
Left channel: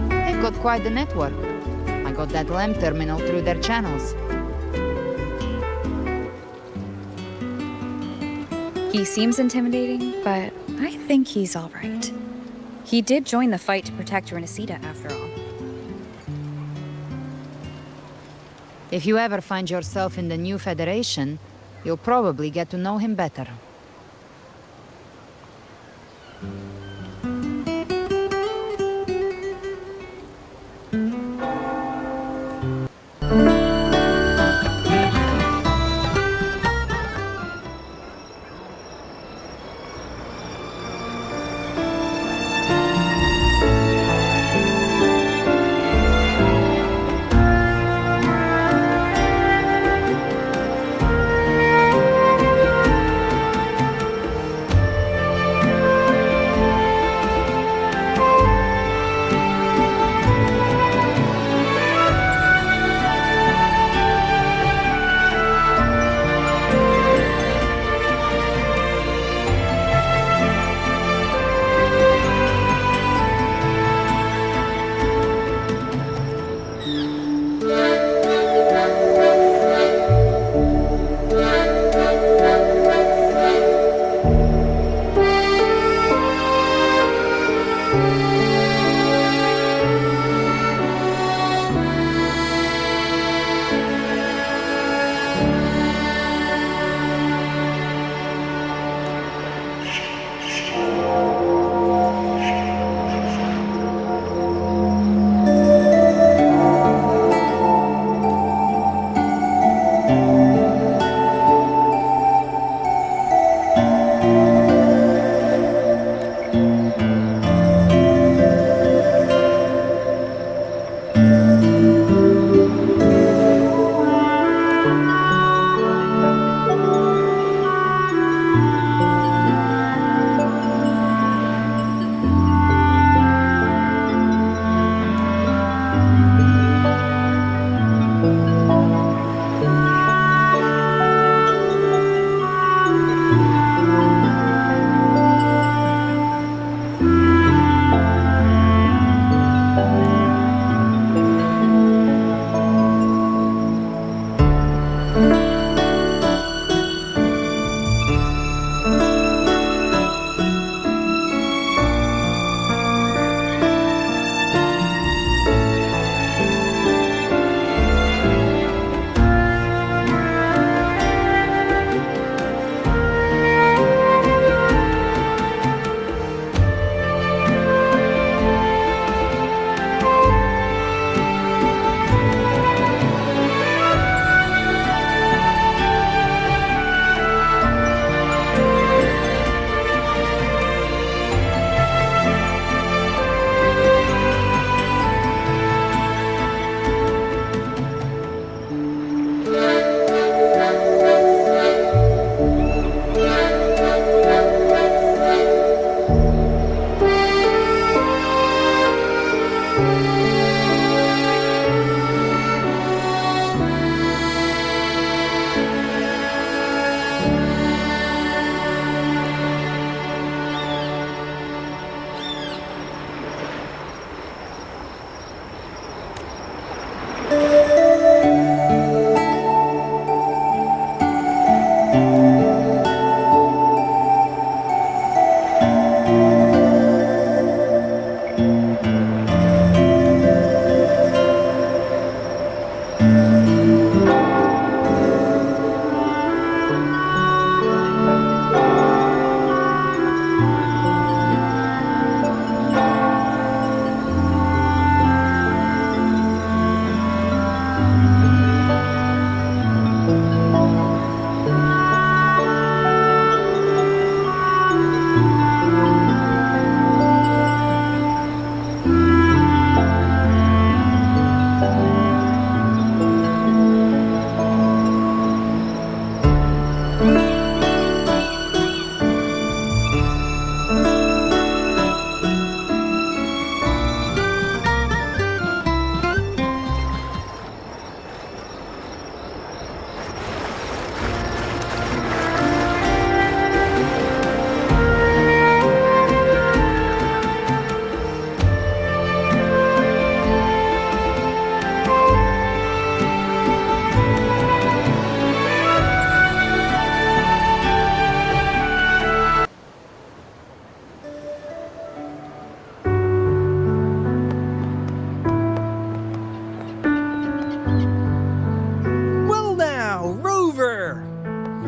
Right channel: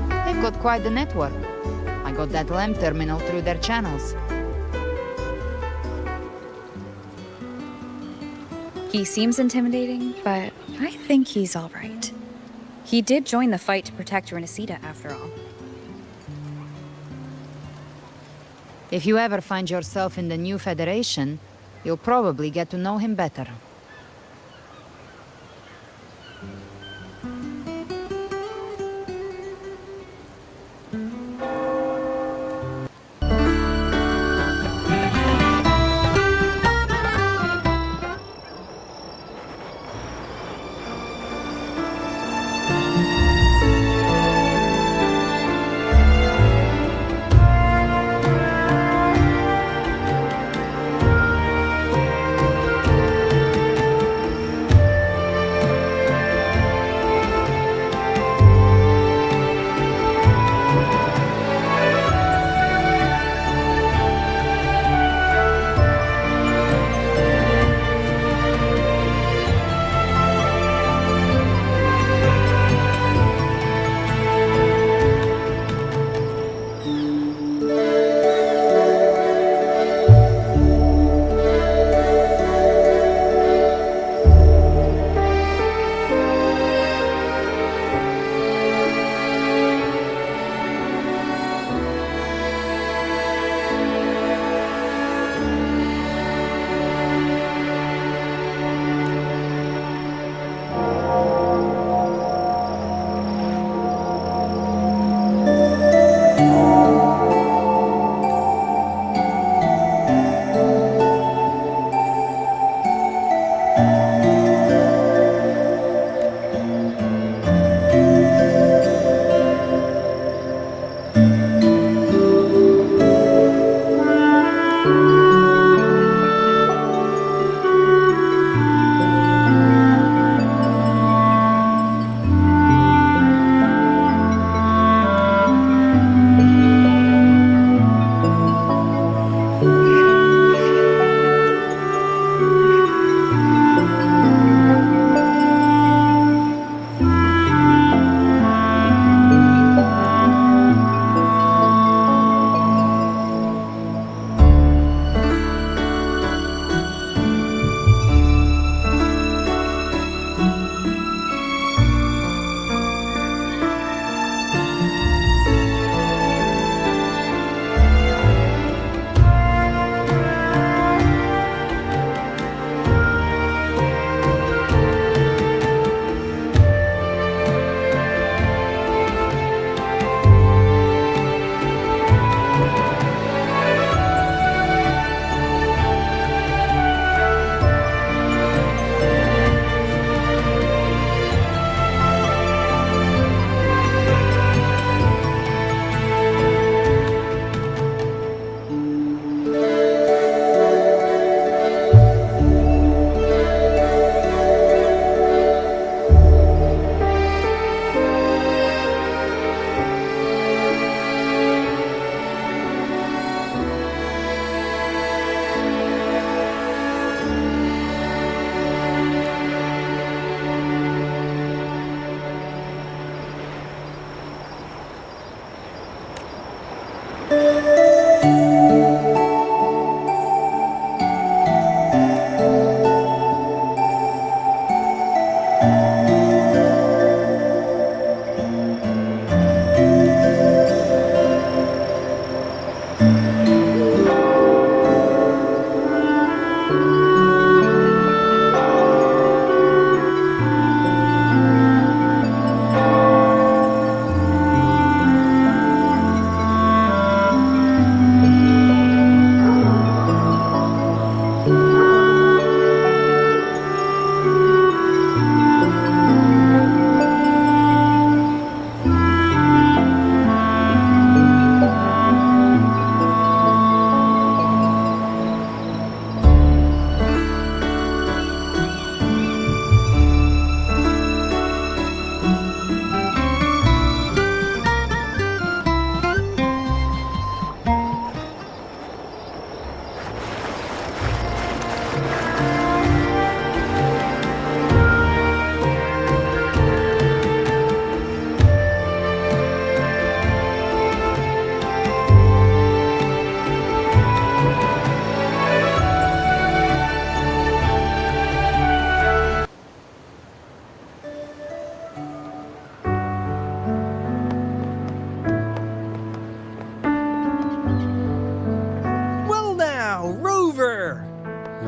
They've got quite the network. I got that lamp terminal through their channels. He seems intimidating, but I think he's all right. He did join the fight to protect Renesita after all. If you ever find yourself in the New Federation, you'll probably get to know him better.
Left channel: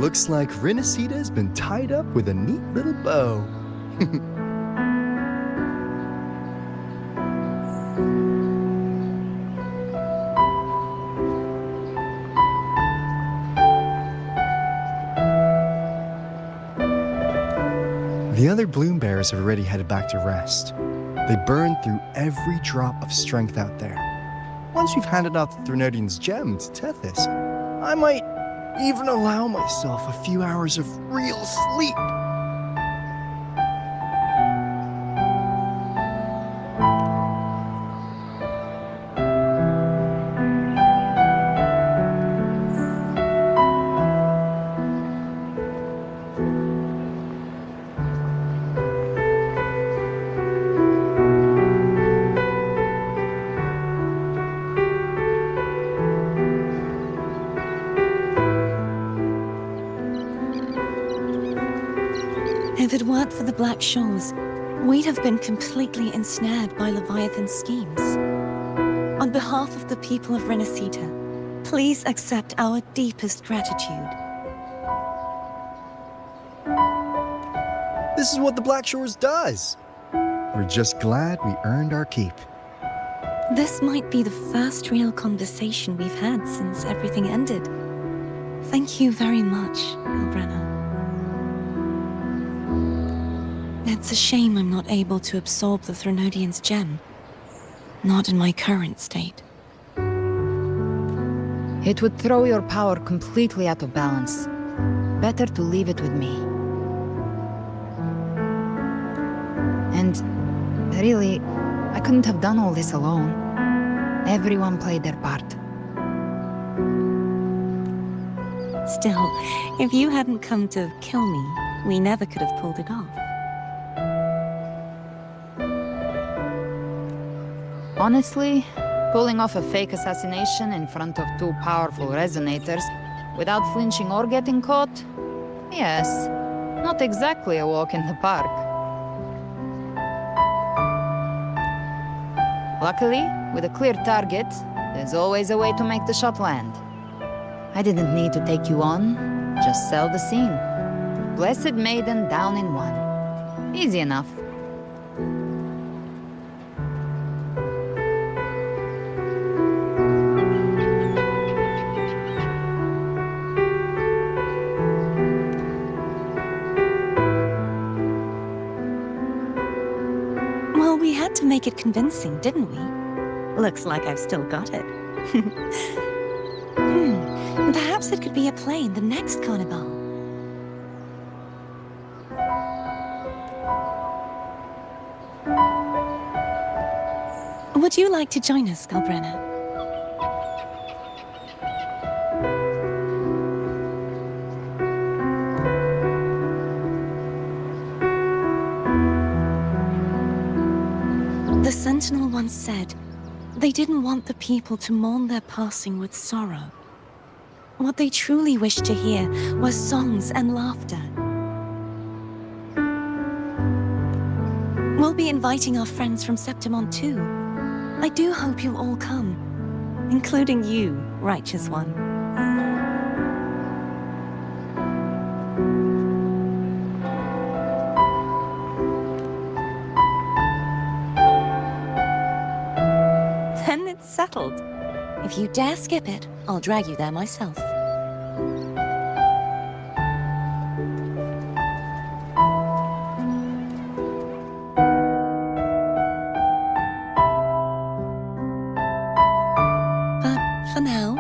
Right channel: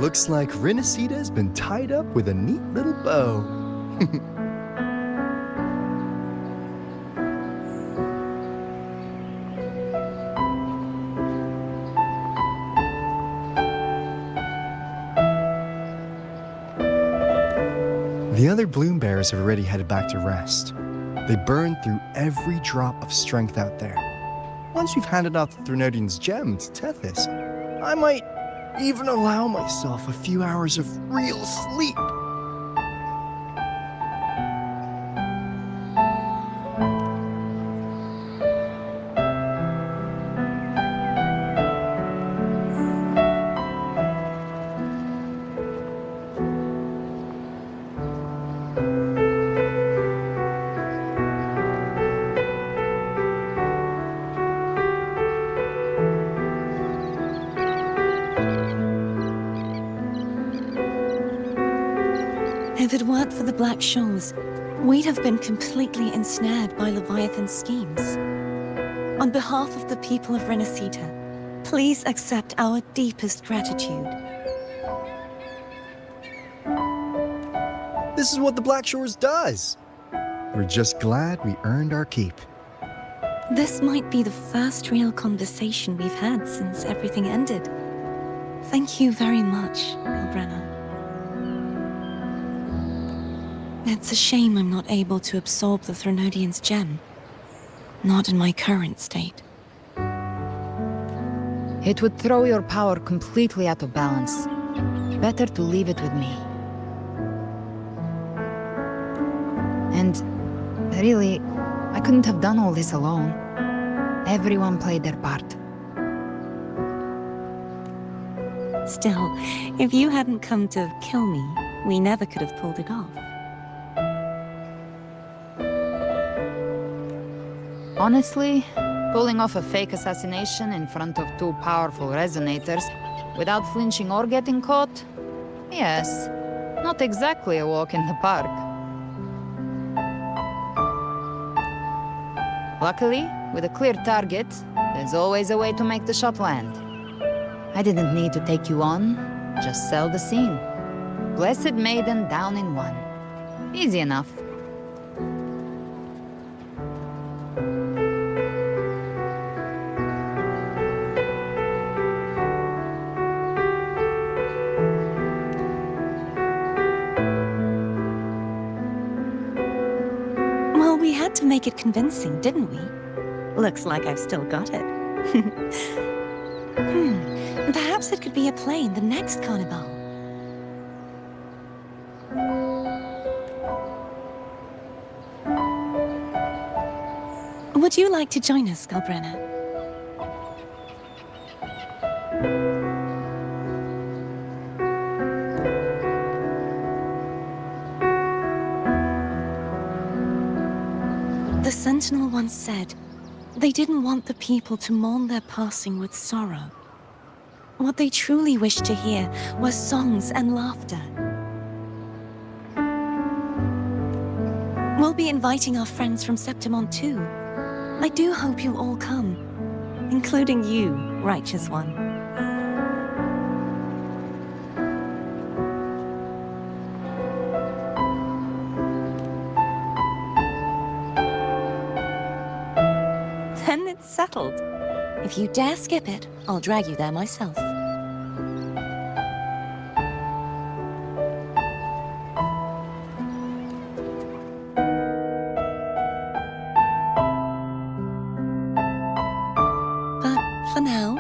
Looks like Renacita's been tied up with a neat little bow. The other bloom bearers have already headed back to rest. They burned through every drop of strength out there. Once we've handed out the Threnodian's gem to Tethys, I might even allow myself a few hours of real sleep. If it weren't for the Black Shores, we'd have been completely ensnared by Leviathan's schemes. On behalf of the people of Renacita, please accept our deepest gratitude. This is what the Black Shores does. We're just glad we earned our keep. This might be the first real conversation we've had since everything ended. Thank you very much, Galbrenna. It's a shame I'm not able to absorb the Threnodian's gem. Not in my current state. It would throw your power completely out of balance. Better to leave it with me. And really, I couldn't have done all this alone. Everyone played their part. Still, if you hadn't come to kill me, we never could have pulled it off. Honestly, pulling off a fake assassination in front of two powerful resonators without flinching or getting caught? Yes, not exactly a walk in the park. Luckily, with a clear target, there's always a way to make the shot land. I didn't need to take you on, just sell the scene. Blessed Maiden down in one. Easy enough. Well, we had to make it convincing, didn't we? Looks like I've still got it. Perhaps it could be a play in the next carnival. Would you like to join us, Galbrenna? The Sentinel once said, they didn't want the people to mourn their passing with sorrow. What they truly wished to hear were songs and laughter. We'll be inviting our friends from Septimont too. I do hope you'll all come, including you, Righteous One. Then it's settled. If you dare skip it, I'll drag you there myself. But for now,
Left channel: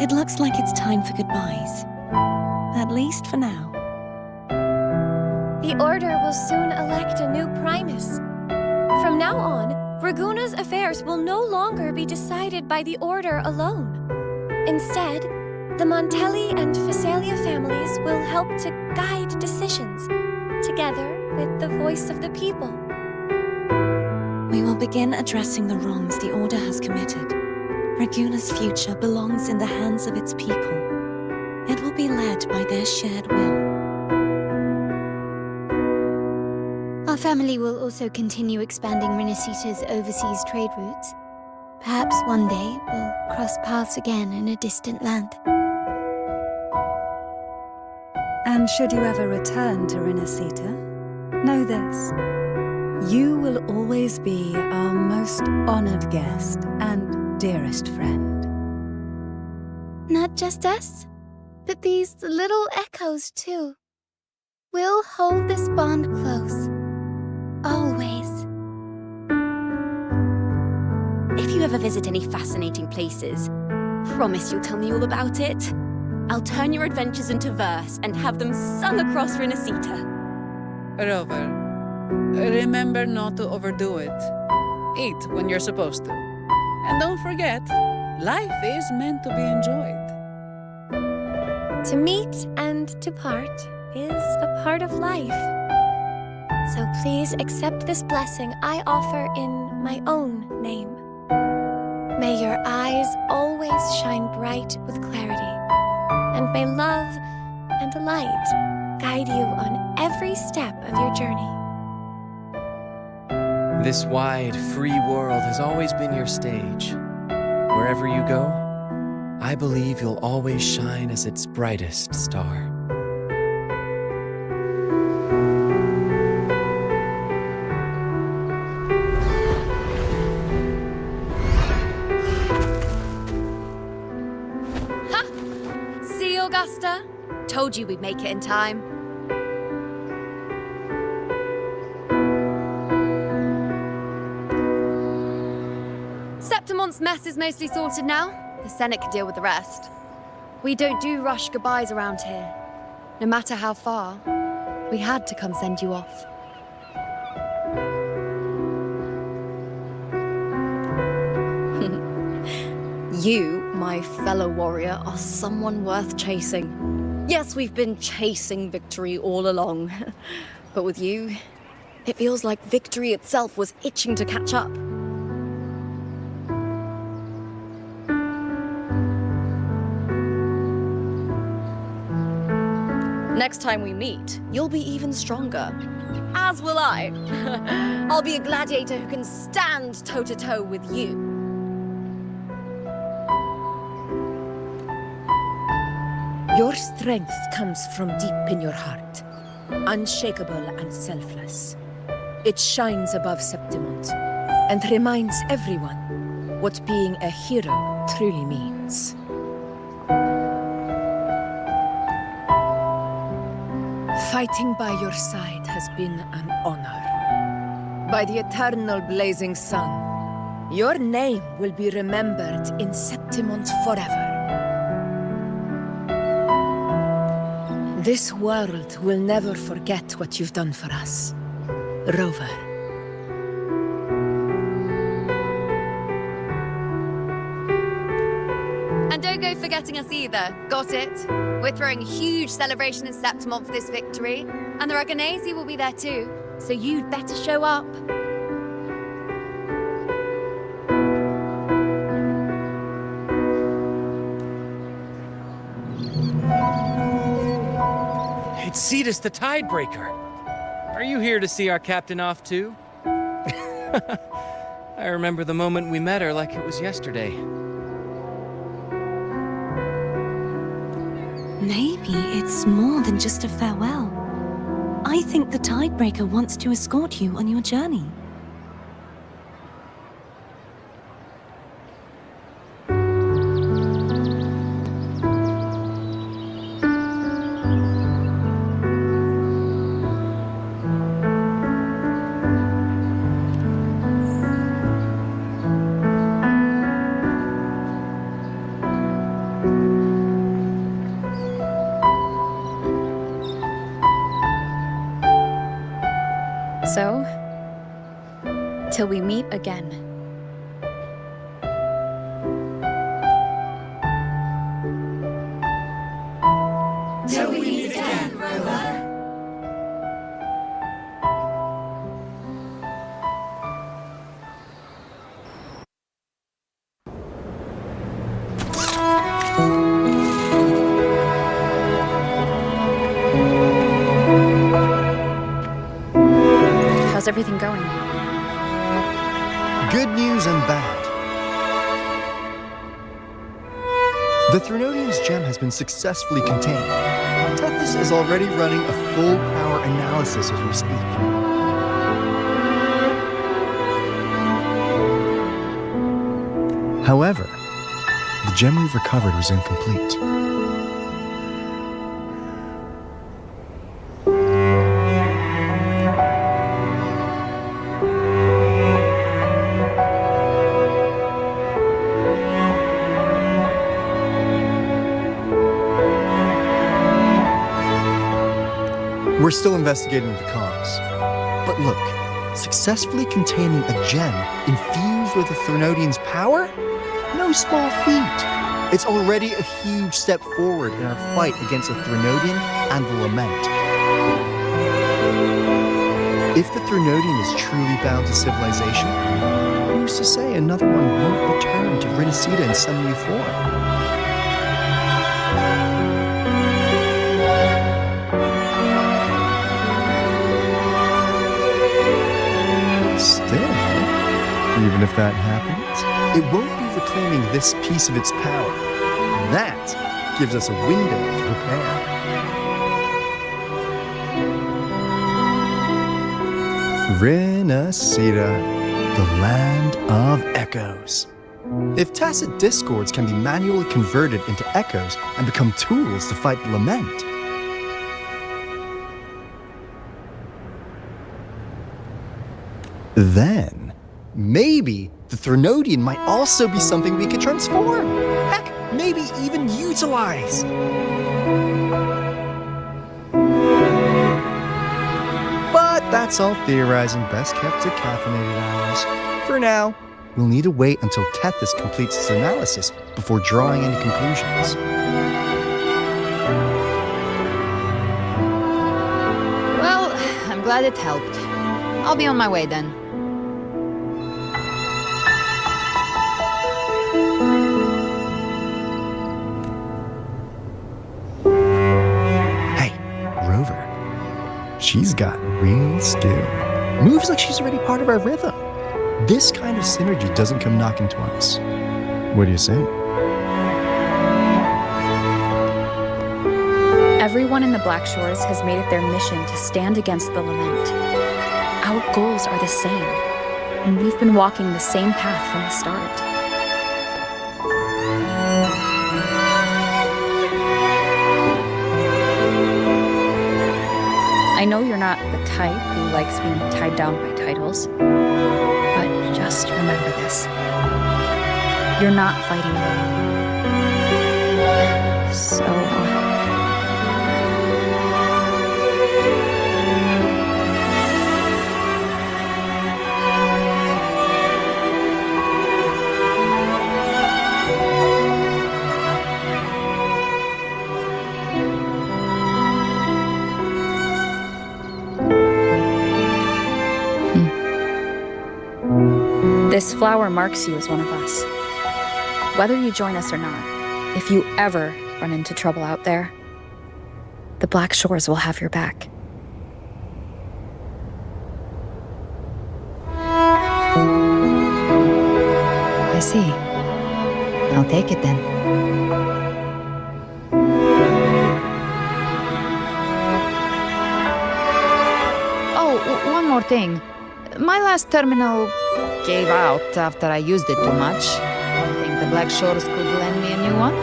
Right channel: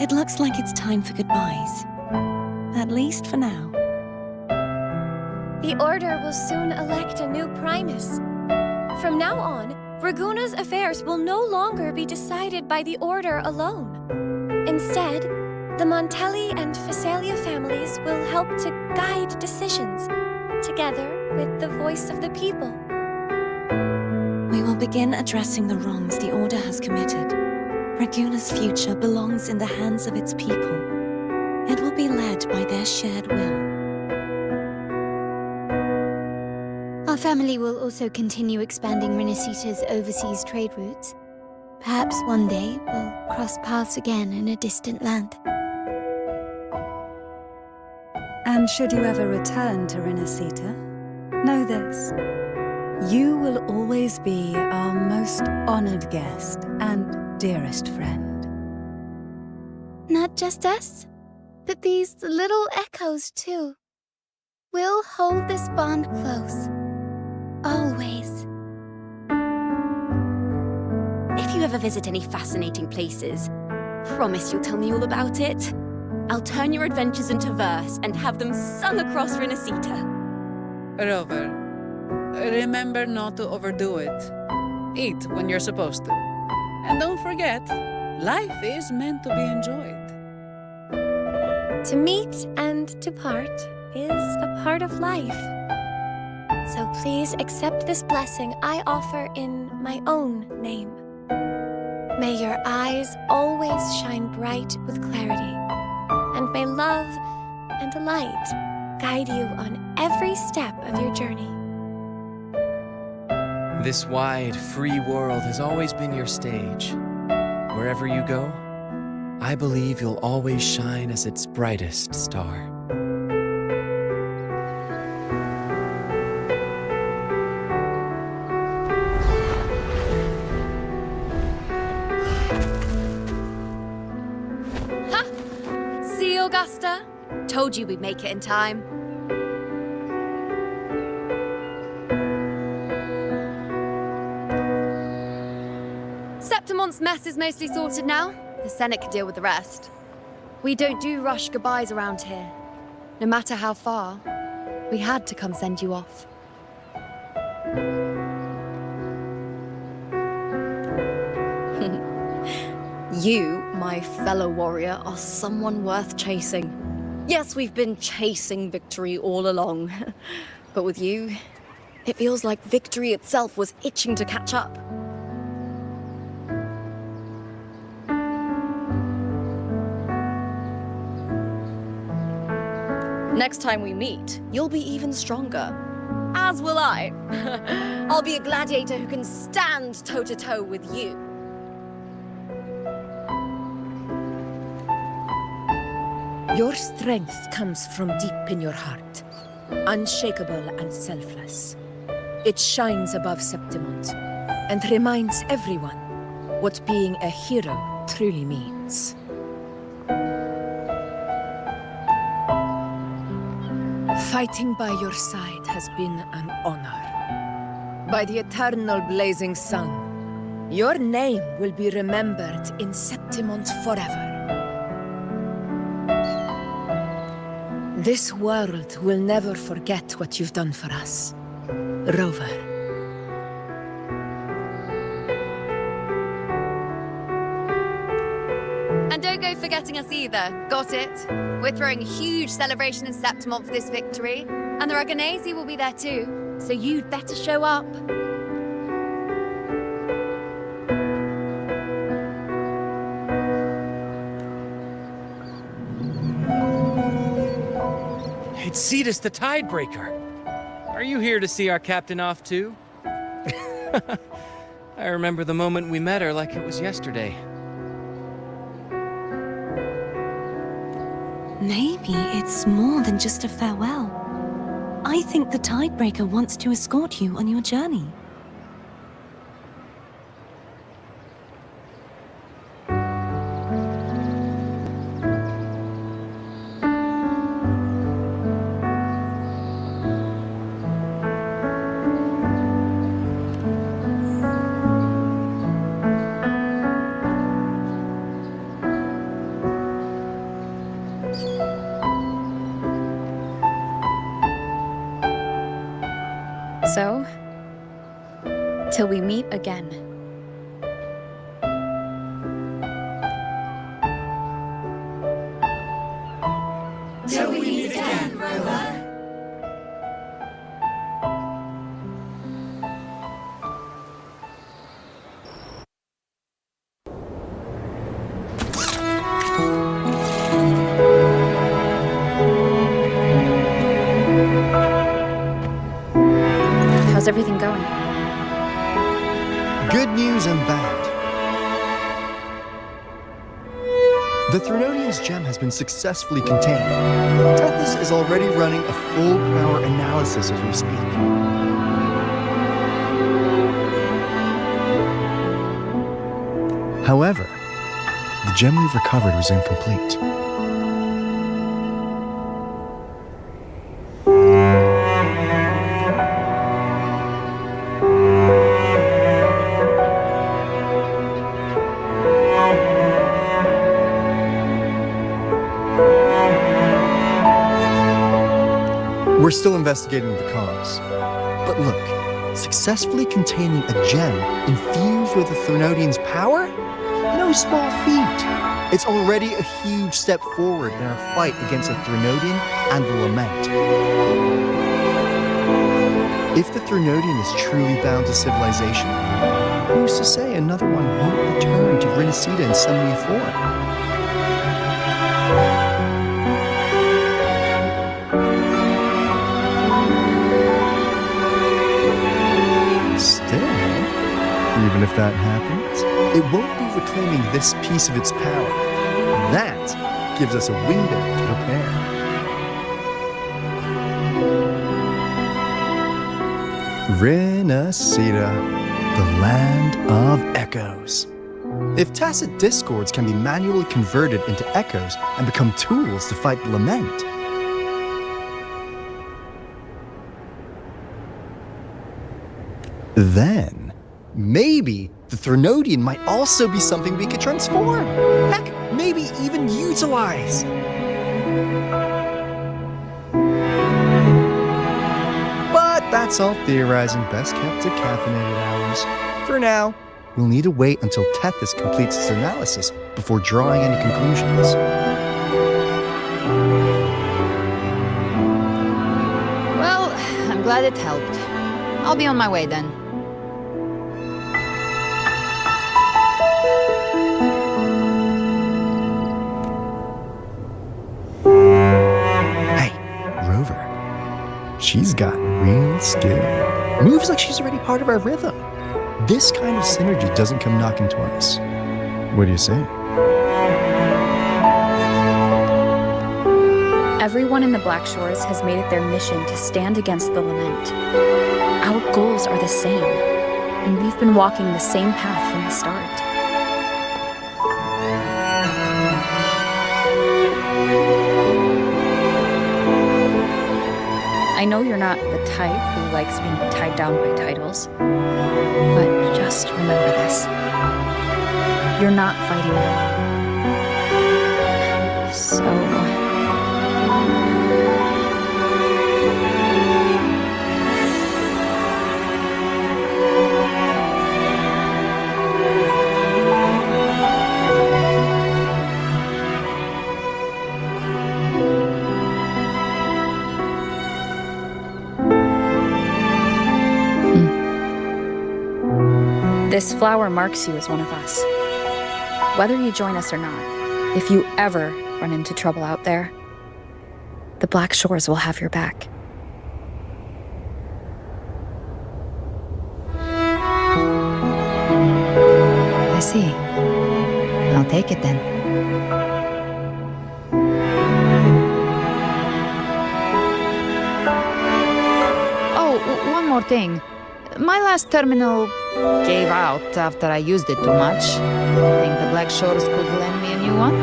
it looks like it's time for goodbyes. At least for now. The Order will soon elect a new Primus. From now on, Raguna's affairs will no longer be decided by the Order alone. Instead, the Montelli and Phasalia families will help to guide decisions, together with the voice of the people. We will begin addressing the wrongs the Order has committed. Raguna's future belongs in the hands of its people. It will be led by their shared will. Our family will also continue expanding Renacita's overseas trade routes. Perhaps one day we'll cross paths again in a distant land. And should you ever return to Rinasita, know this. You will always be our most honored guest and dearest friend. Not just us, but these little echoes too. We'll hold this bond close. Always. If you ever visit any fascinating places, promise you'll tell me all about it. I'll turn your adventures into verse and have them sung across Rinasita. Rover, remember not to overdo it. Eat when you're supposed to. And don't forget, life is meant to be enjoyed. To meet and to part is a part of life. So please accept this blessing I offer in my own name. May your eyes always shine bright with clarity, and may love and light guide you on every step of your journey. This wide, free world has always been your stage. Wherever you go, I believe you'll always shine as its brightest star. See, Augusta? Told you we'd make it in time. Septimon's mess is mostly sorted now. The Senate can deal with the rest. We don't do rush goodbyes around here. No matter how far, we had to come send you off. You, my fellow warrior, are someone worth chasing. Yes, we've been chasing victory all along. But with you, it feels like victory itself was itching to catch up. Next time we meet, you'll be even stronger. As will I. I'll be a gladiator who can stand toe-to-toe with you. Your strength comes from deep in your heart, unshakable and selfless. It shines above Septimont and reminds everyone what being a hero truly means. Fighting by your side has been an honor. By the eternal blazing sun, your name will be remembered in Septimont forever. This world will never forget what you've done for us, Rover. And don't go forgetting us either, got it? We're throwing a huge celebration in Septimont for this victory, and the Raganesi will be there too, so you'd better show up. It's Cetus the Tidebreaker. Are you here to see our captain off too? I remember the moment we met her like it was yesterday. Maybe it's more than just a farewell. I think the Tidebreaker wants to escort you on your journey. So, till we meet again. Till we meet again, Rover. How's everything going? Good news and bad. The Threnodian's gem has been successfully contained. Tethys is already running a full power analysis as we speak. However, the gem we've recovered was incomplete. We're still investigating the cause. But look, successfully containing a gem infused with the Threnodian's power? No small feat. It's already a huge step forward in our fight against the Threnodian and the Lament. If the Threnodian is truly bound to civilization, who's to say another one won't return to Rinasida in some new form? Still, even if that happens, it won't be reclaiming this piece of its power. That gives us a window to prepare. Rinasida, the land of echoes. If tacit discords can be manually converted into echoes and become tools to fight the Lament, then maybe the Threnodian might also be something we could transform. Heck, maybe even utilize. But that's all theorizing best kept to caffeinated hours. For now, we'll need to wait until Tethys completes its analysis before drawing any conclusions. Well, I'm glad it helped. I'll be on my way then. She's got real skill. Moves like she's already part of our rhythm. This kind of synergy doesn't come knocking twice. What do you say? Everyone in the Black Shores has made it their mission to stand against the Lament. Our goals are the same, and we've been walking the same path from the start. I know you're not the type who likes being tied down by titles, but just remember this. You're not fighting alone. So... This flower marks you as one of us. Whether you join us or not, if you ever run into trouble out there, the Black Shores will have your back. I see. I'll take it then. Oh, one more thing. My last terminal gave out after I used it too much. Think the Black Shores could lend me a new one?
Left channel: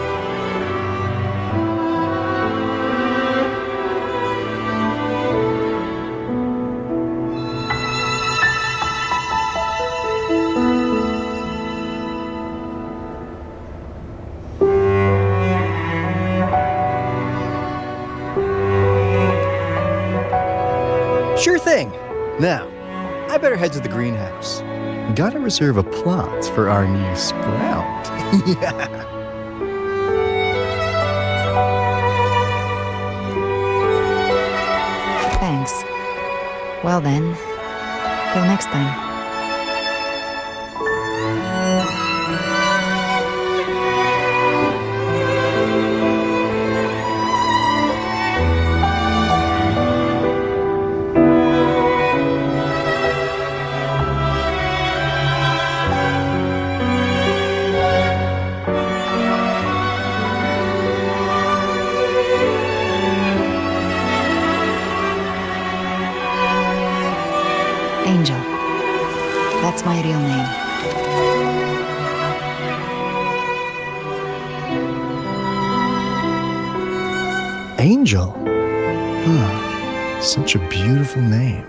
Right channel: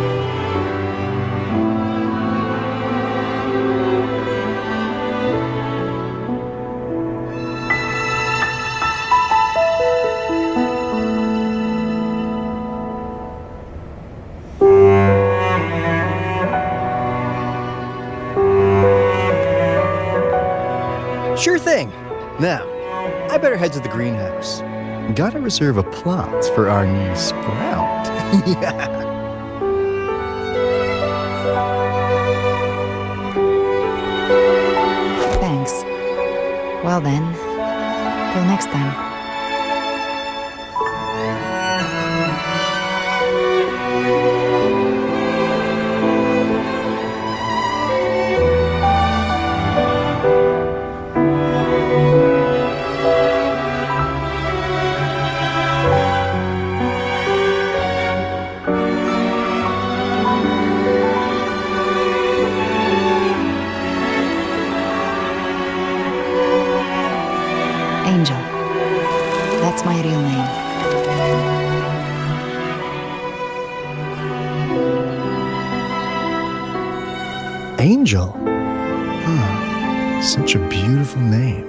Sure thing. Now, I better head to the greenhouse. Gotta reserve a plot for our new sprout. Yeah. Thanks. Well then, till next time. That's my real name. Angel? Huh. Such a beautiful name.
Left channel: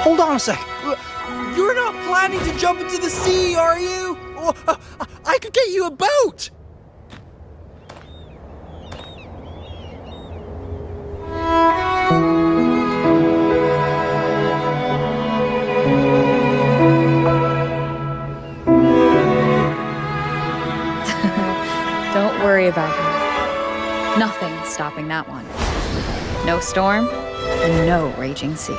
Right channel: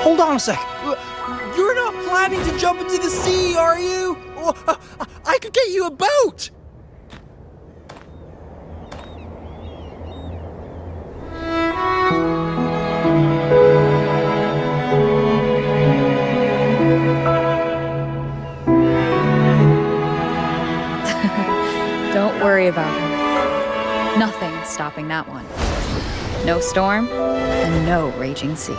Hold on a sec. You're not planning to jump into the sea, are you? I could get you a boat! Don't worry about her. Nothing stopping that one. No storm and no raging sea.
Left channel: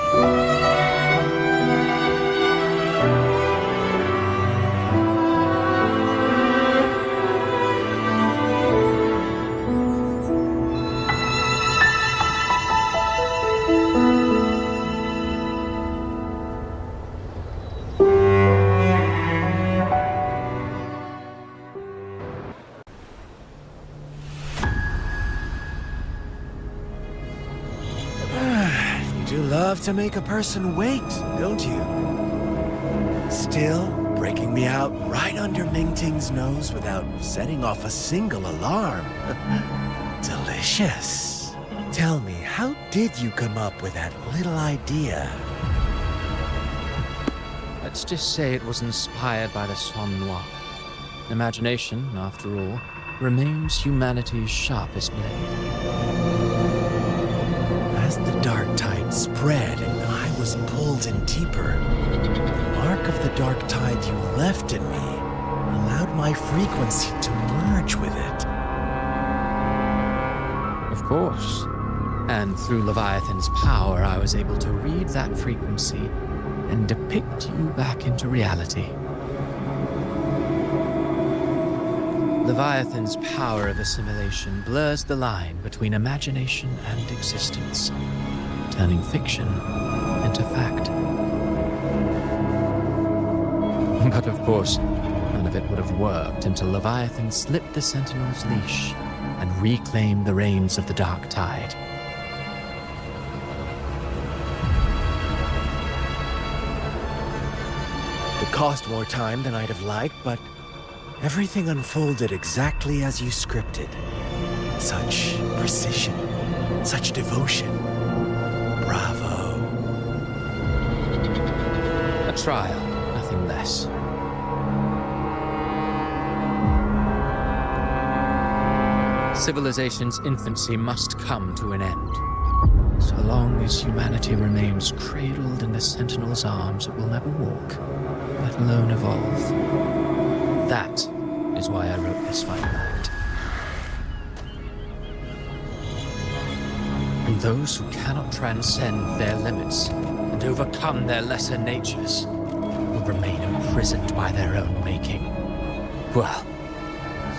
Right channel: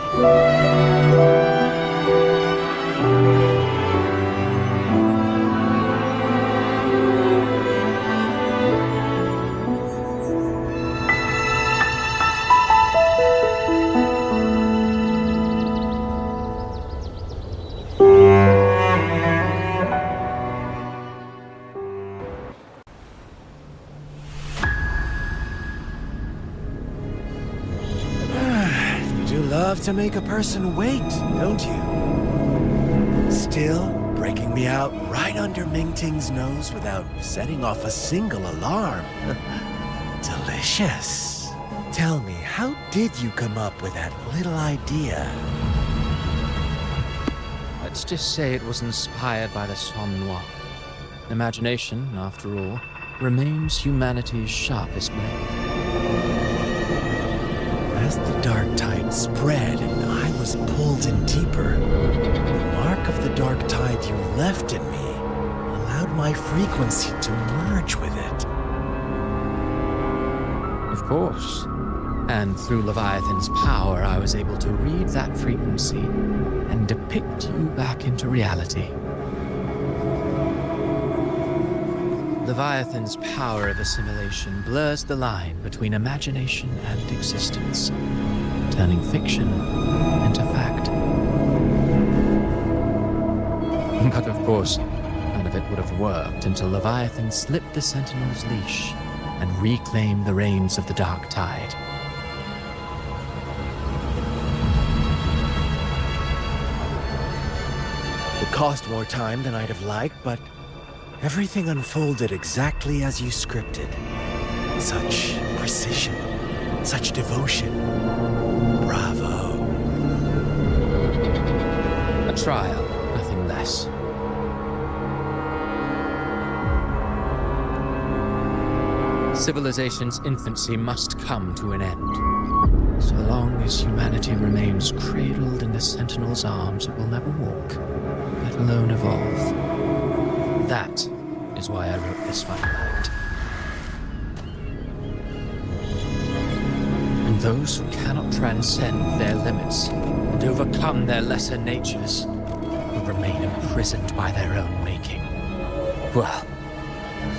You do love to make a person wait, don't you? Still breaking me out right under Mingting's nose without setting off a single alarm. Delicious. Tell me, how did you come up with that little idea? Let's just say it was inspired by the Somme Noir. Imagination, after all, remains humanity's sharpest blade. As the dark tide spread and I was pulled in deeper, the mark of the dark tide you left in me allowed my frequency to merge with it. Of course. And through Leviathan's power, I was able to read that frequency and depict you back into reality. Leviathan's power of assimilation blurs the line between imagination and existence, turning fiction into fact. But of course, none of it would have worked until Leviathan slipped the Sentinel's leash and reclaimed the reins of the dark tide. It cost more time than I'd have liked, but everything unfolded exactly as you scripted. Such precision, such devotion. Bravo. A trial, nothing less. Civilization's infancy must come to an end. So long as humanity remains cradled in the Sentinel's arms, it will never walk, let alone evolve. That is why I wrote this final act. And those who cannot transcend their limits and overcome their lesser natures will remain imprisoned by their own making. Well,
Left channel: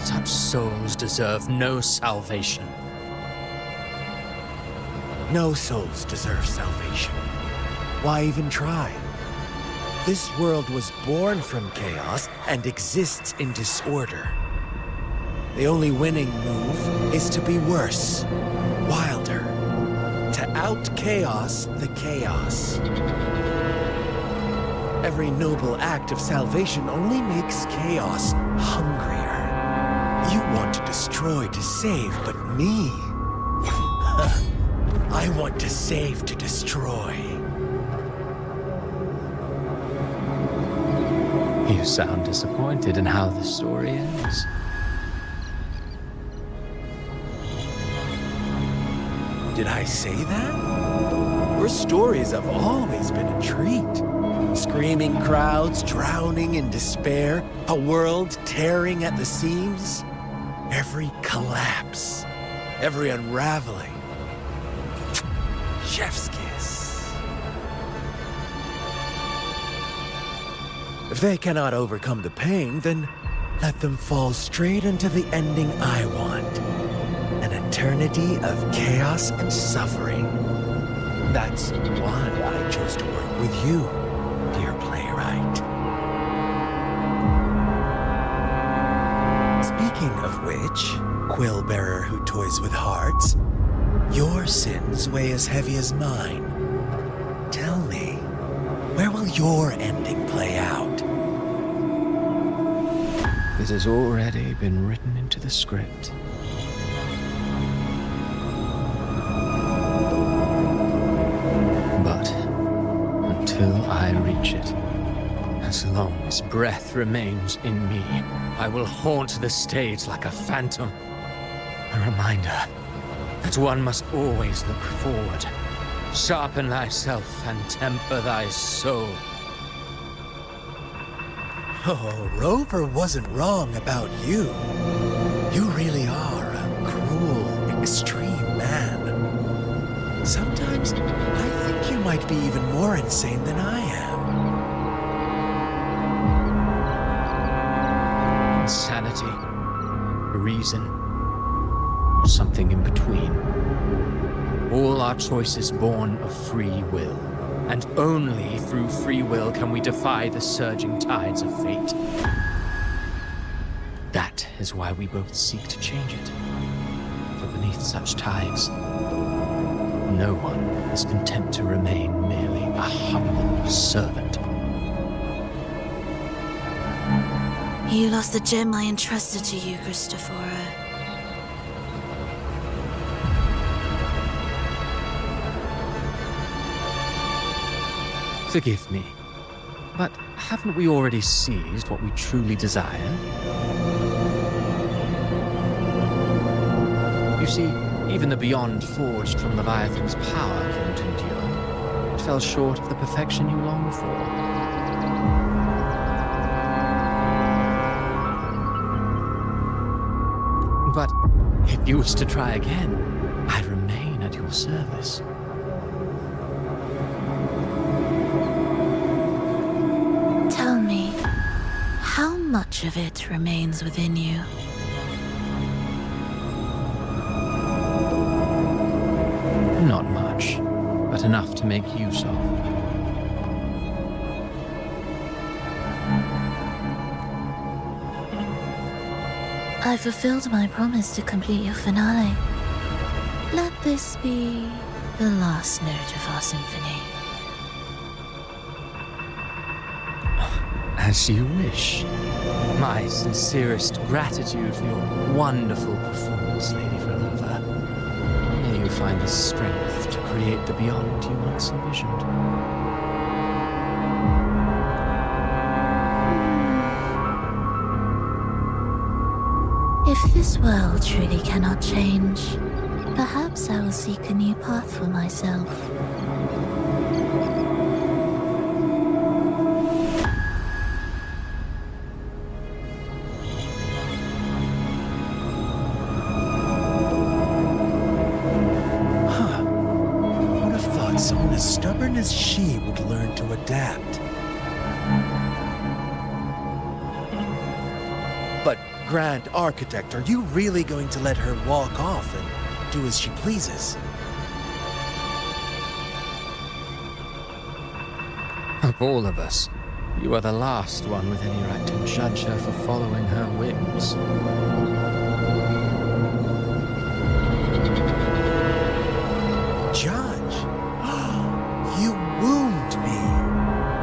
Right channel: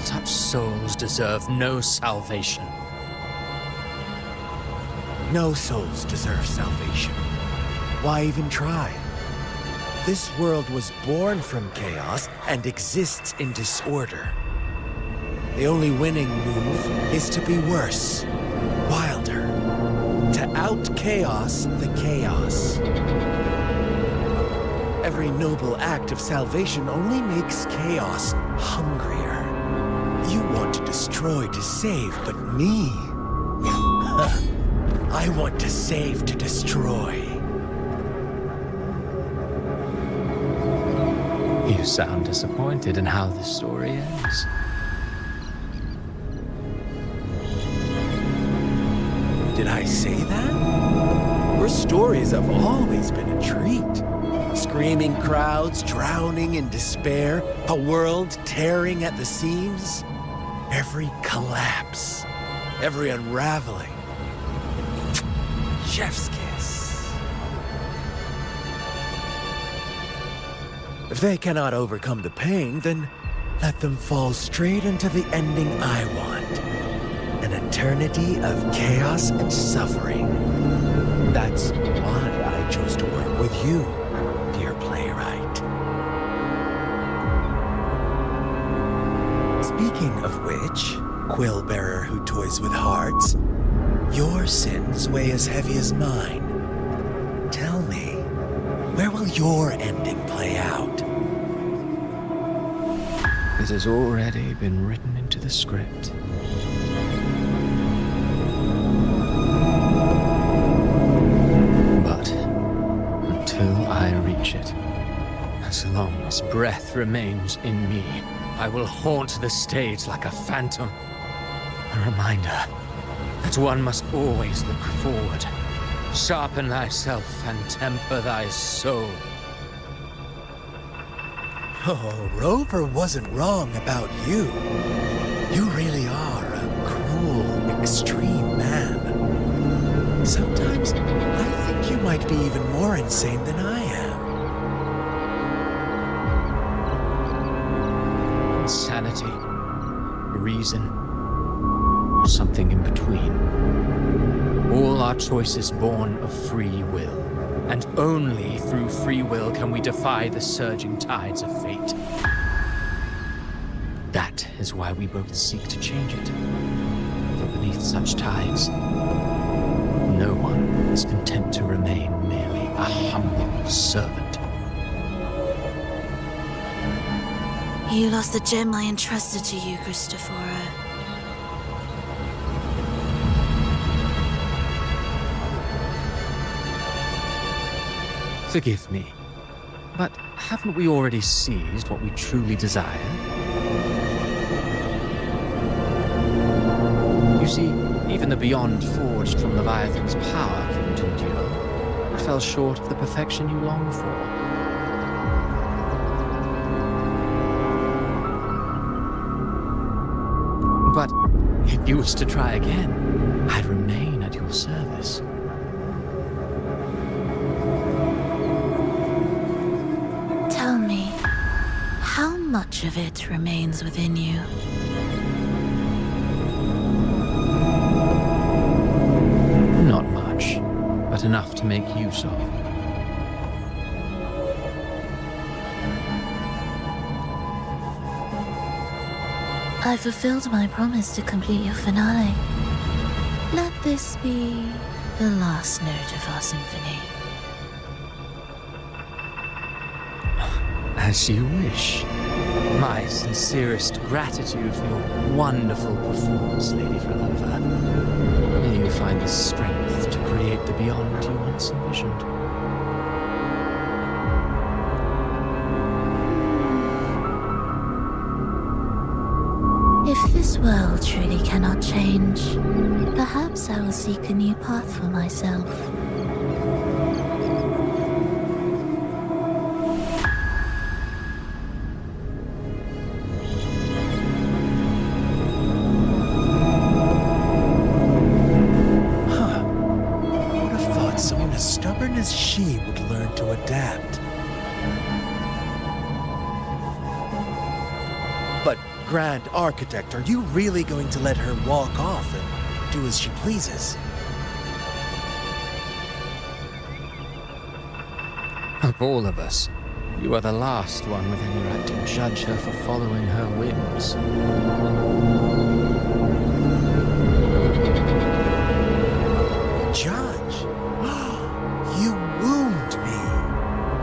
such souls deserve no salvation. No souls deserve salvation. Why even try? This world was born from chaos and exists in disorder. The only winning move is to be worse, wilder, to out-chaos the chaos. Every noble act of salvation only makes chaos hungrier. You want to destroy to save, but me? I want to save to destroy. You sound disappointed in how the story ends. Did I say that? Your stories have always been a treat. Screaming crowds drowning in despair, a world tearing at the seams. Every collapse, every unraveling. Chef's kiss. If they cannot overcome the pain, then let them fall straight into the ending I want. An eternity of chaos and suffering. That's why I chose to work with you, dear playwright. Speaking of which, quill bearer who toys with hearts, your sins weigh as heavy as mine. Tell me, Where will your ending play out? It has already been written into the script. But until I reach it, as long as breath remains in me, I will haunt the stage like a phantom. A reminder that one must always look forward. Sharpen thyself and temper thy soul. Oh, Rover wasn't wrong about you. You really are a cruel, extreme man. Sometimes I think you might be even more insane than I am. Insanity, reason, or something in between. All our choices born of free will, and only through free will can we defy the surging tides of fate. That is why we both seek to change it. For beneath such tides, no one is content to remain merely a humble servant. You lost the gem I entrusted to you, Cristoforo. Forgive me, but haven't we already seized what we truly desire? You see, even the beyond forged from Leviathan's power couldn't endure. It fell short of the perfection you long for. But if you wish to try again, I remain at your service. Tell me, how much of it remains within you? Not much, but enough to make use of. I fulfilled my promise to complete your finale. Let this be the last note of our symphony. As you wish. My sincerest gratitude for your wonderful performance, Lady Frelova. May you find the strength to create the beyond you once envisioned. If this world truly cannot change, perhaps I will seek a new path for myself. Someone as stubborn as she would learn to adapt. But, Grand Architect, are you really going to let her walk off and do as she pleases? Of all of us, you are the last one with any right to judge her for following her whims. Judge? You wound me.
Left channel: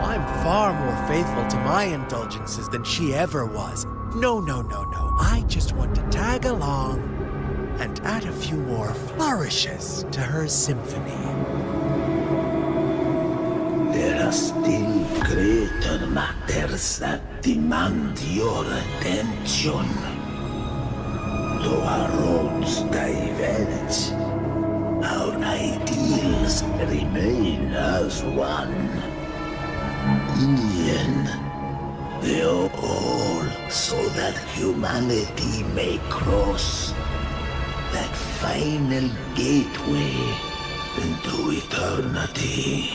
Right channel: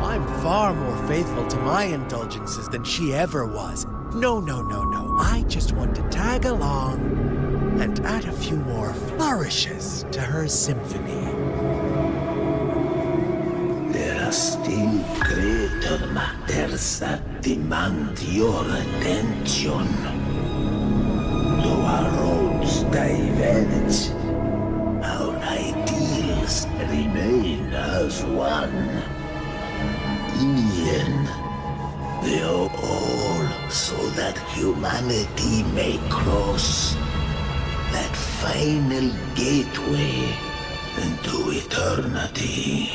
I'm far more faithful to my indulgences than she ever was. No. I just want to tag along and add a few more flourishes to her symphony. There are still greater matters that demand your attention. Though our roads diverge, our ideals remain as one. In the end, they are all so that humanity may cross that final gateway into eternity.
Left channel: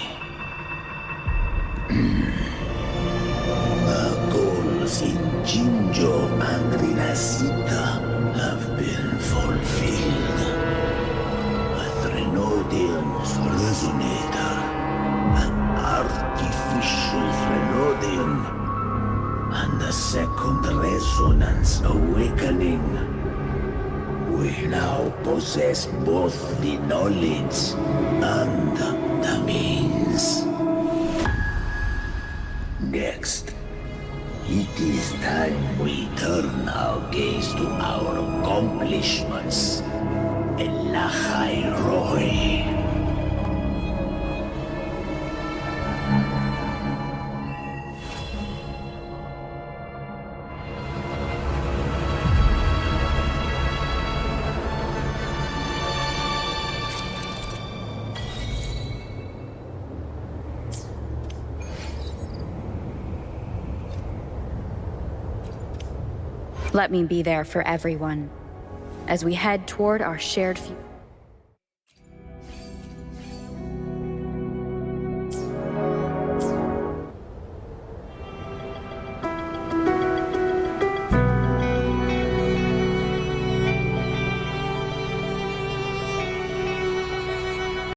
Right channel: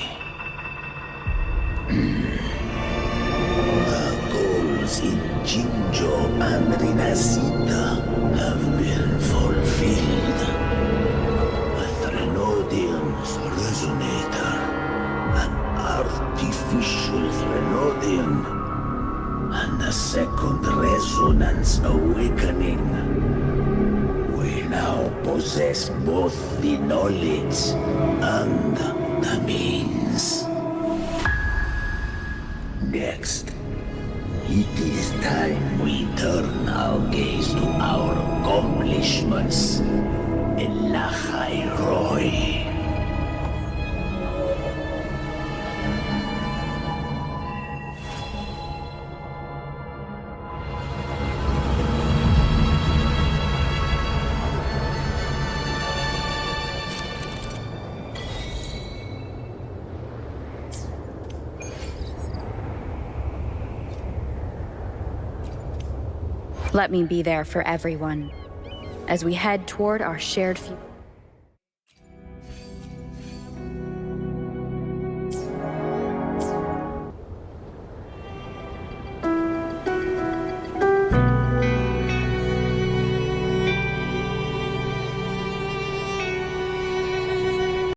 Our goals in Jinjo and Rinasita have been fulfilled. A Threnodium's resonator, an artificial Threnodium, and a second resonance awakening. We now possess both the knowledge and the means. Next, it is time we turn our gaze to our accomplishments. Elachai Roy. Let me be there for everyone as we head toward our shared future.